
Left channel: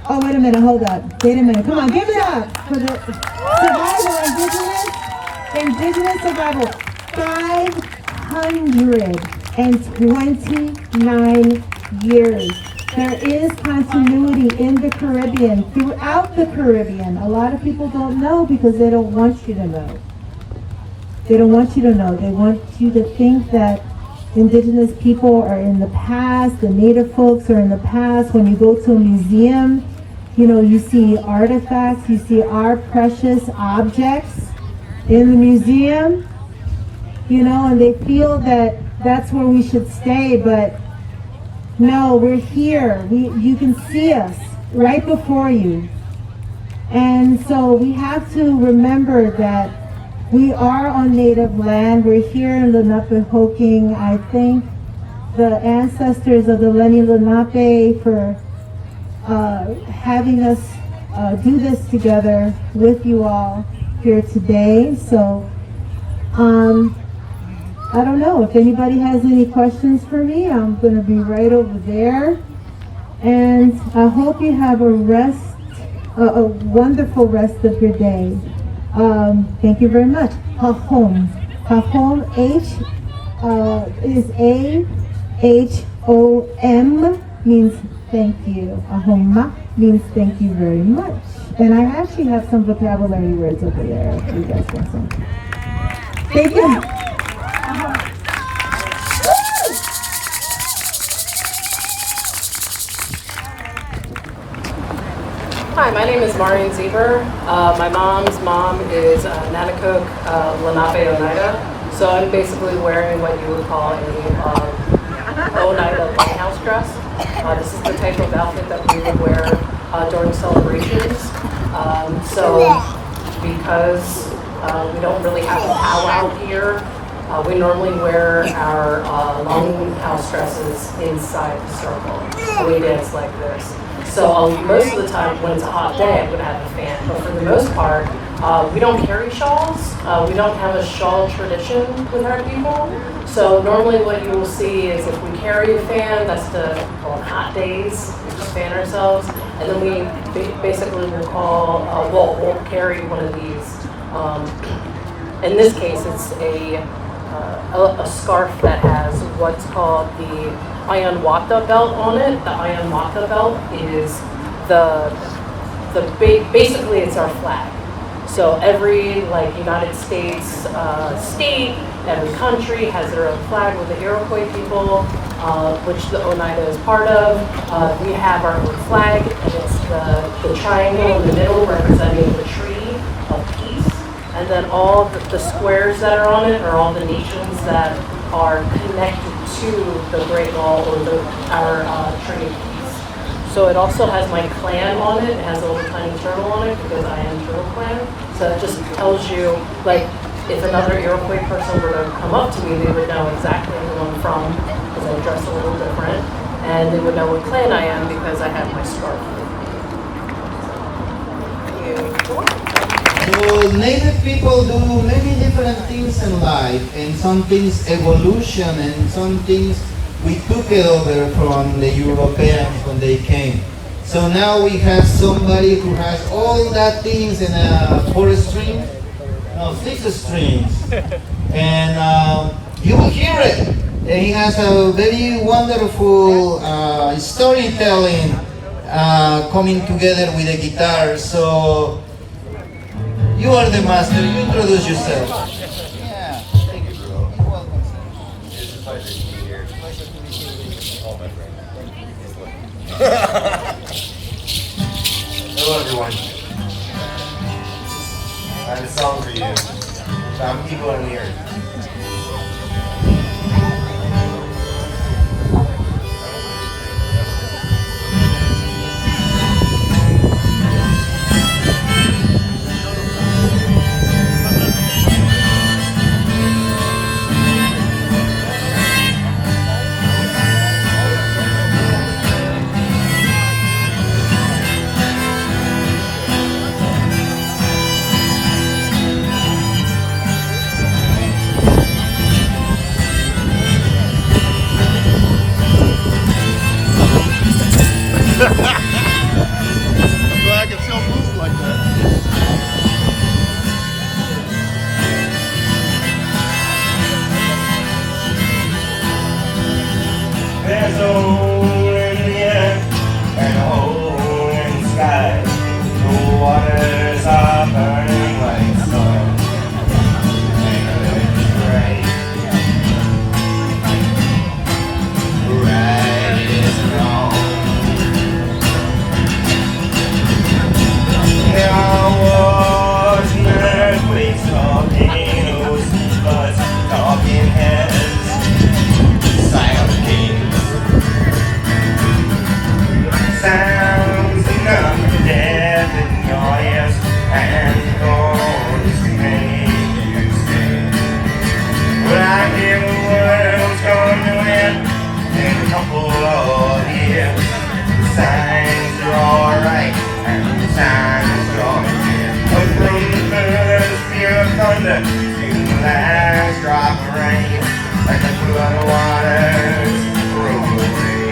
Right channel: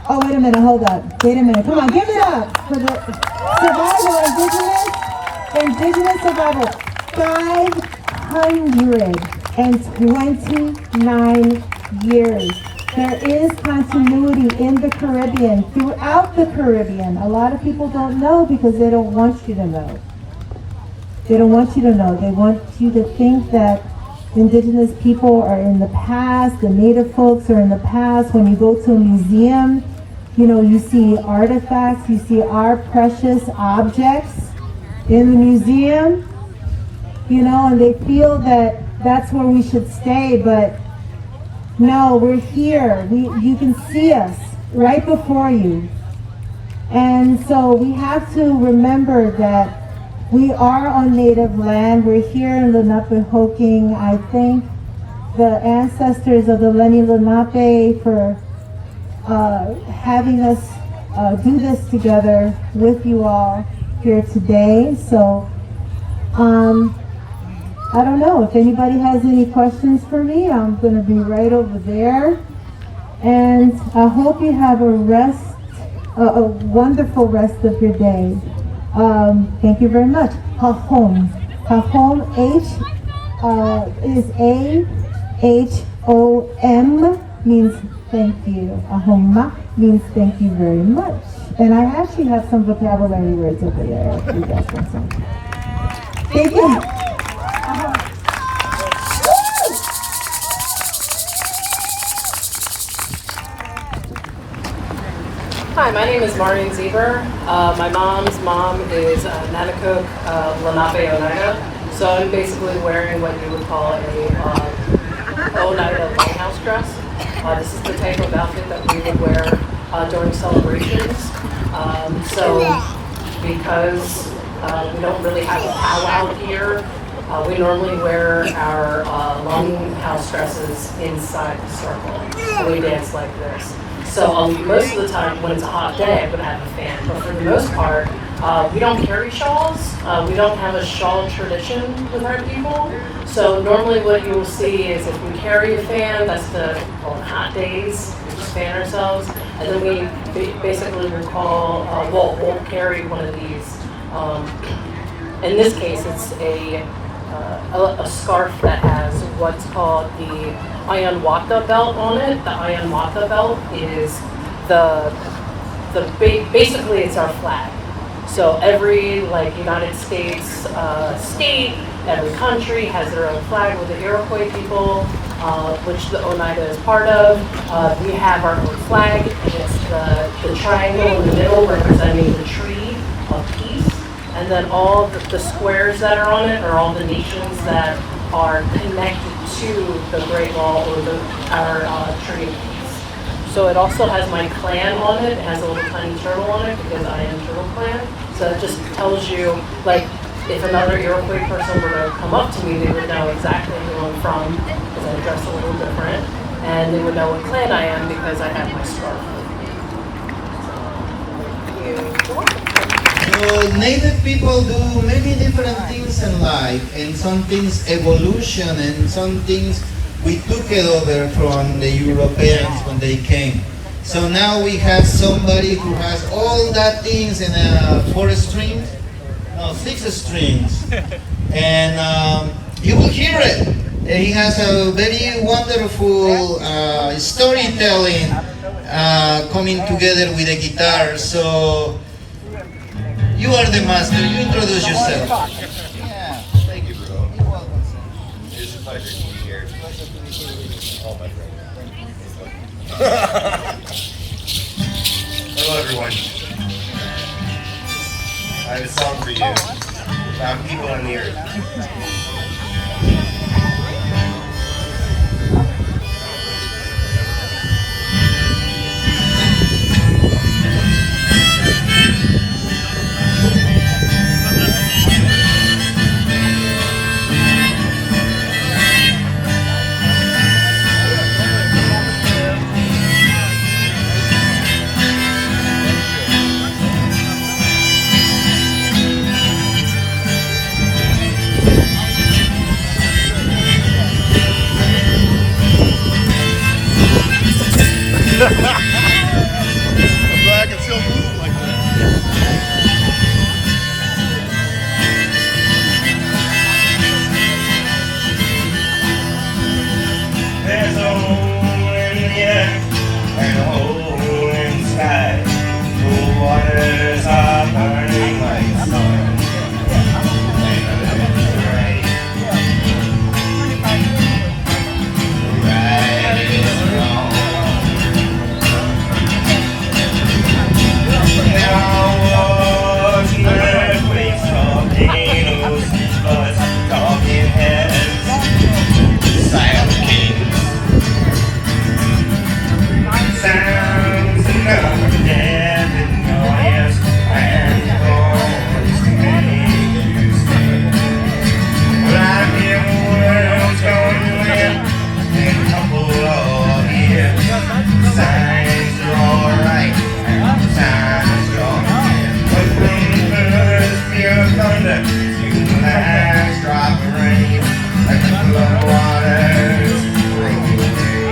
Oh, wait a minute, hold up. Wait a minute, come on, give it up for the survival, indigenous survival. 529 years. There is continuity in the Caribbean, throughout the Caribbean. A lot of people don't know because they don't want you to know. They don't want you to know. They want you to think that indigenous people are in the past, the native folks are in the past. When you go to a museum, you know, you see artifacts, you see our precious objects in the museum, you know, and they feel that that's where we should stay, but no, we're here. You can see us right before you. And so we have to remember that We are on native land. We're here in Lenapehoking. I thank the ancestors of the Lenni Lenape for having us do this together with you all here today. So, I don't know if anybody has any questions for me. I'm going to be right over there. And I hope you have a wonderful rest of your day. Thank you very much. Hahom. Hahom is A-H-O-M means thank you. Ahoma means thank you very much. And I actually have some vocabulary words over there if you guys want some. Thank you. Hi, my name is Marian Zieber. My mom's mom is Nanakuk Lenape Oneida. So I'm basically wearing what you would call a Oneida longhouse dress. This is the type of outfit that we would wear during celebrations. So because we don't really have a powwow here, we normally wear our longhouse dresses inside the circle. And we dance like this. So most of the time, when it's a hot day, I'm going to have a fan. But for the most part, we don't carry shawls. We don't have a shawl tradition with our people. So normally what you will see is if we carry a fan, that's on hot days, we just fan ourselves. And then we basically will we'll carry one of these. In this case, it's a scarf that has what's called the Ayanwata belt on it. The Ayanwata belt is basically it's our flag. So every United States state, every country has their own flag with the Iroquois people, which the Oneida is part of. We have our own flag, and it's the triangle in the middle representing the tree of peace. And then all the squares that are on it are all the nations that are connected to the Great Wall or our Tree of Peace. So it also has my clan on it. It has a little tiny turtle on it because I am Turtle Clan. So it just tells you, if another Iroquois person were to come up to me, they would know exactly who I'm from because I dress a little different. And they would know what clan I am because I have my scarf with me. Native people do many different things in life, and some things evolution, and some things we took it over from the Europeans when they came. So now we have somebody who has all that things in 6 strings, and you will hear it. And he has a very wonderful storytelling coming together with the guitar. So. You are the master. You introduce yourself. Yeah. Thank you, bro. You're welcome, sir. It's a pleasure to be here. Pleasure to be here with you. Oh, my friend. Thank you. Hello, everyone. I have a song for you about people on the earth. I'm glad I can still move like that. There's a hole in the earth and a hole in the sky. The waters are burning like the sun. And the earth is right. Right is wrong. like the flood waters roll away.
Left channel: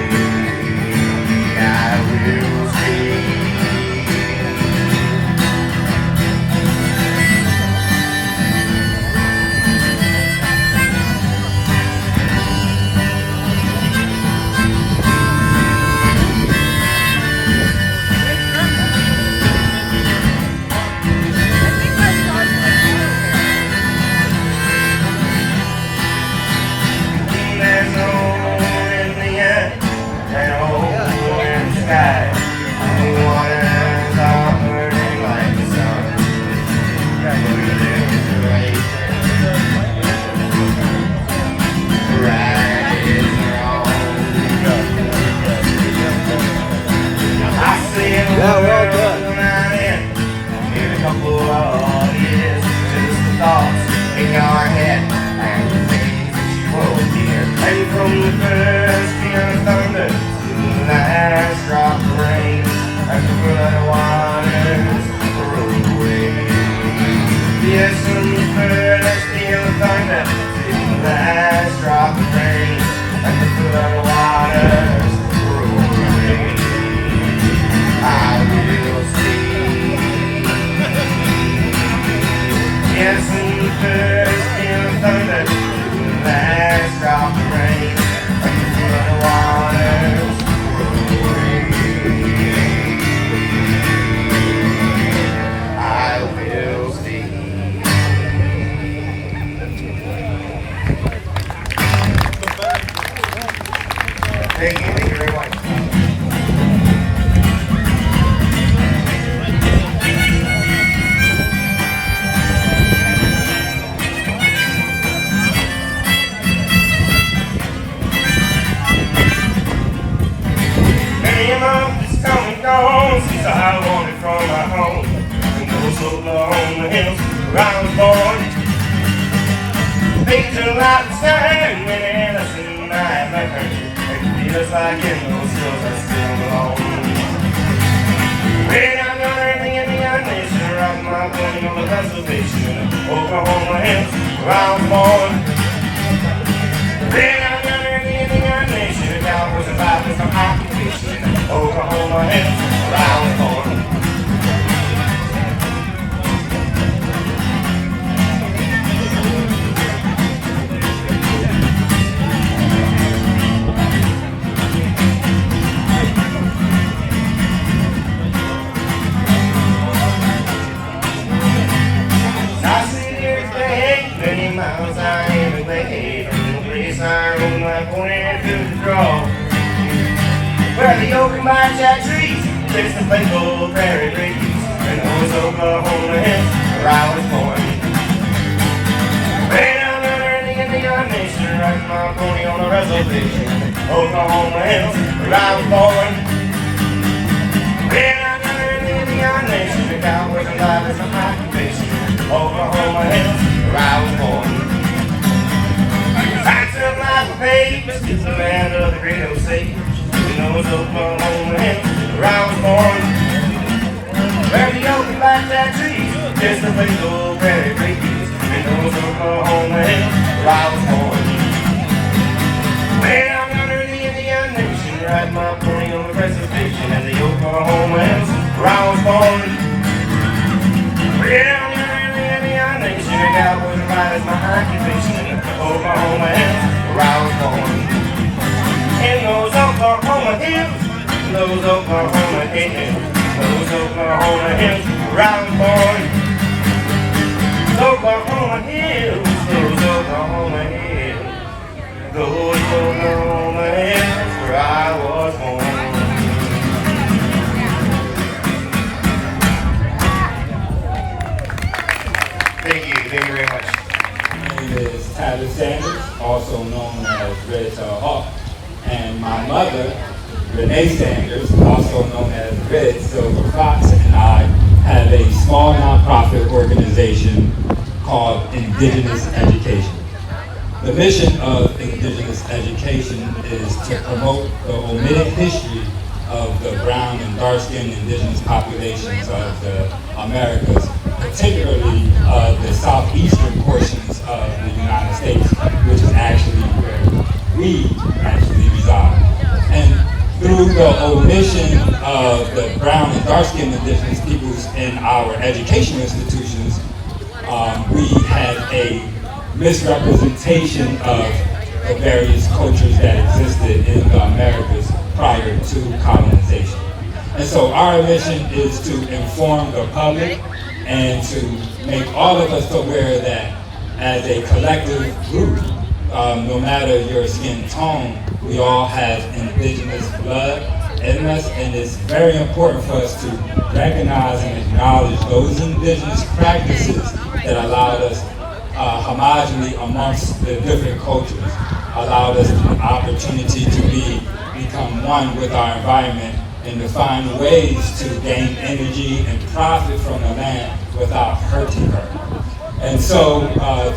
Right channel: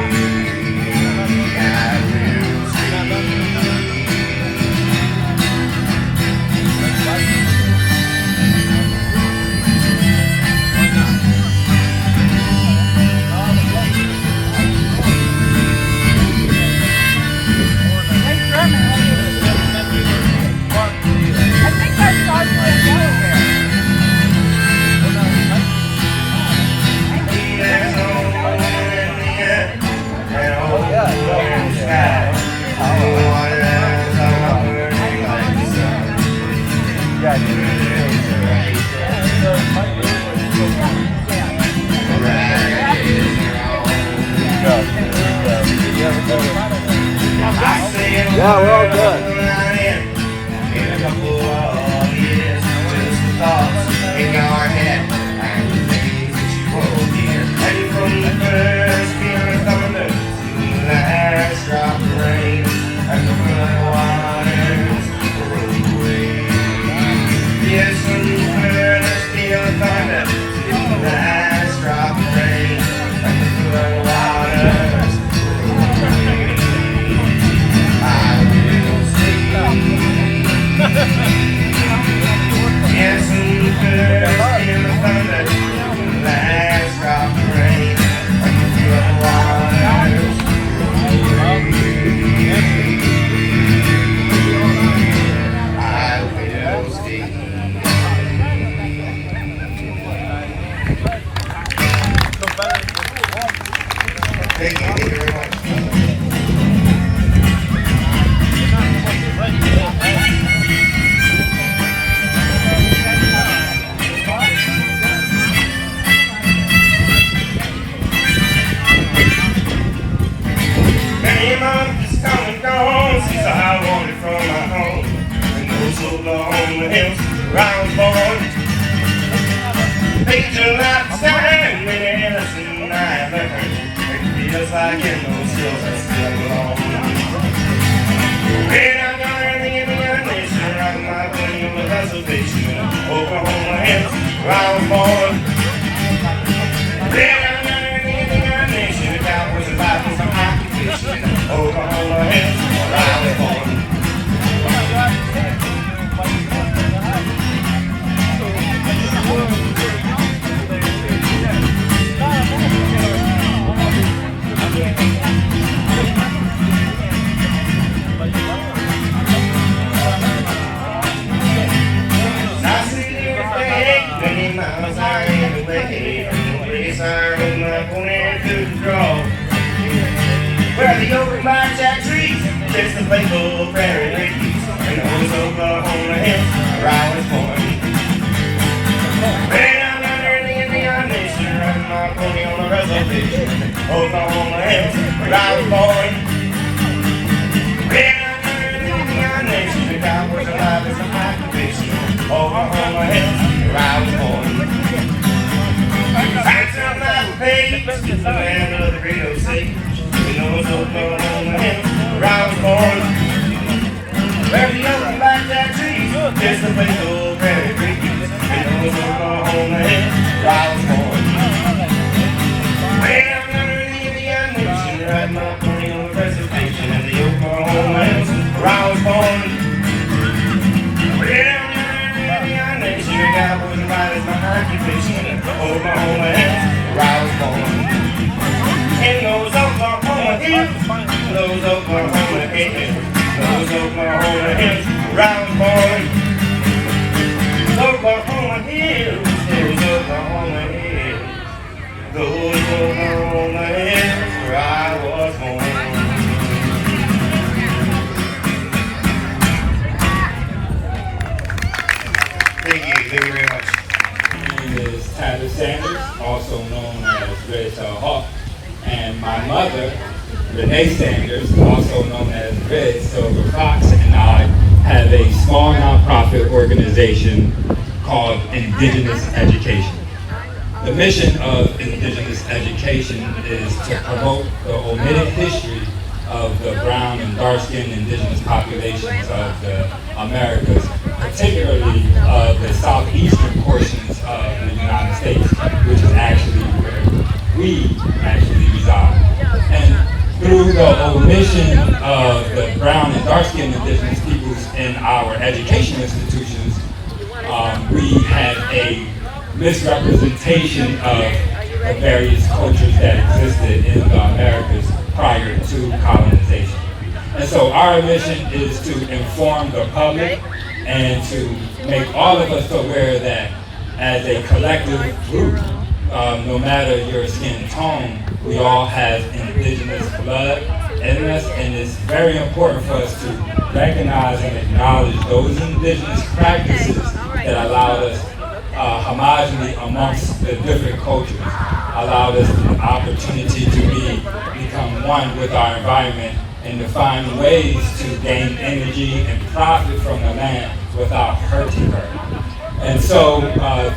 I will see. There's no moon in the air, and a hole in the sky. The waters are burning like the sun. There's a right, right is wrong. I see it around here. In a couple of years, just the thoughts in your head and the things you won't hear. And from the first peal of thunder to the last drop of rain, and the flood waters roll away. Yes, from the first peal of thunder to the last drop of rain, and the flood waters roll away. I will see. Yes, from the first peal of thunder to the last drop of rain, and the flood waters roll away. I will see. Thank you very much. Many months is come and gone since I wandered from my home, and those so long the hills where I was born. Picture like sand when innocent I learned, it feels like in those hills I still belong. When I'm gonna be in the nation, rock my boat on the reservation, Oklahoma hills where I was born. When I'm gonna be in the nation, the cowboys and Bibles from occupation, Oklahoma hills where I was born. I see this day, many miles I am away, from the place I rode my pony to the draw. Where the open by jack trees, there's the playful prairie breeze, and those Oklahoma hills where I was born. When I'm gonna be in the nation, riding my pony on the reservation, Oklahoma hills where I was born. When I'm gonna be in the nation, the cowboys and live is my occupation, Oklahoma hills where I was born. I turn my face to the land of the great Osage. You know it's Oklahoma hills where I was born. Where the open blackjack trees, just the place old prairie breeze. You know it's Oklahoma hills where I was born. When I'm gonna be in the nation, riding my pony on the reservation in the Oklahoma hills where I was born. When I'm gonna be in the nation, the cowboys and riders my occupation, Oklahoma hills where I was born. In those Oklahoma hills, those Oklahoma hills, those Oklahoma hills where I was born. Oklahoma hills, those Oklahoma hills, those Oklahoma hills where I was born. Thank you very much. My name is Tyler Sanders, also known as Red Tail Hawk, and my mother, Renee Sanders, also known as Red Silver Fox, and I have a small nonprofit organization called Indigenous Education. The mission of Indigenous Education is to promote the omitted history of the brown and dark-skinned indigenous populations of the Americas, particularly the southeastern portions of the United States, which is actually we actually reside. And through the omission of the brown and dark-skinned indigenous peoples in our educational institutions, we had a misrepresentation of the various cultures that existed in the Americas prior to colonization. And so our mission is to inform the public and to make all of us aware that as a collective group, no matter your skin tone, we all have indigenous blood in us, and it's very important for us to recognize and acknowledge those indigenous practices that allowed us homogeneity amongst the different cultures, allowed us the opportunity to become one with our environment and to find ways to gain energy and profit from the land without hurting her. And so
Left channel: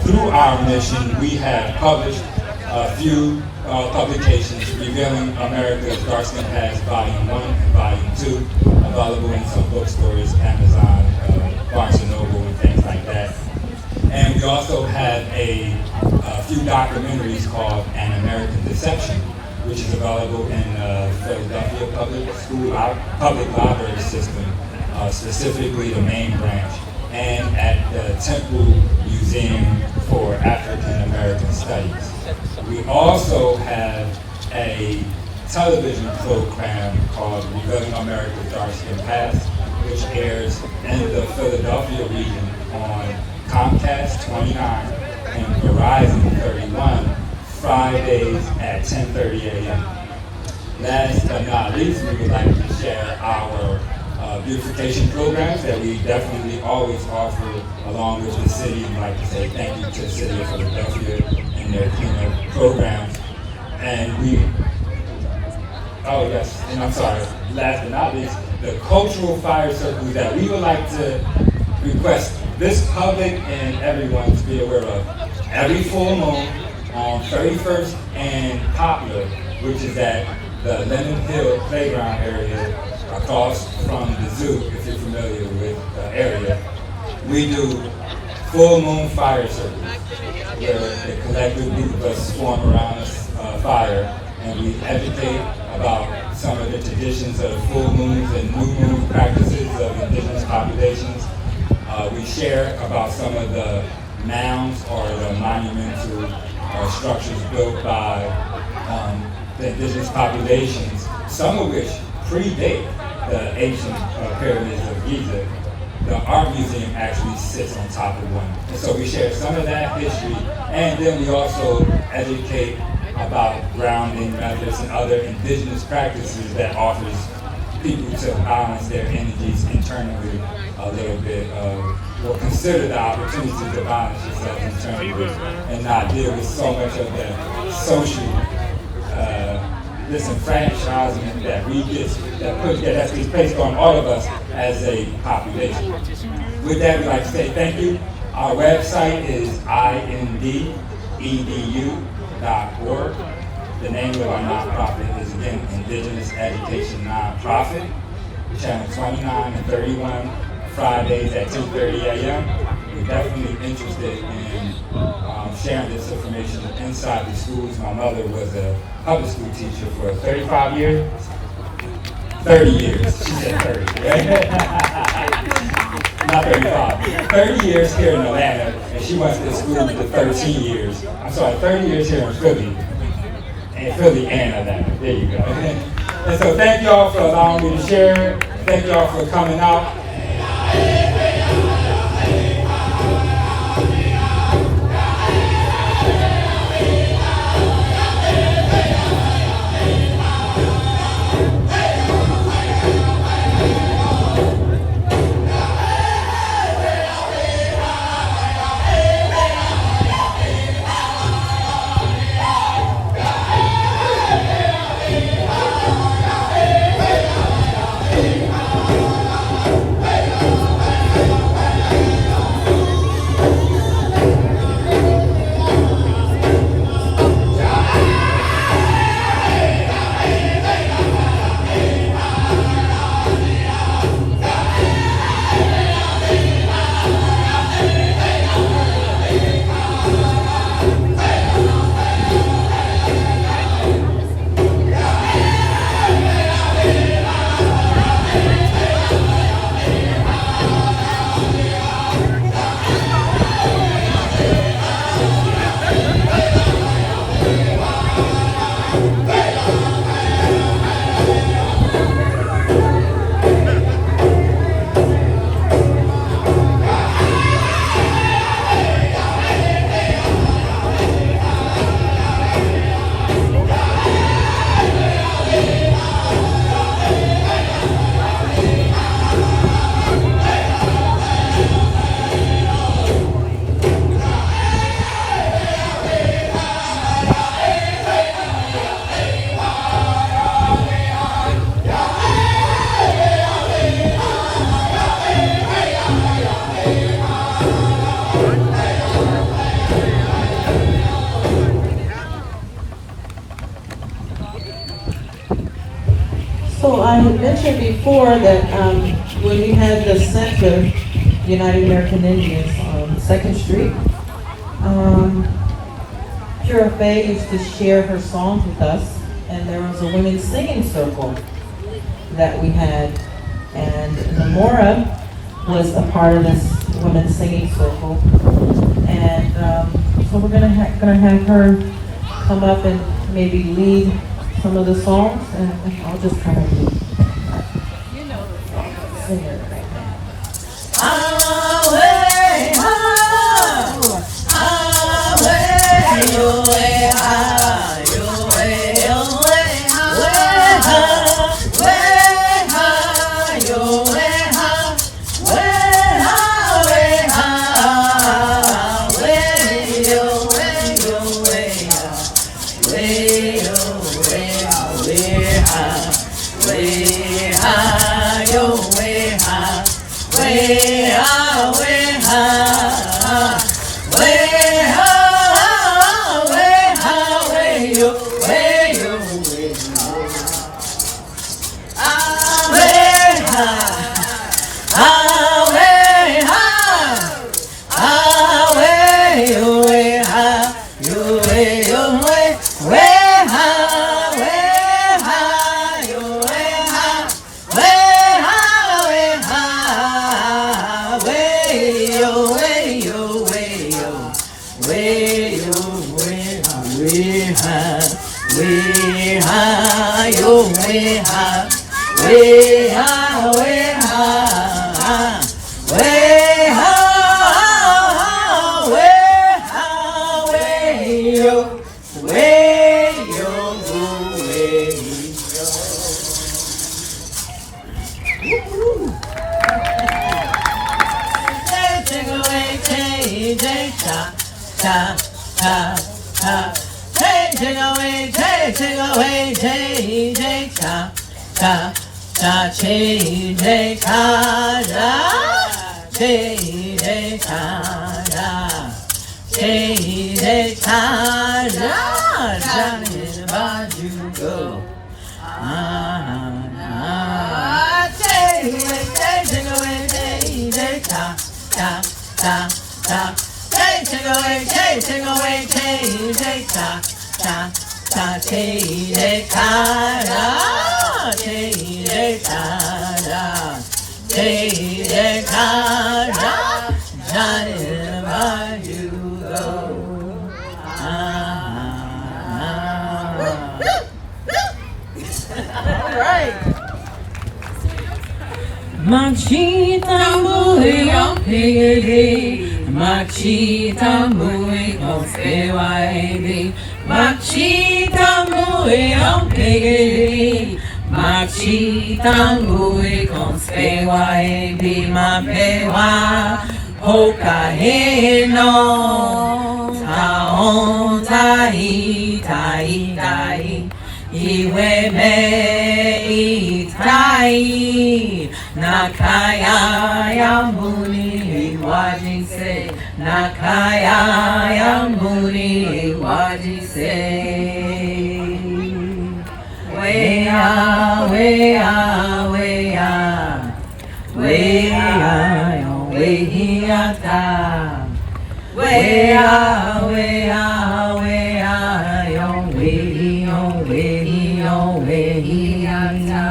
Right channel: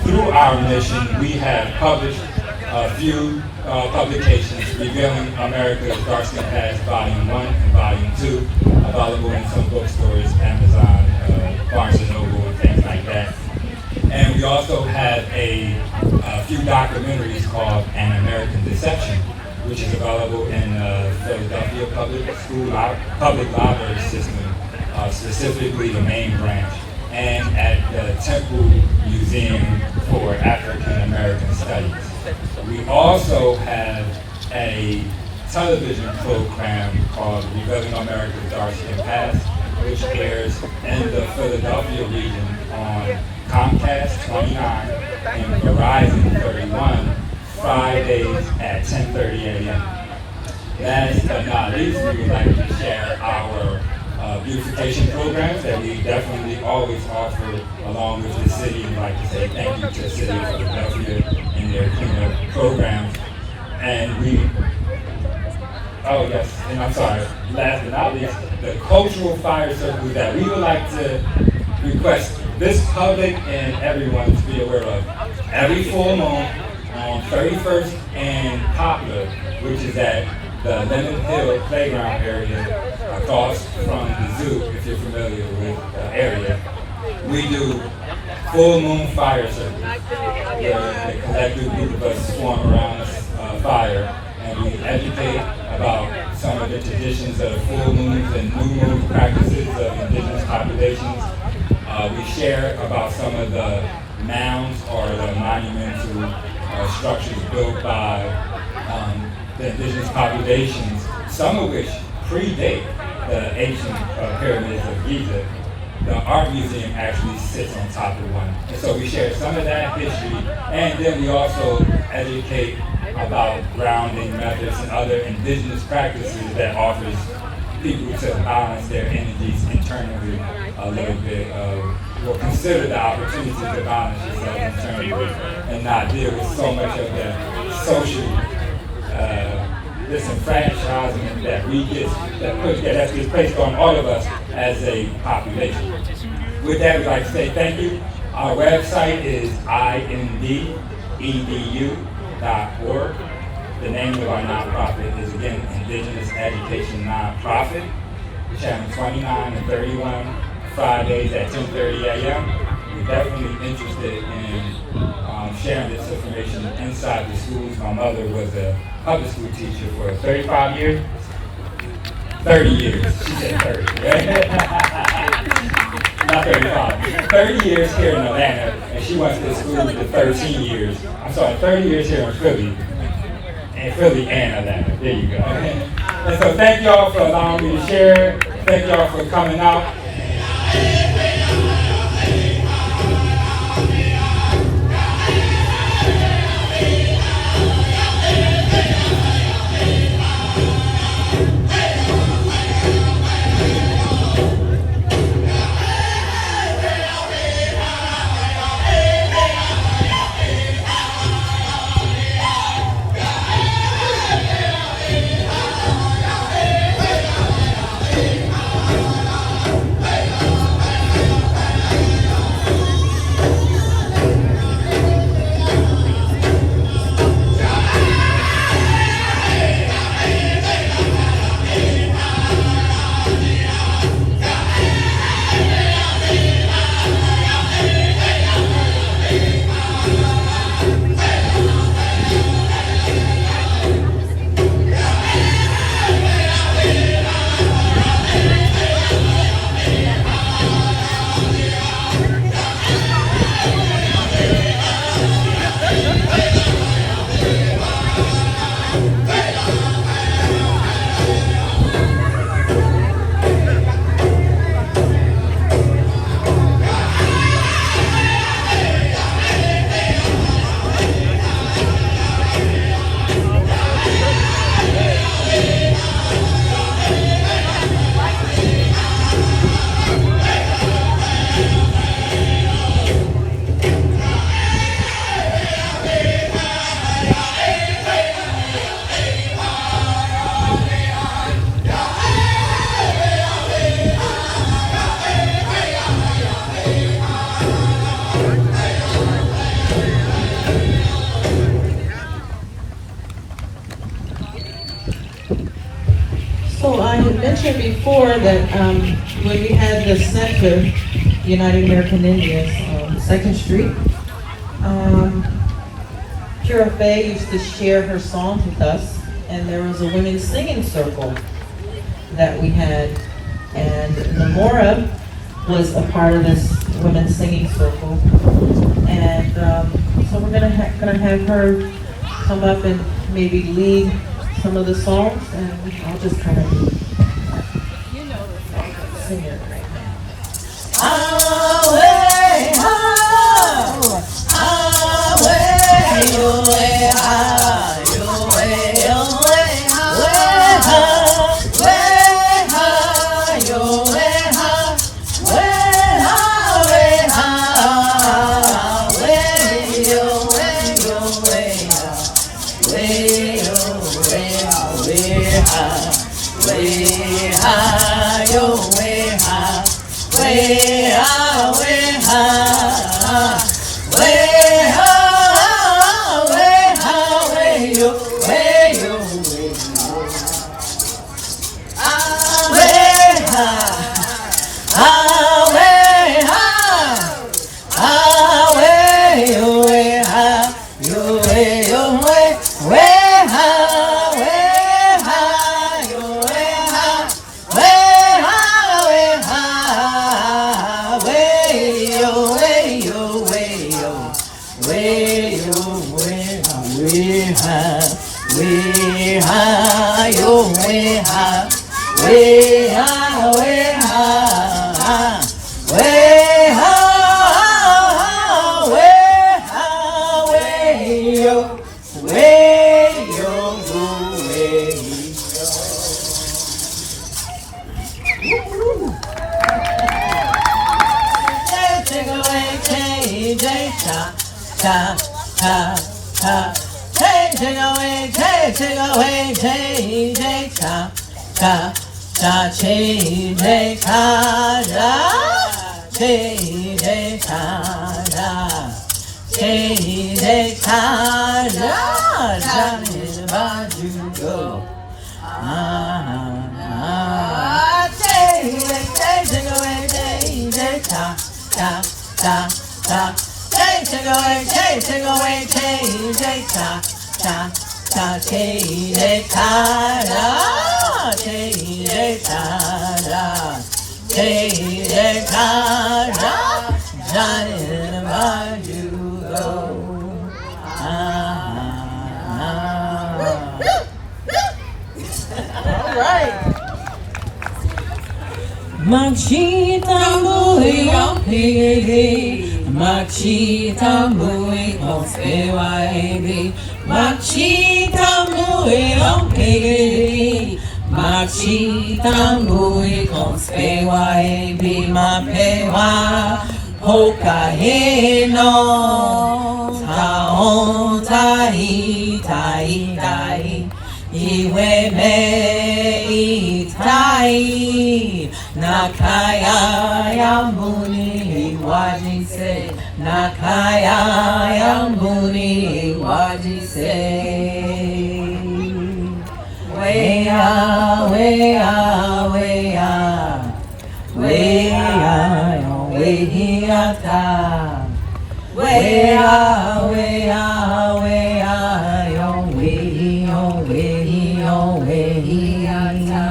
through our mission, we have published a few publications revealing America's Dark Skin Past, Volume 1 and Volume 2, available in some bookstores, Amazon, Barnes & Noble, and things like that. And we also have a few documentaries called An American Deception, which is available in the Philadelphia Public Library System, specifically the main branch, and at the Temple Museum for African American Studies. We also have a television program called Revealing America's Dark Skin Past, which airs in the Philadelphia region on Comcast 29 and Verizon 31, Fridays at 10:30 a.m. Last but not least, we would like to share our beautification programs that we definitely always offer along with the city. We'd like to say thank you to the city of Philadelphia and their cleanup programs. And and I'm sorry, last but not least, the cultural fire circles that we would like to request this public and everyone to be aware of. Every full moon on 31st and Poplar, which is at the Lenapehoking playground area across from the zoo, if you're familiar with the area, we do full moon fire circles, where a collective group of us swarm around a fire, and we educate about some of the traditions of full moons and new moon practices of indigenous populations. We share about some of the mounds or the monumental structures built by the indigenous populations, some of which predate the ancient pyramids of Giza. The art museum actually sits on top of one. And so we share some of that history, and then we also educate about grounding methods and other indigenous practices that offers people to balance their energies internally a little bit, or consider the opportunity to balance yourself internally and not deal with so much of the social disenfranchisement that we get, that gets placed on all of us as a population. With that, we'd like to say thank you. Our website is indedu.org. The name of our nonprofit is, again, Indigenous Education Nonprofit, channel 29 and 31, Fridays at 10:30 a.m. We're definitely interested in sharing this information inside the schools. My mother was a public school teacher for 35 years. 30 years, she said 30. Not 35. 30 years here in Atlanta, and she went to school for 13 years. I'm sorry, 30 years here in Philly and Atlanta. There you go. And so thank y'all for allowing me to share. Thank y'all for coming out. So I had mentioned before that when we had the center, United American Indians on 2nd Street, Pura Faye used to share her songs with us, and there was a women's singing circle that we had, and Namora was a part of this women's singing circle, and so we're gonna have her come up and maybe lead some of the songs, and I'll just kind of sing it. Machita mui on piggy, Machita mui on sewaidi, Machita mui on piggy, Machita mui on sewaidi, Mapewa, Hokahino, Taon Tai Tai Tai, Iwe me Tai. Nakaya Yamuni Wajise, Nakaya Yamuni Wajise. Wea, wea, wea, wea, wehiata. Wea, wea, wea, yo wehi, yo wehi, yo wehiata.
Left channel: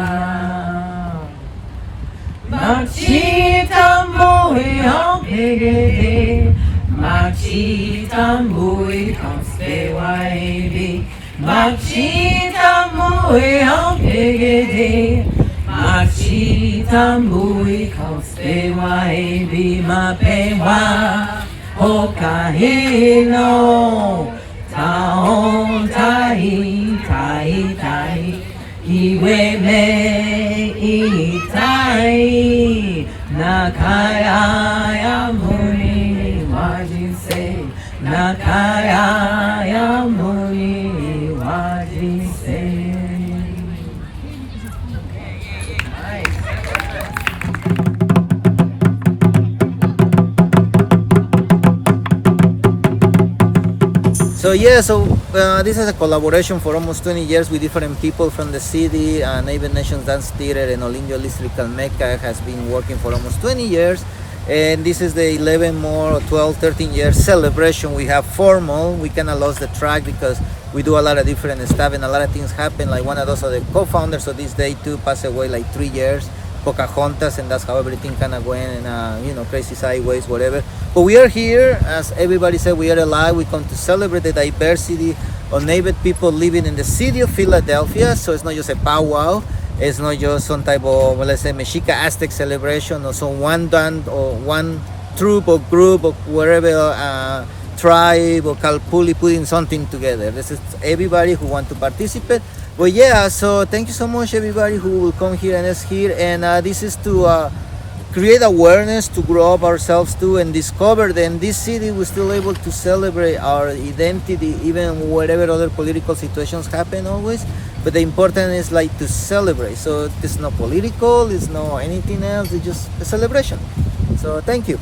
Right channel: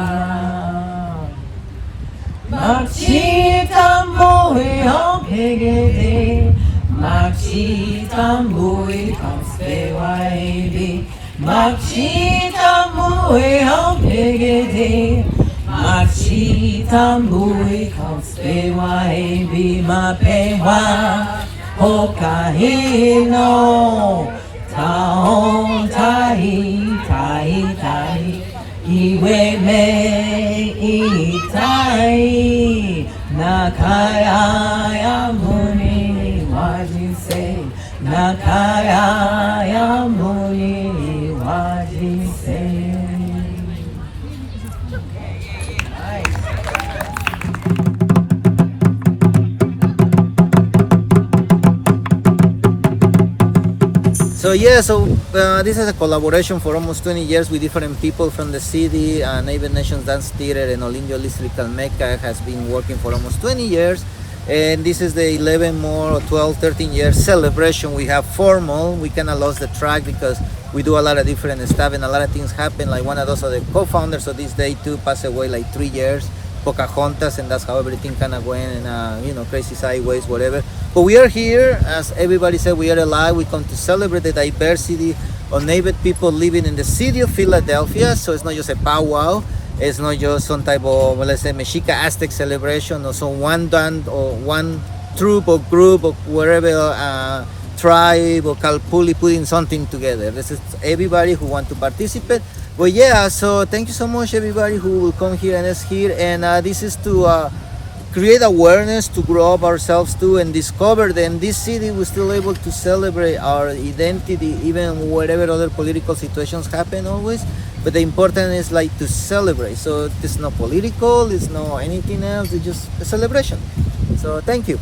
Machita mui on piggy, Machita mui on sewaidi, Machita mui on piggy, Machita mui on sewaidi, Mapewa, Hokahino, Taon Tai Tai Tai, Iwe me Tai, Nakaya Yamuni Wajise, Nakaya Yamuni Wajise. So yeah, so this is a collaboration for almost 20 years with different people from the city. Native Nations Dance Theater and Olindio District Mecca has been working for almost 20 years. And this is the 11 more, 12, 13 year celebration. We have formal. We kind of lost the track because we do a lot of different stuff and a lot of things happen. Like one of those are the co-founders of this day too passed away like 3 years. Pocahontas, and that's how everything kind of went, and crazy sideways, whatever. But we are here, as everybody said, we are alive. We come to celebrate the diversity of Native people living in the city of Philadelphia. So it's not just a powwow. It's not just some type of, let's say, Mexica Aztec celebration or some one band or one troop or group or wherever tribe or Kalpuli putting something together. This is everybody who want to participate. But yeah, so thank you so much everybody who will come here and is here. And this is to create awareness, to grow up ourselves too and discover that in this city we're still able to celebrate our identity even whatever other political situations happen always. But the important is like to celebrate. So it's not political, it's not anything else, it's just a celebration. So thank you.